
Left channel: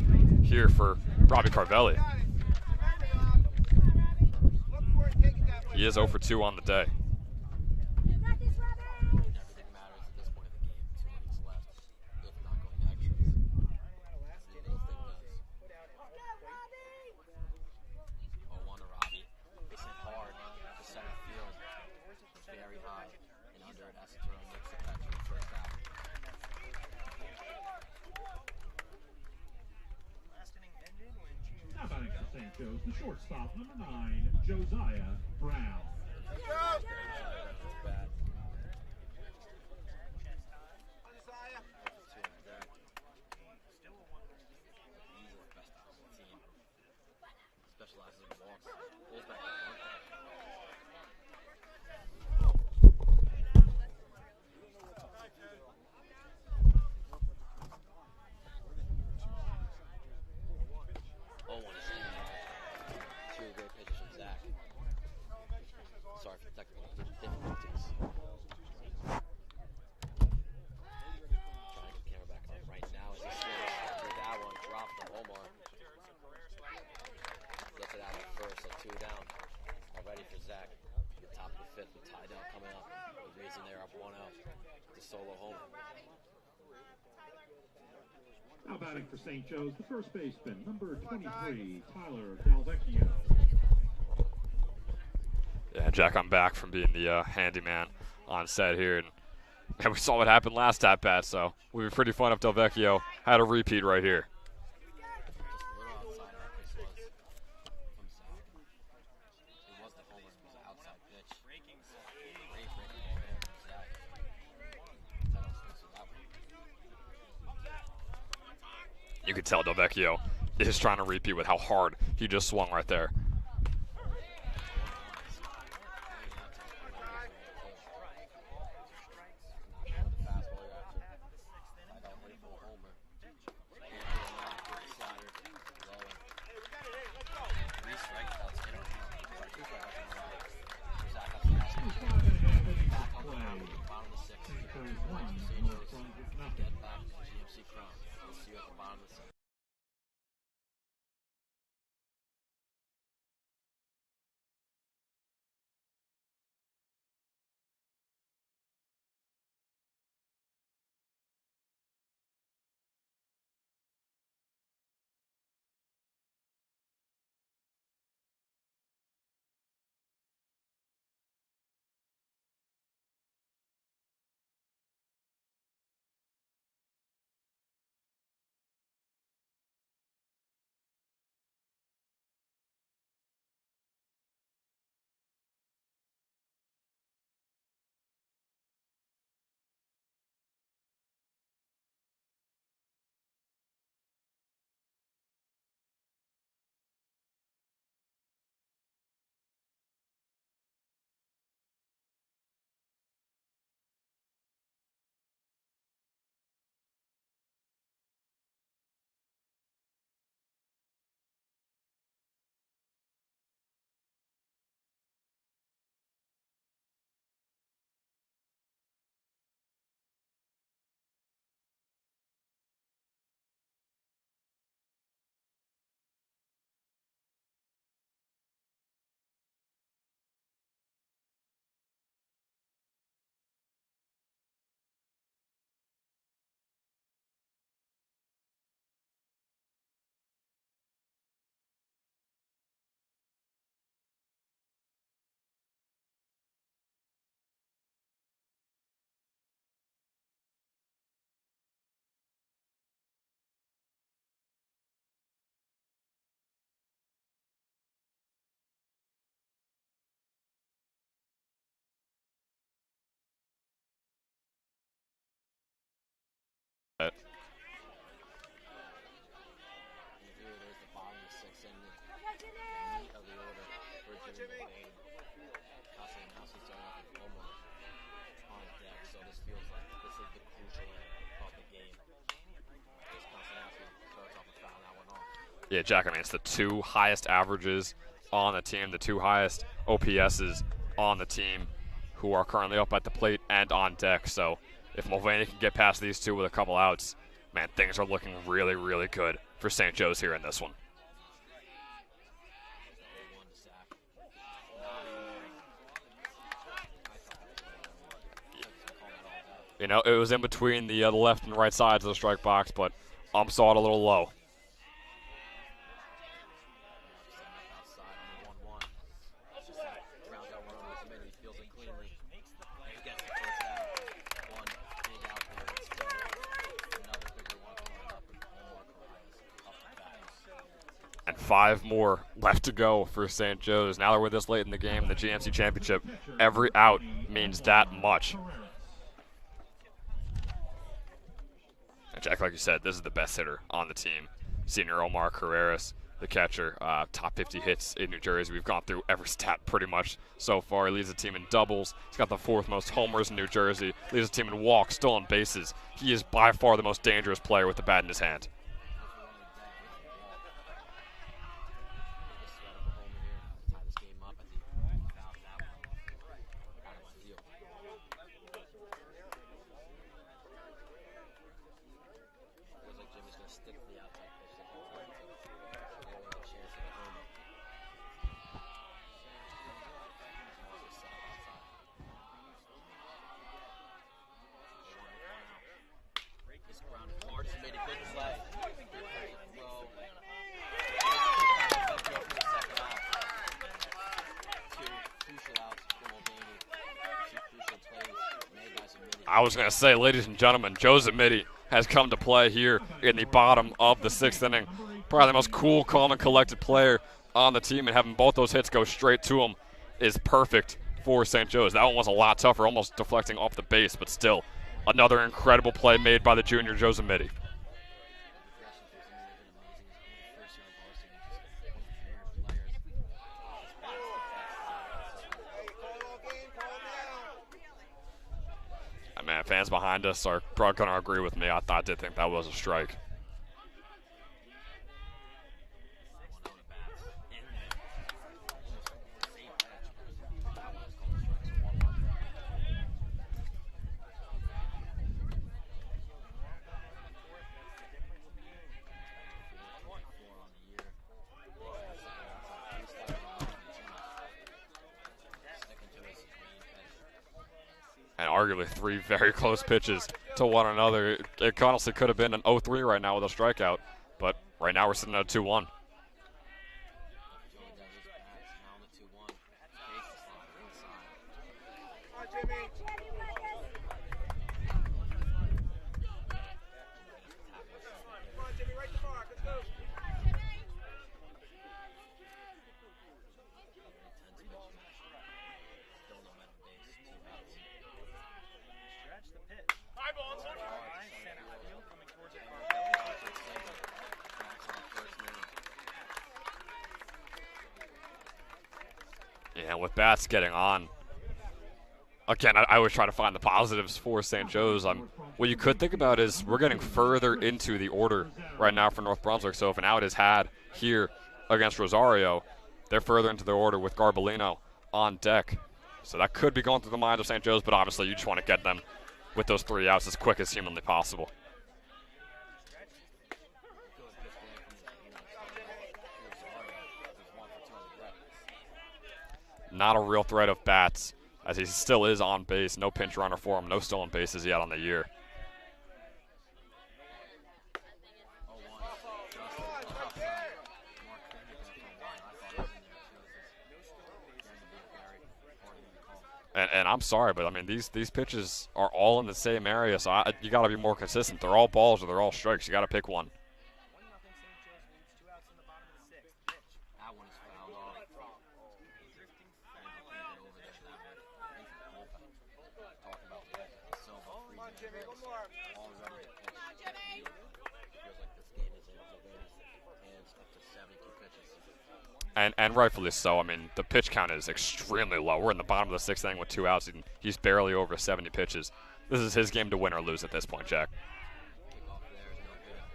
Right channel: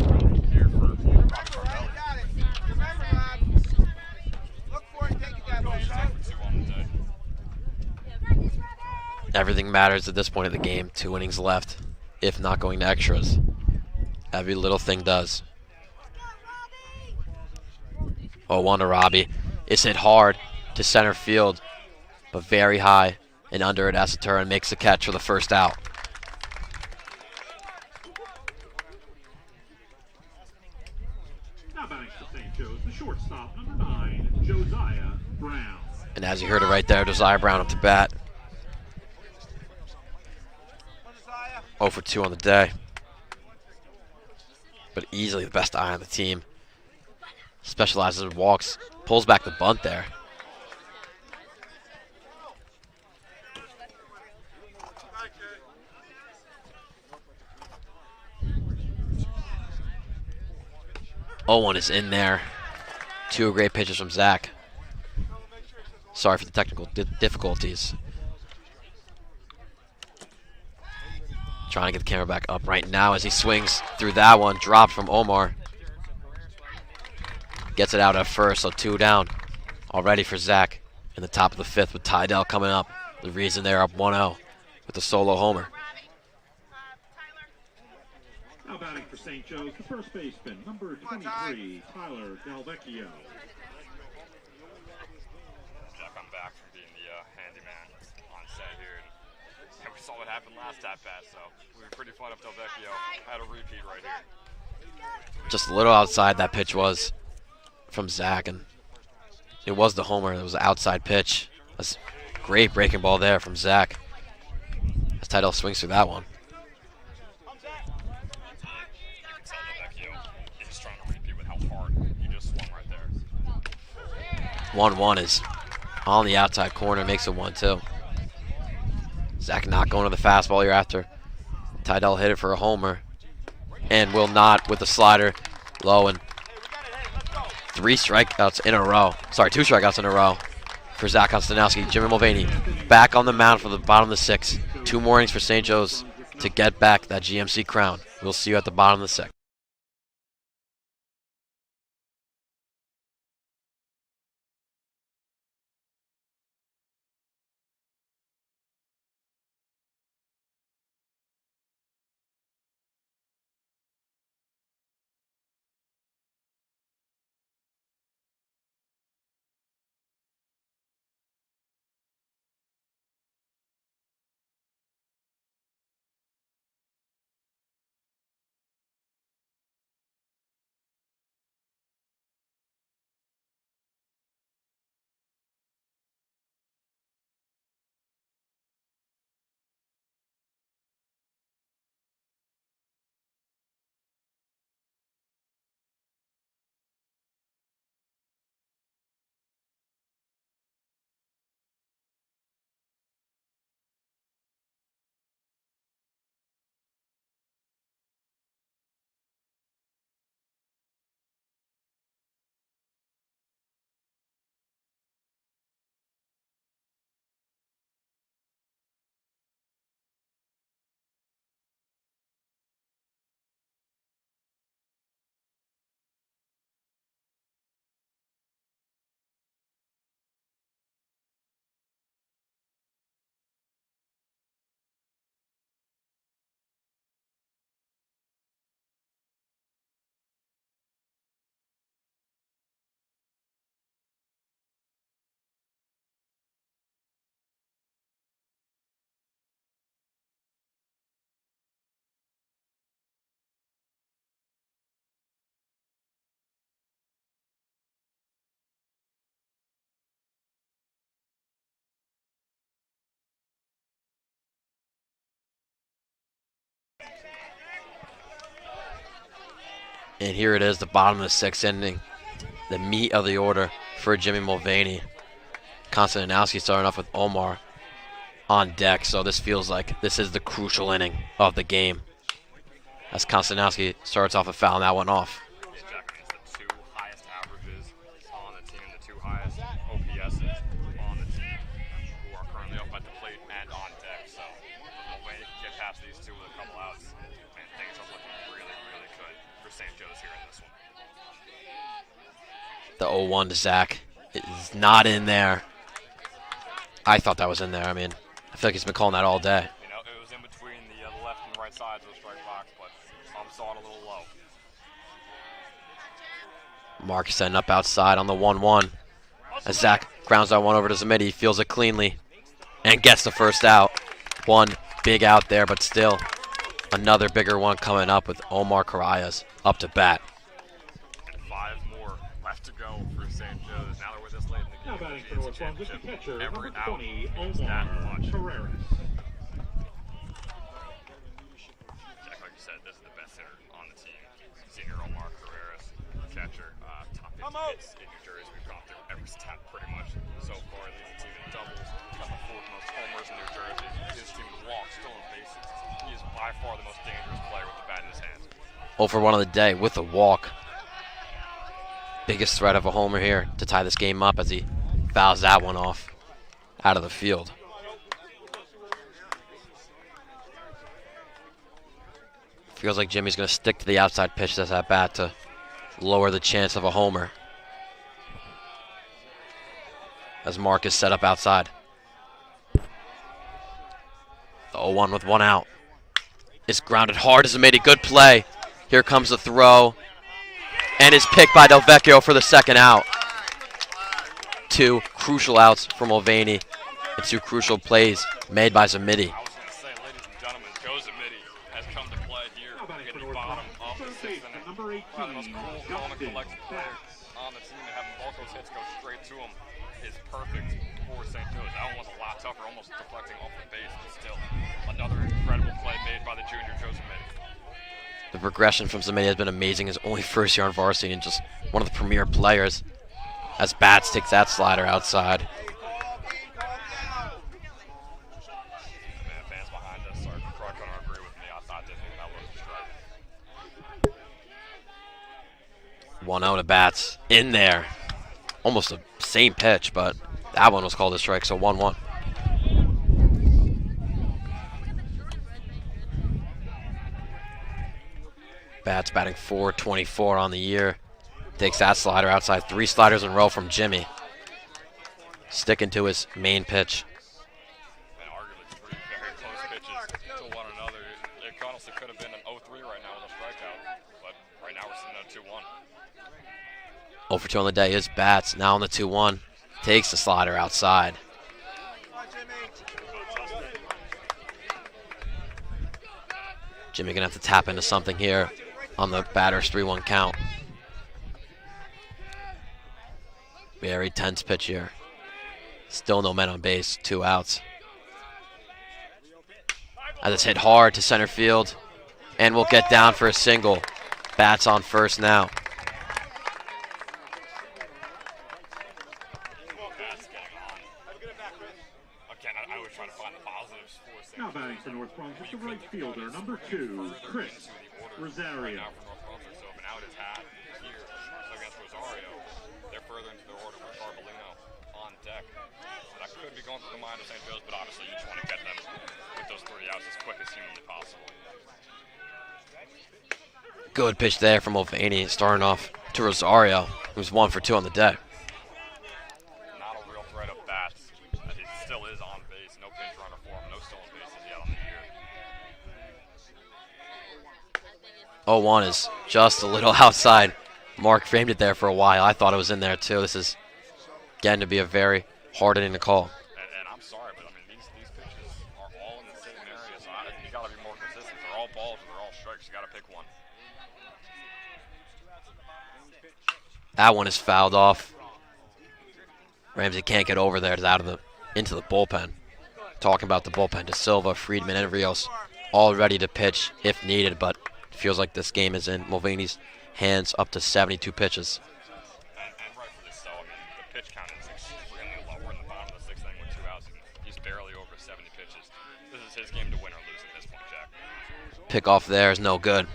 here for Robbie Carvelli. He is 0 for 2 on the day. Everything matters at this point of the game. 2 innings left, if not going to extras. Every little thing does. 0-1 to Robbie. It's hit hard to center field, but very high and under it. Asaturin makes the catch for the first out. Now batting for St. Joe's, the shortstop, number 9, Josiah Brown. And as you heard it right there, Josiah Brown up to bat. 0 for 2 on the day. But easily the best eye on the team. Specializes in walks. Pulls back the bunt there. Owen is in there. 2 great pitches from Zach. Sorry for the technical difficulties. Trying to get the camera back up right now as he swings through that one. Dropped from Omar. Gets it out at first, so 2 down already for Zach in the top of the 5th with Tydell coming up. The reason they're up 1-0 with the solo homer. Now batting for St. Joe's, the first baseman, number 23, Tyler Delvecchio. Yeah, Jack, I'm back from being the handyman on set here. And we saw what happened last at-bat, so it would be pretty fun if Delvecchio had a repeat right here. Just a little outside that pitch was from Zach, and it was the homer. It was an outside pitch. That's a great breaking ball there from Zach as Tydell swings through that one. You could tell Delvecchio is trying to repeat with how hard he just swung right there. 1-1 is on the outside corner, makes it 1-2. Zach not going to the fastball here after Tydell hit it for a homer, and will not with the slider low, and 3 strikeouts in a row. Sorry, 2 strikeouts in a row for Zach Konstanowski. Jimmy Mulvaney back on the mound for the bottom of the 6th. 2 more innings for St. Joe's to get back that GMC crown. We'll see you at the bottom of the 6th. And here it is, the bottom of the 6th inning. The meat of the order for Jimmy Mulvaney. Konstantinowski starting off with Omar on deck, so this feels like this is the crucial inning of the game. As Konstantinowski starts off a foul, and that went off. Yeah, Jack, I mean, it's the 2 highest averages on the team, the 2 highest OPSs on the team who are currently up at the plate and on deck. So if Mulvaney can get past these two with a couple outs, man, things are looking really, really good for St. Joe's here in this one. The 0-1 to Zach is not in there. I thought that was in there. I mean, I feel like he's been calling that all day. You know, it was in between the left and right sides of the strike box, but saw it a little low. Mark setting up outside on the 1-1. As Zach grounds that one over to Zamidi, he feels it cleanly and gets the first out. One big out there, but still another bigger one coming up with Omar Carayas up to bat. And 5 more left to go for St. Joe's. Now that we're this late in the game, the GMC Championship, every out means that much. And Jack, like you said, this is the best hitter on the team. Senior Omar Carreras, the catcher, top 50 hits in New Jersey. We've gone through every stat pretty much so far. He leads the team in doubles. He's got the 4th most homers in New Jersey. Leads the team in walks, stolen bases. He is by far the most dangerous player with the bat in his hand. 0 for 1 on the day with a walk. Biggest threat of a homer here to tie this game up as he fouls that one off out of the field. Feels like Jimmy's going to stick to the outside pitch that's at bat to lower the chance of a homer. As Mark is set up outside. The 0-1 with 1 out. It's grounded hard as it made a good play. Here comes the throw. And is picked by Del Vecchio for the 2nd out. 2 crucial outs for Mulvaney and 2 crucial plays made by Zamidi. I was going to say, ladies and gentlemen, Joe Zamidi has come to play here in the bottom of the 6th inning. Probably the most cool, calm, and collected player on the team, and having both those hits go straight to him is perfect for St. Joe's. That one was a lot tougher, almost deflecting off the base, but still another incredible play made by the junior Joe Zamidi. The progression from Zamidi has been amazing. His only first year on varsity and just one of the premier players as Bats takes that slider outside. Man, fans behind us are probably going to agree with me. I did think that was a strike. 1-0 to Bats in there. Almost the same pitch, but that one was called a strike, so 1-1. Bats batting .424 on the year. Takes that slider outside. 3 sliders in a row from Jimmy. Sticking to his main pitch. And arguably 3 very close pitches to one another. It honestly could have been an 0-3 right now with a strikeout, but right now we're sitting at a 2-1. 0 for 2 on the day is Bats. Now on the 2-1. Takes the slider outside. Jimmy gonna have to tap into something here on the batter's 3-1 count. Very tense pitch here. Still no men on base, 2 outs. As it's hit hard to center field, and will get down for a single. Bats on first now. Yeah, with Bats getting on. Again, I was trying to find the positives for St. Joe's. What you could think about is we're getting further into the order right now for North Brunswick. So if an out is had here against Rosario, they're further into the order with Garbolino on deck. So that could be going through the mind of St. Joe's, but obviously you just want to get them with those 3 outs as quick as humanly possible. Good pitch there from Mulvaney, starting off to Rosario, who's 1 for 2 on the day. Not a real threat of Bats, as he still is on base. No pinch runner for him, no stolen bases yet on the year. 0-1 is just a little outside. Mark framed it there for a while. I thought it was in there too. This is getting to be a very hard inning to call. And I'm sorry, but I mean these pitches are all in the same area, so you got to be more consistent. They're all balls or they're all strikes. You got to pick one. That one is fouled off. Ramsey can't get over there. It's out of into the bullpen. Talking about the bullpen, De Silva, Friedman, and Rios all ready to pitch if needed, but it feels like this game is in Mulvaney's hands up to 72 pitches. And rightfully so. I mean, the pitch count is extremely low. We're in the bottom of the 6th inning with 2 outs, and he's barely over 70 pitches. This is his game to win or lose at this point, Jack. Pick off there is no good.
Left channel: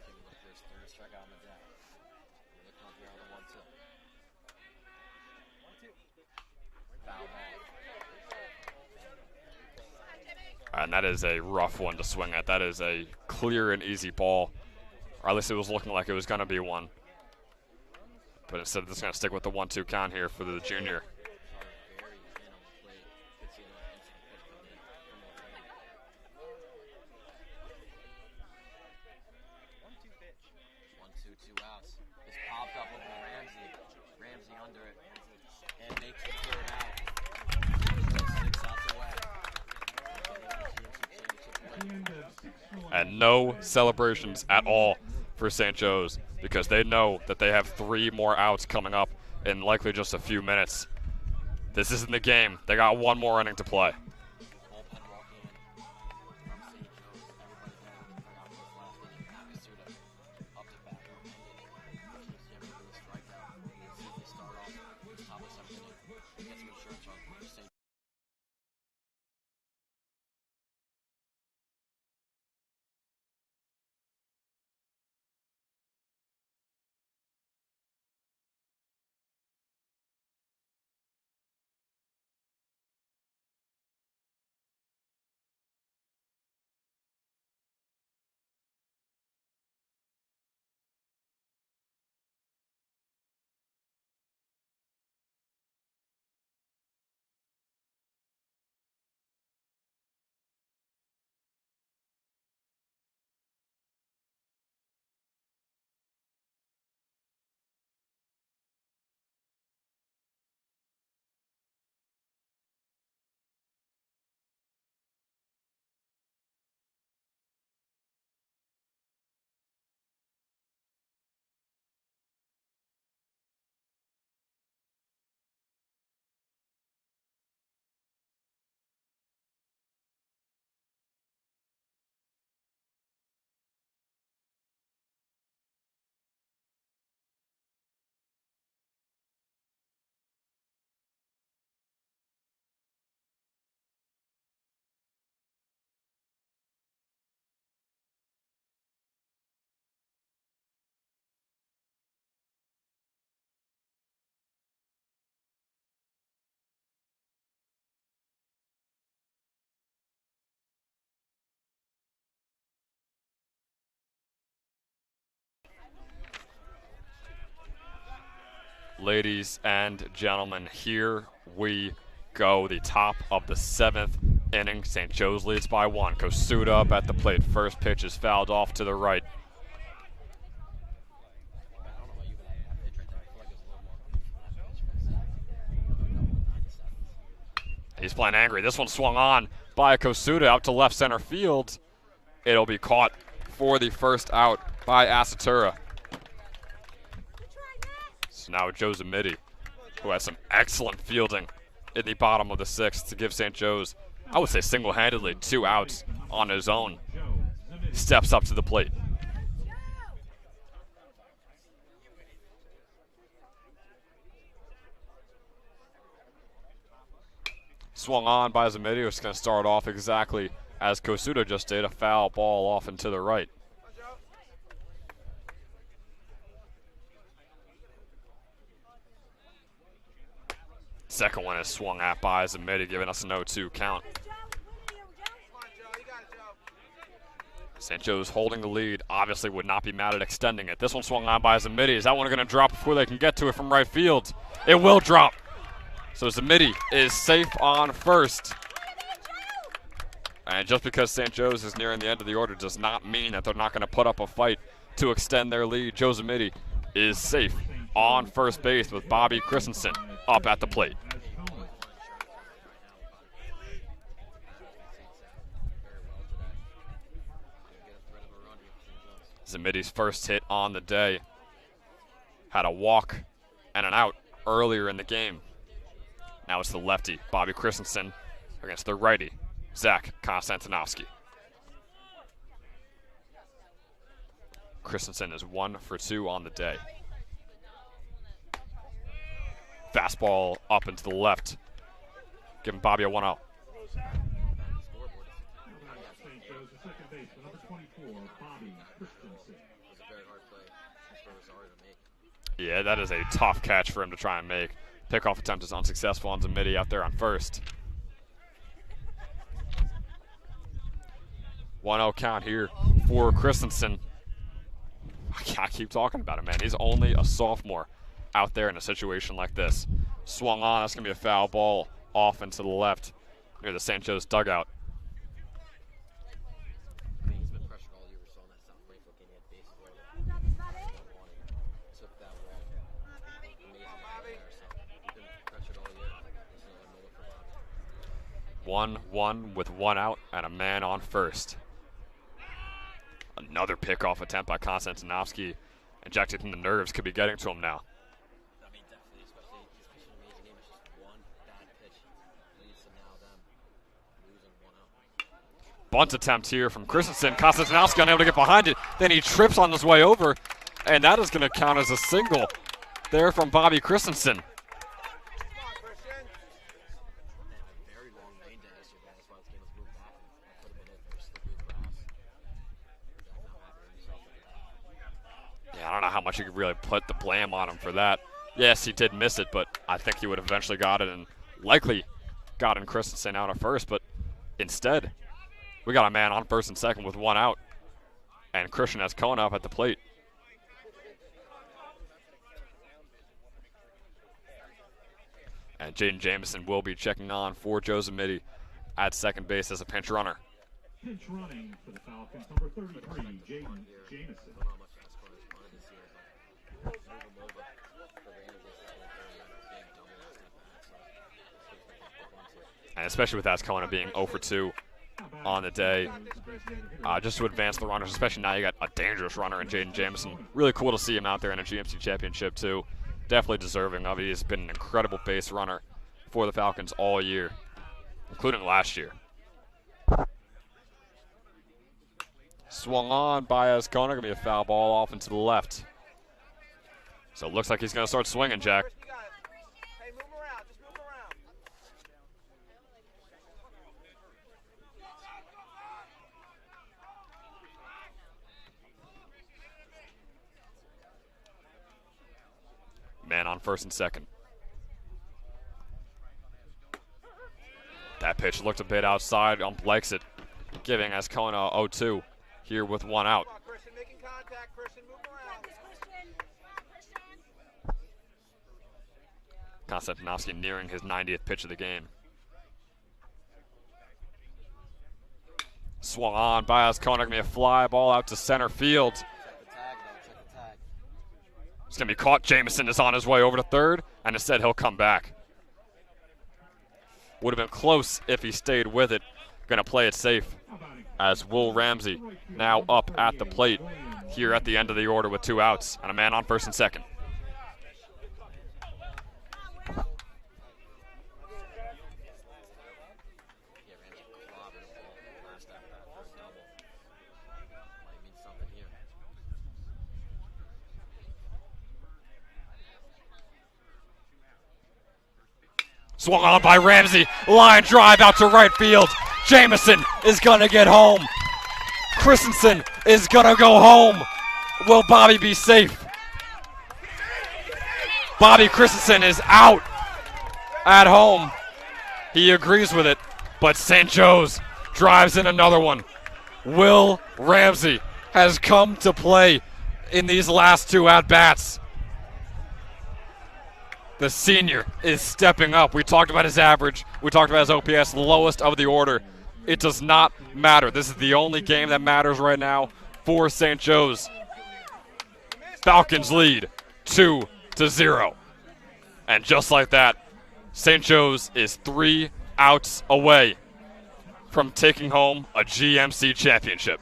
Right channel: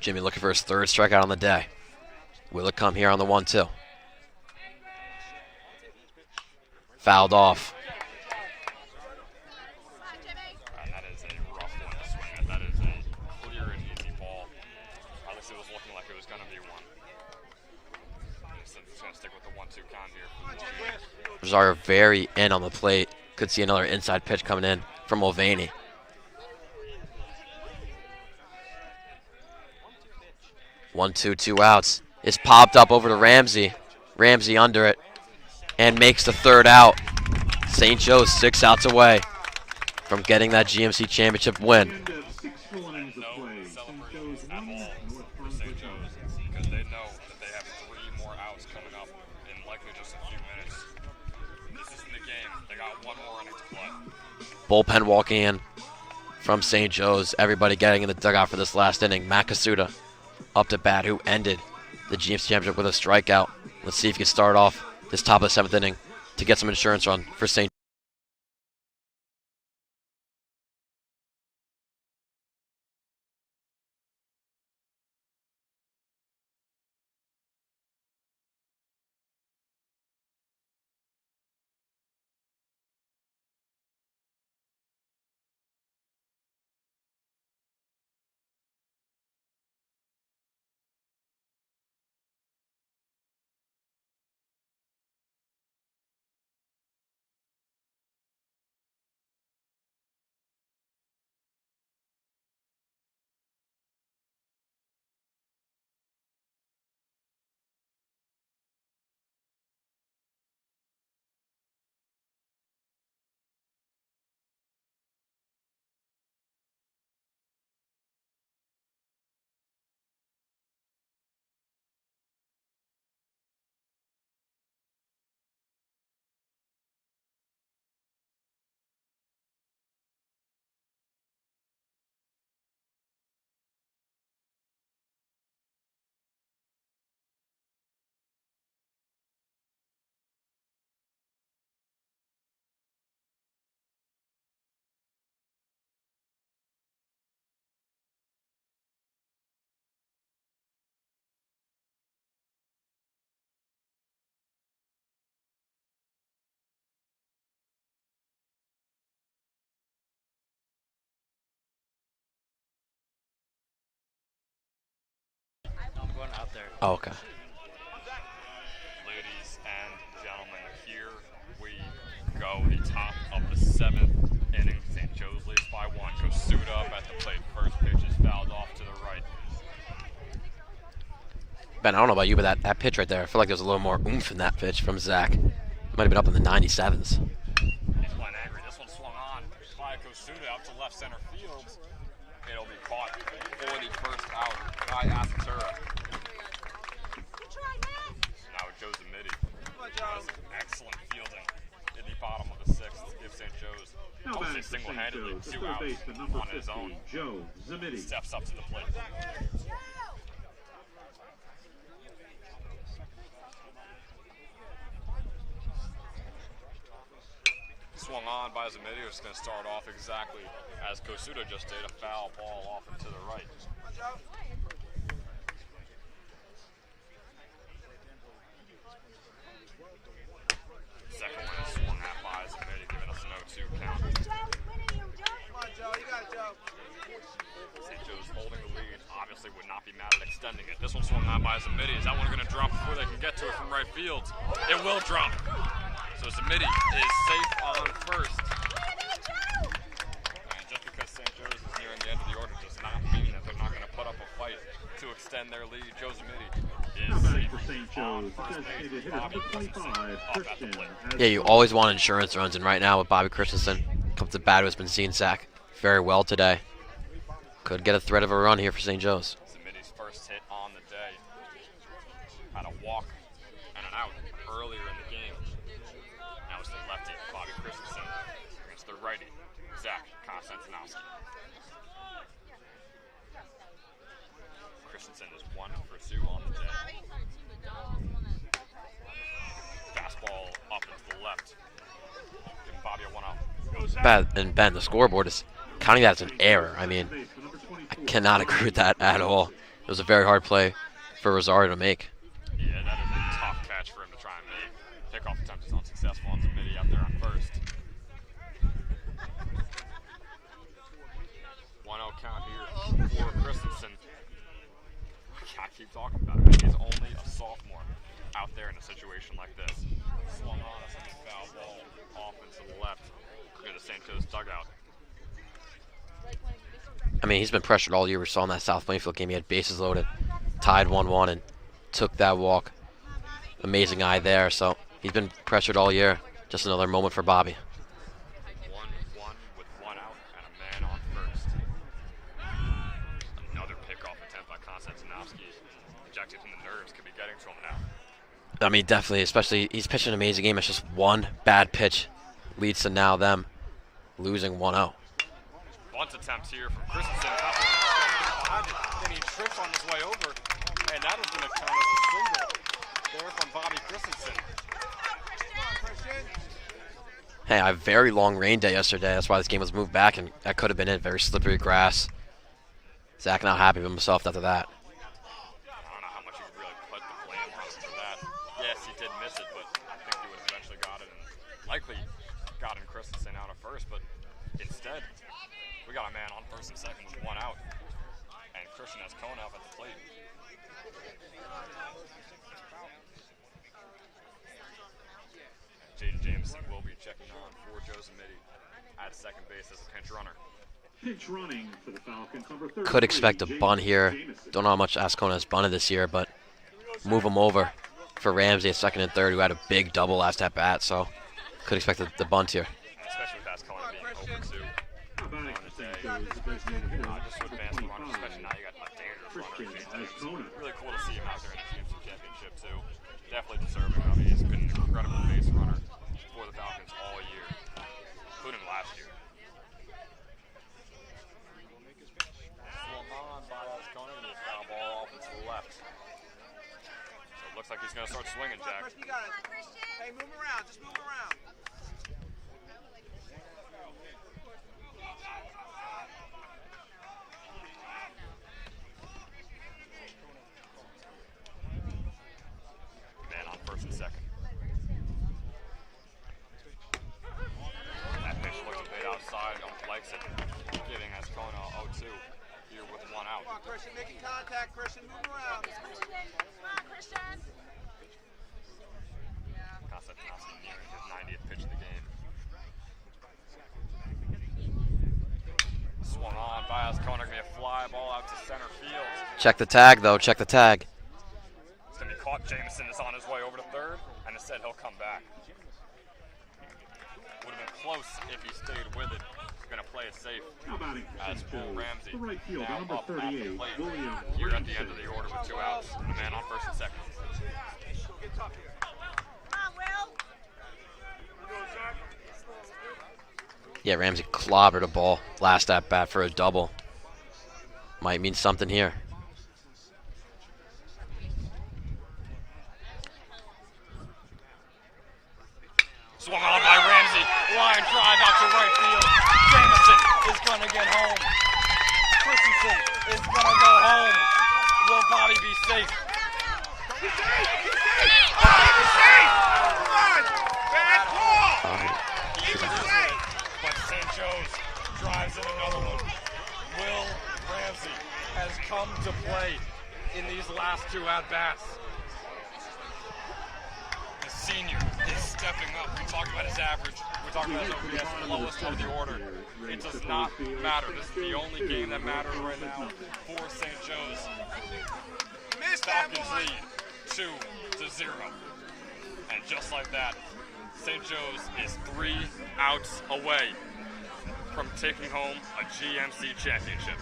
Jimmy looking for his 3rd strikeout on the day. Will it come here on the 1-2? fouled off. And that is a rough one to swing at. That is a clear and easy ball. Or at least it was looking like it was going to be one. But instead of just going to stick with the 1-2 count here for the junior. Rosario very in on the plate. Could see another inside pitch coming in from Mulvaney. 1-2, 2 outs. It's popped up over to Ramsey. Ramsey under it and makes the third out. St. Joe's 6 outs away from getting that GMC championship win. And no celebrations at all for St. Joe's because they know that they have 3 more outs coming up in likely just a few minutes. This isn't the game. They got 1 more inning to play. Bullpen walking in from St. Joe's. Everybody getting in the dugout for this last inning. Matt Kasuda up to bat, who ended the GMC championship with a strikeout. Let's see if he can start off this top of the 7th inning to get some insurance run for St. Oh, okay. Ladies and gentlemen, here we go. The top of the 7th inning. St. Joe's leads by 1. Kosuda up at the plate. First pitch is fouled off to the right. Ben, I don't know about you, but that pitch right there, I feel like there's a little more oomph in that pitch from Zach. Might have been up in the 97s. He's playing angry. This one swung on by Kosuda out to left center field. It'll be caught for the first out by Asatura. So now Joe Zamidi, who has some excellent fielding in the bottom of the 6th to give St. Joe's, I would say single-handedly, 2 outs on his own. Steps up to the plate. Swung on by Zamidi, who's going to start off exactly as Kosuda just did, a foul ball off and to the right. Second one is swung at by Zamidi, giving us an 0-2 count. St. Joe's holding the lead, obviously would not be mad at extending it. This one swung on by Zamidi. Is that one going to drop before they can get to it from right field? It will drop. So Zamidi is safe on first. And just because St. Joe's is nearing the end of the order does not mean that they're not going to put up a fight to extend their lead. Joe Zamidi is safe on first base with Bobby Christensen up at the plate. Yeah, you always want insurance runs, and right now with Bobby Christensen, comes to bat who has been seeing Zach very well today. Could get a threat of a run here for St. Joe's. Zamidi's first hit on the day had a walk and an out earlier in the game. Now it's the lefty, Bobby Christensen, against the righty, Zach Konstantinovsky. Christensen is 1 for 2 on the day. Fastball up into the left, giving Bobby a 1-0. And Ben, the scoreboard is counting that as an error. I mean, I cannot agree with that at all. It was a very hard play for Rosario to make. Yeah, that is a tough catch for him to try and make. Pickoff attempt is unsuccessful on Zamidi out there on first. 1-0 count here for Christensen. I keep talking about him, man. He's only a sophomore out there in a situation like this. Swung on, that's going to be a foul ball off and to the left near the St. Joe's dugout. I mean, he's been pressured all year. We saw in that South Plainfield game. He had bases loaded, tied 1-1, and took that walk. Amazing eye there. So he's been pressured all year. Just another moment for Bobby. 1-1 with 1 out and a man on first. Another pickoff attempt by Konstantinovsky. Injected in the nerves, could be getting to him now. I mean, definitely, especially he's pitching an amazing game. It's just one bad pitch leads to now them losing 1-0. Bunt attempt here from Christensen. Konstantinovsky unable to get behind it. Then he trips on his way over, and that is going to count as a single there from Bobby Christensen. Hey, I had a very long rain day yesterday. That's why this game was moved back, and that could have been it. Very slippery grass. Zach not happy with himself after that. Yeah, I don't know how much you could really put the blame on him for that. Yes, he did miss it, but I think he would have eventually got it and likely gotten Christensen out at first. But instead, we got a man on first and second with 1 out, and Christian has Cohen up at the plate. And Jaden Jamison will be checking on for Joe Zamidi at second base as a pinch runner. Pinch running for the Falcons, number 33, Could expect a bunt here. Jamison. Don't know how much Ascona has bunted this year, but move him over for Ramsey at second and third, who had a big double last at bat, so could expect the bunt here. And especially with Ascona being 0 for 2 on the day, just to advance the runners, especially now you got a dangerous runner in Jaden Jamison. Really cool to see him out there in a GMC championship too. Definitely deserving of it. He's been an incredible base runner for the Falcons all year, including last year. Swung on by Ascona, gonna be a foul ball off and to the left. So it looks like he's gonna start swinging, Jack. Hey, move around, just move around. Man on first and second. That pitch looked a bit outside, likes it, giving Ascona 0-2 here with 1 out. Come on, Christian, making contact, Christian, move around. Konstantinovsky nearing his 90th pitch of the game. Swung on by Ascona, gonna be a fly ball out to center field. Check the tag, though. Check the tag. It's gonna be caught. Jamison is on his way over to third, and instead he'll come back. Would have been close if he stayed with it. Gonna play it safe as Will Ramsey now up at the plate here at the end of the order with 2 outs and a man on first and second. Yeah, Ramsey clobbered a ball last at bat for a double. Might mean something here. Swung on by Ramsey. Line drive out to right field. Jamison is gonna get home. Christensen is gonna go home. Will Bobby be safe? Bobby Christensen is out at home. He agrees with it, but St. Joe's drives in another one. Will Ramsey has come to play in these last 2 at-bats. The senior is stepping up. We talked about his average. We talked about his OPS, the lowest of the order. It does not matter. This is the only game that matters right now for St. Joe's. Falcons lead 2-0. And just like that, St. Joe's is 3 outs away from taking home a GMC championship.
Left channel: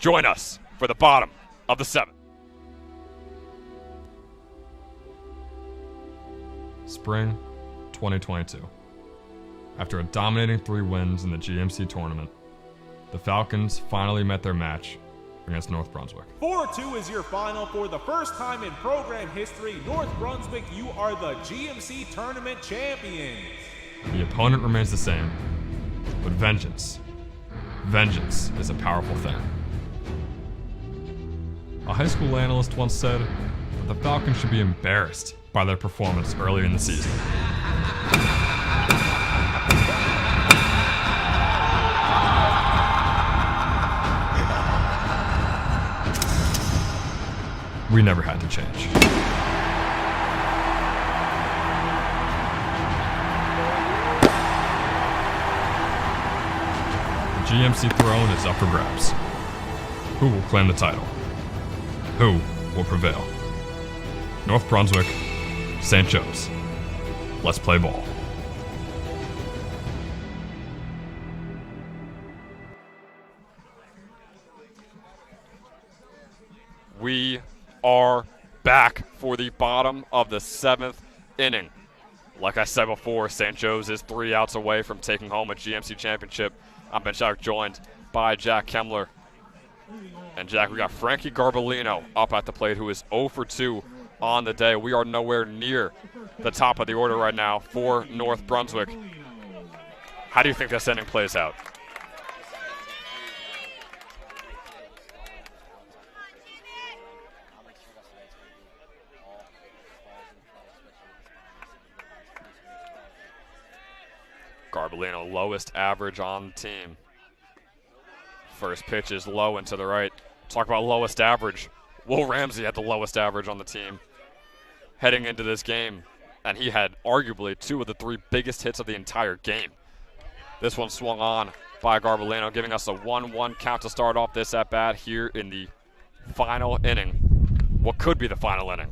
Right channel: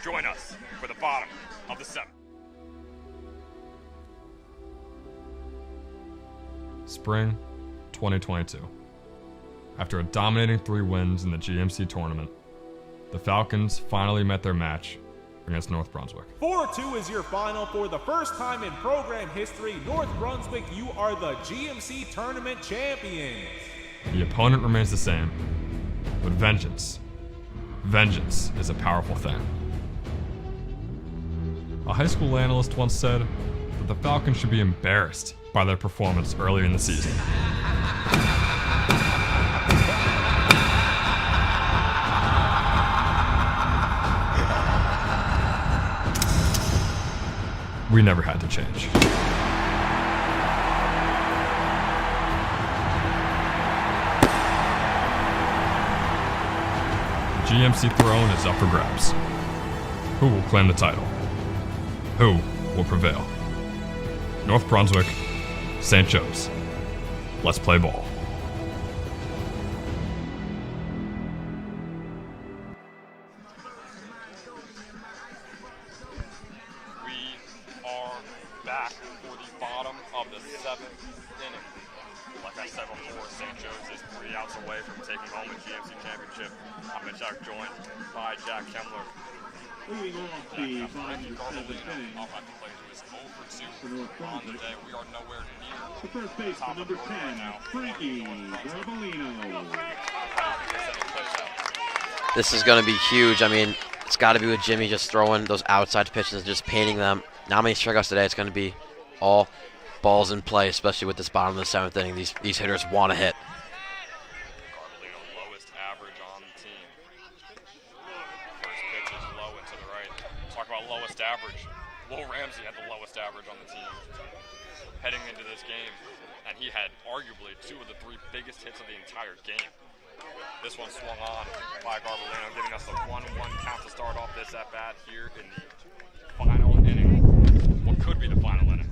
Join us for the bottom of the 7th. Spring 2022. After a dominating 3 wins in the GMC tournament, the Falcons finally met their match against North Brunswick. 4-2 is your final. For the first time in program history, North Brunswick, you are the GMC tournament champions. The opponent remains the same, but vengeance is a powerful thing. A high school analyst once said that the Falcons should be embarrassed by their performance earlier in the season. We never had to change. The GMC throne is up for grabs. Who will claim the title? Who will prevail? North Brunswick, St. Joe's. Let's play ball. We are back for the bottom of the 7th inning. Like I said before, St. Joe's is 3 outs away from taking home a GMC championship. I'm Ben Chuck, joined by Jack Kemmler. And Jack, we got Frankie Garbolino up at the plate, who is 0 for 2 on the day. We are nowhere near the top of the order right now for North Brunswick. How do you think this inning plays out? This is going to be huge. I mean, it's got to be with Jimmy just throwing those outside pitches and just painting them. Not many strikeouts today. It's going to be all balls in play, especially with this bottom of the 7th inning. These hitters want to hit. Garbolino, lowest average on the team. First pitch is low and to the right. Talk about lowest average. Will Ramsey had the lowest average on the team heading into this game, and he had arguably 2 of the 3 biggest hits of the entire game. This one swung on by Garbolino, giving us a 1-1 count to start off this at-bat here in the final inning. What could be the final inning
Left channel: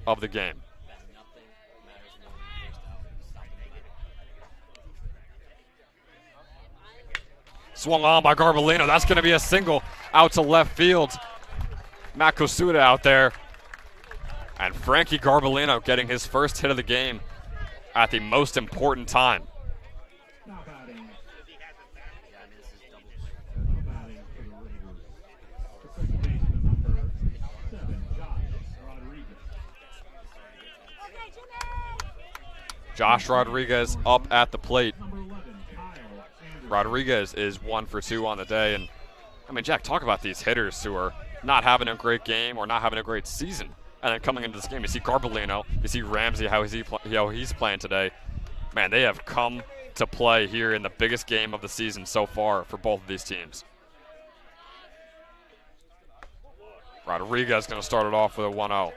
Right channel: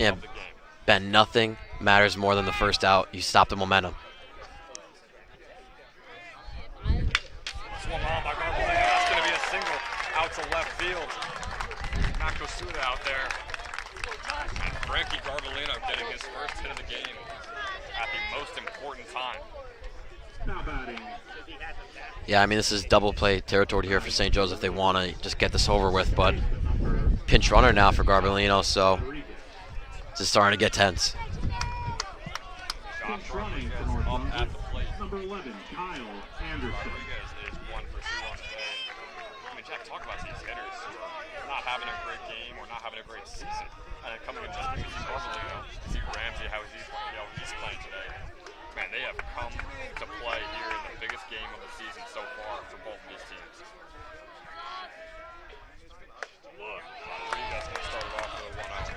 of the game. Ben, nothing matters more than the first out. You stop the momentum. Swung on by Garbolino. That's going to be a single out to left field. Matt Kosuda out there. And Frankie Garbolino getting his first hit of the game at the most important time. Yeah, I mean, this is double play territory here for St. Joe's if they want to just get this over with. But pinch runner now for Garbolino, so this is starting to get tense. Josh Rodriguez up at the plate. Rodriguez is 1 for 2 on the day. And I mean, Jack, talk about these hitters who are not having a great game or not having a great season. And then coming into this game, you see Garbolino, you see Ramsey, how he's playing today. Man, they have come to play here in the biggest game of the season so far for both of these teams. Rodriguez going to start it off with a 1-0.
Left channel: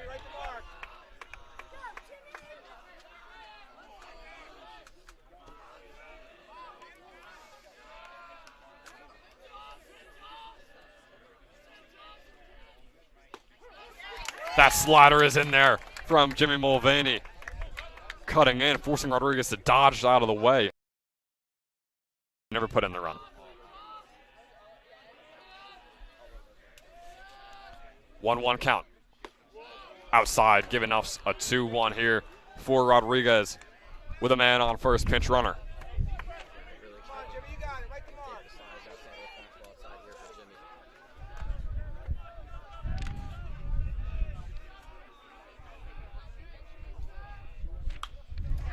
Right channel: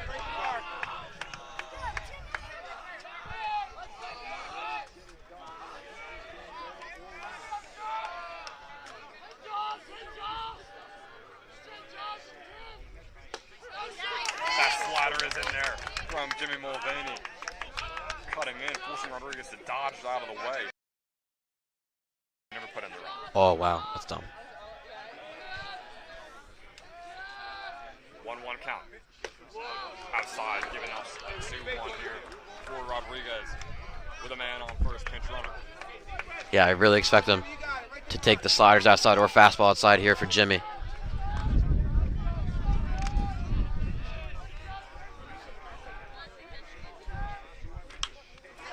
That slider is in there from Jimmy Mulvaney. Cutting in, forcing Rodriguez to dodge out of the way. Never put in the run. Oh, wow, that's dumb. 1-1 count. Outside, giving us a 2-1 here for Rodriguez with a man on first, pinch runner. Yeah, I really expect them to take the sliders outside or fastball outside here for Jimmy.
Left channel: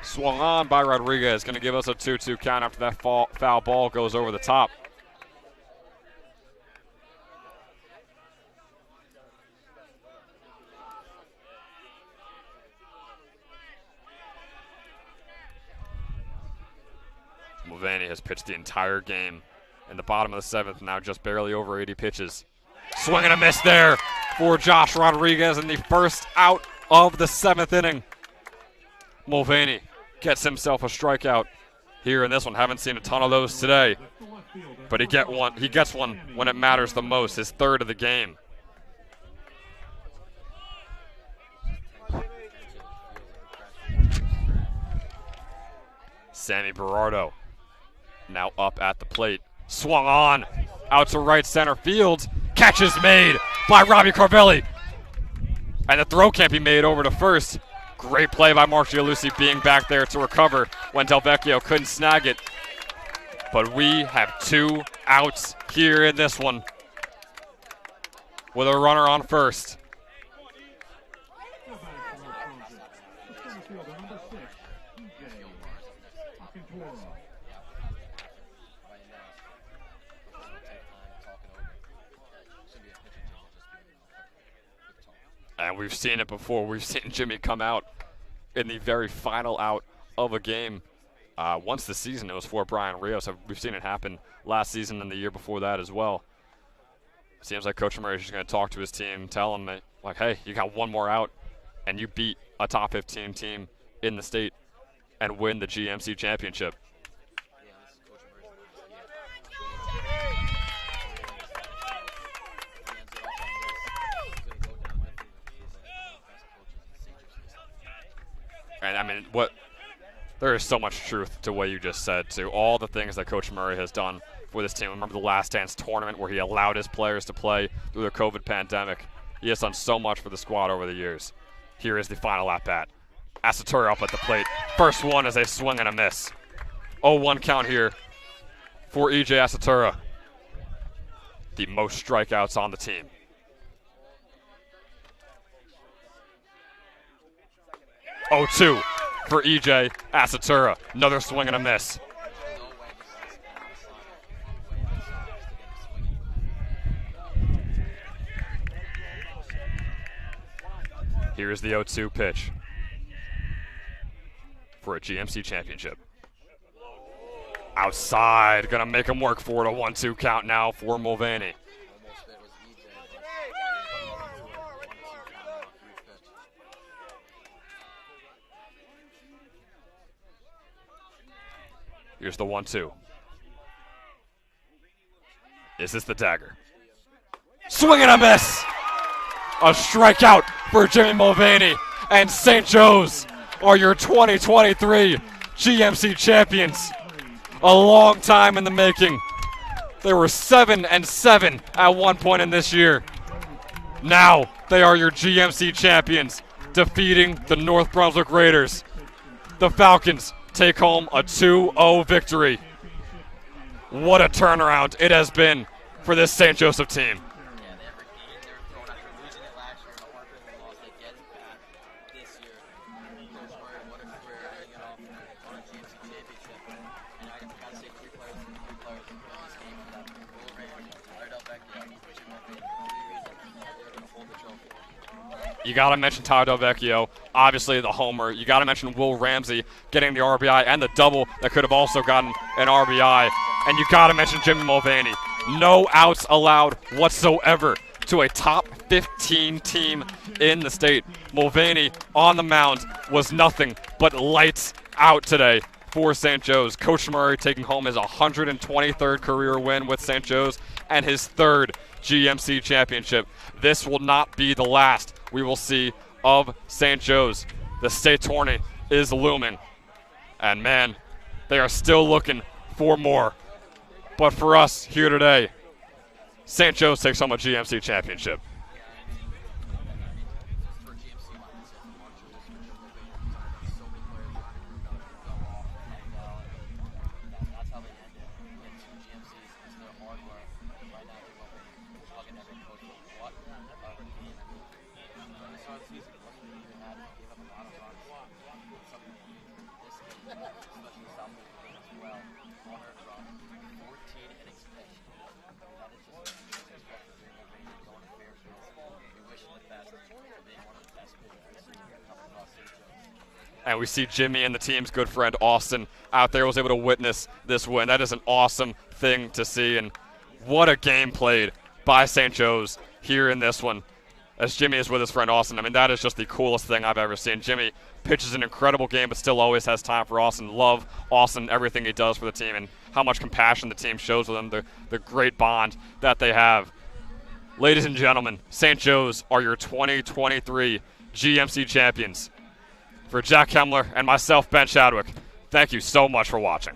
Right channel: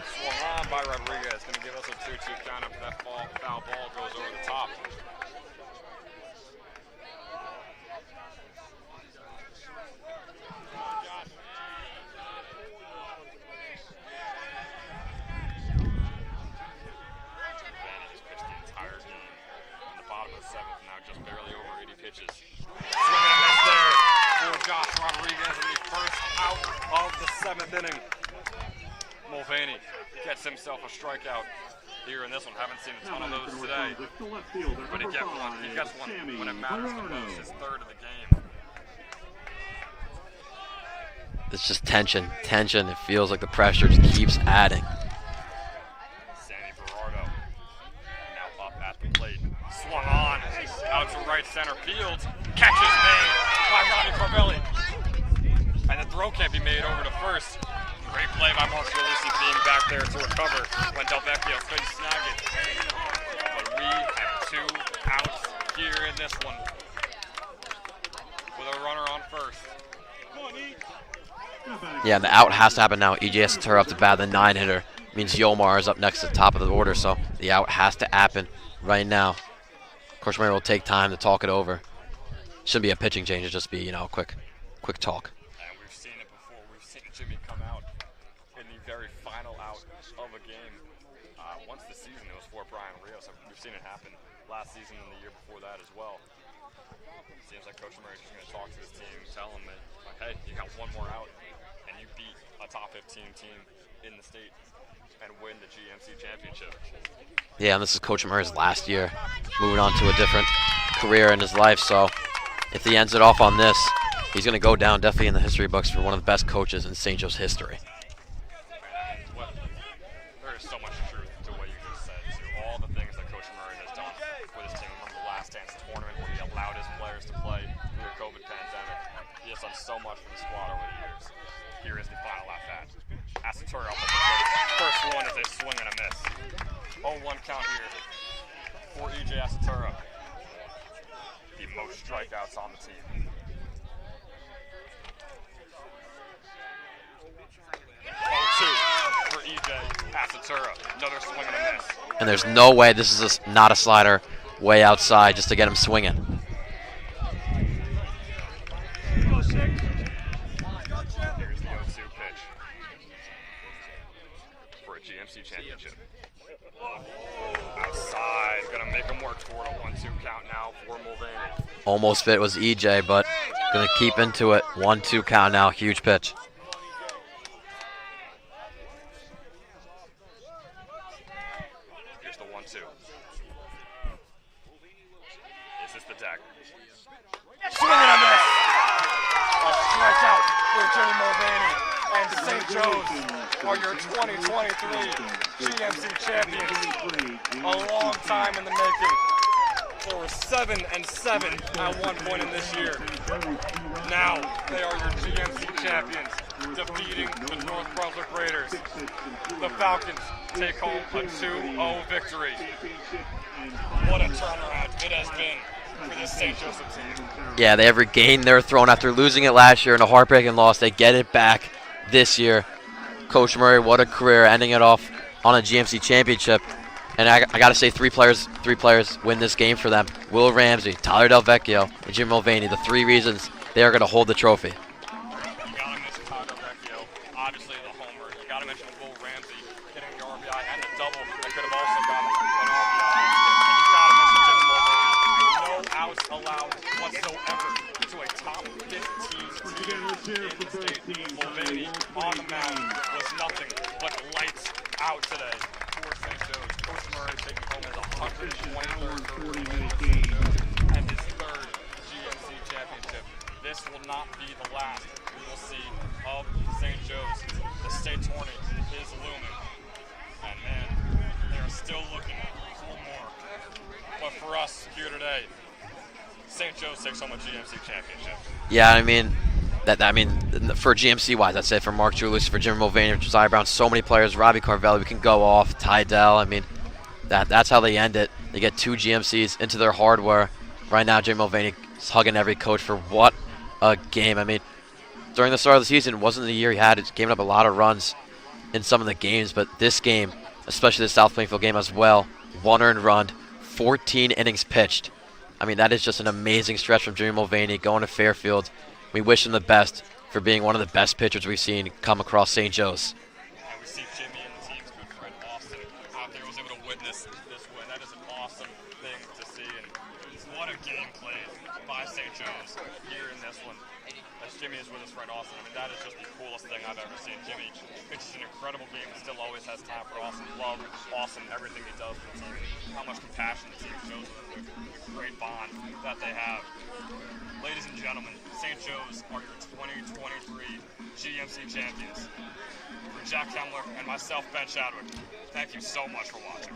Swung on by Rodriguez, going to give us a 2-2 count after that foul ball goes over the top. Mulvaney has pitched the entire game in the bottom of the 7th, now just barely over 80 pitches. Swing and a miss there for Josh Rodriguez in the first out of the 7th inning. Mulvaney gets himself a strikeout here in this one. Haven't seen a ton of those today, but he gets one when it matters the most, his 3rd of the game. It's just tension. It feels like the pressure just keeps adding. Sammy Berardo now up at the plate. Swung on, out to right center field. Catch is made by Robbie Carvelli. And the throw can't be made over to first. Great play by Mark Gialusi being back there to recover when Del Vecchio couldn't snag it. But we have 2 outs here in this one with a runner on first. Yeah, and the out has to happen now. EJ has to turn off the bat. The 9-hitter means Yomar is up next to the top of the order, so the out has to happen right now. Coach Mayer will take time to talk it over. Shouldn't be a pitching change. It'll just be, a quick talk. And we've seen it before. We've seen Jimmy come out in the very final out of a game. Once this season, it was for Brian Rios. We've seen it happen last season and the year before that as well. Seems like Coach Murray is just going to talk to his team, tell them that, like, hey, you got one more out, and you beat a top 15 team in the state and win the GMC championship. Yeah, and this is Coach Murray's last year, moving on to a different career in his life. So if he ends it off on this, he's going to go down definitely in the history books for one of the best coaches in St. Joe's history. And I mean, there is so much truth to what you just said, to all the things that Coach Murray has done for this team. Remember the Last Dance tournament where he allowed his players to play through the COVID pandemic. He has done so much for the squad over the years. Here is the final at-bat. Asatura up at the plate. First one is a swing and a miss. 0-1 count here for E.J. Asatura. The most strikeouts on the team. Oh, 2 for E.J. Asatura. Another swing and a miss. And there's no way this is not a slider way outside just to get him swinging. Here's the 0-2 pitch for a GMC championship. Outside, gonna make him work for it. A 1-2 count now for Mulvaney. Almost fit was EJ, but gonna keep into it. 1-2 count now, huge pitch. Here's the 1-2. Is this the dagger? Swing and a miss! A strikeout for Jimmy Mulvaney, and St. Joe's are your 2023 GMC champions. A long time in the making. They were 7-7 at one point in this year. Now they are your GMC champions, defeating the North Brunswick Raiders. The Falcons take home a 2-0 victory. What a turnaround it has been for this St. Joseph team. Yeah, they have regained their throne after losing it last year in a heartbreaking loss. They get it back this year. Coach Murray, what a career, ending it off on a GMC championship. And I got to say, three players win this game for them. Will Ramsey, Tyler Del Vecchio, and Jim Mulvaney, the three reasons they are going to hold the trophy. You got to mention Tyler Del Vecchio, obviously the homer. You got to mention Will Ramsey getting the RBI and the double that could have also gotten an RBI. And you got to mention Jim Mulvaney. No outs allowed whatsoever to a top 15 team in the state. Mulvaney on the mound was nothing but lights out today for St. Joe's. Coach Murray taking home his 123rd career win with St. Joe's and his third GMC championship. This will not be the last we will see of St. Joe's. The state tourney is looming. And man, they are still looking for more. But for us here today, St. Joe's takes home a GMC championship. Yeah, I mean, for GMC wise, that's it. For Mark Julius, for Jim Mulvaney, for Josiah Brown, so many players. Robbie Carvelli, we can go off. Tydell, I mean, that's how they end it. They get two GMCs into their hardware. Right now, Jim Mulvaney is hugging every coach for what a game. I mean, during the start of the season, it wasn't the year he had. He's given up a lot of runs in some of the games, but this game, especially the South Plainfield game as well, 1 earned run, 14 innings pitched. I mean, that is just an amazing stretch from Jimmy Mulvaney going to Fairfield. We wish him the best for being one of the best pitchers we've seen come across St. Joe's. And we see Jimmy and the team's good friend Austin out there was able to witness this win. That is an awesome thing to see, and what a game played by St. Joe's here in this one as Jimmy is with his friend Austin. I mean, that is just the coolest thing I've ever seen. Jimmy pitches an incredible game, but still always has time for Austin. Love Austin, everything he does for the team, and how much compassion the team shows with him, the great bond that they have. Ladies and gentlemen, St. Joe's are your 2023 GMC champions. For Jack Kemmler and myself, Ben Chadwick, thank you so much for watching.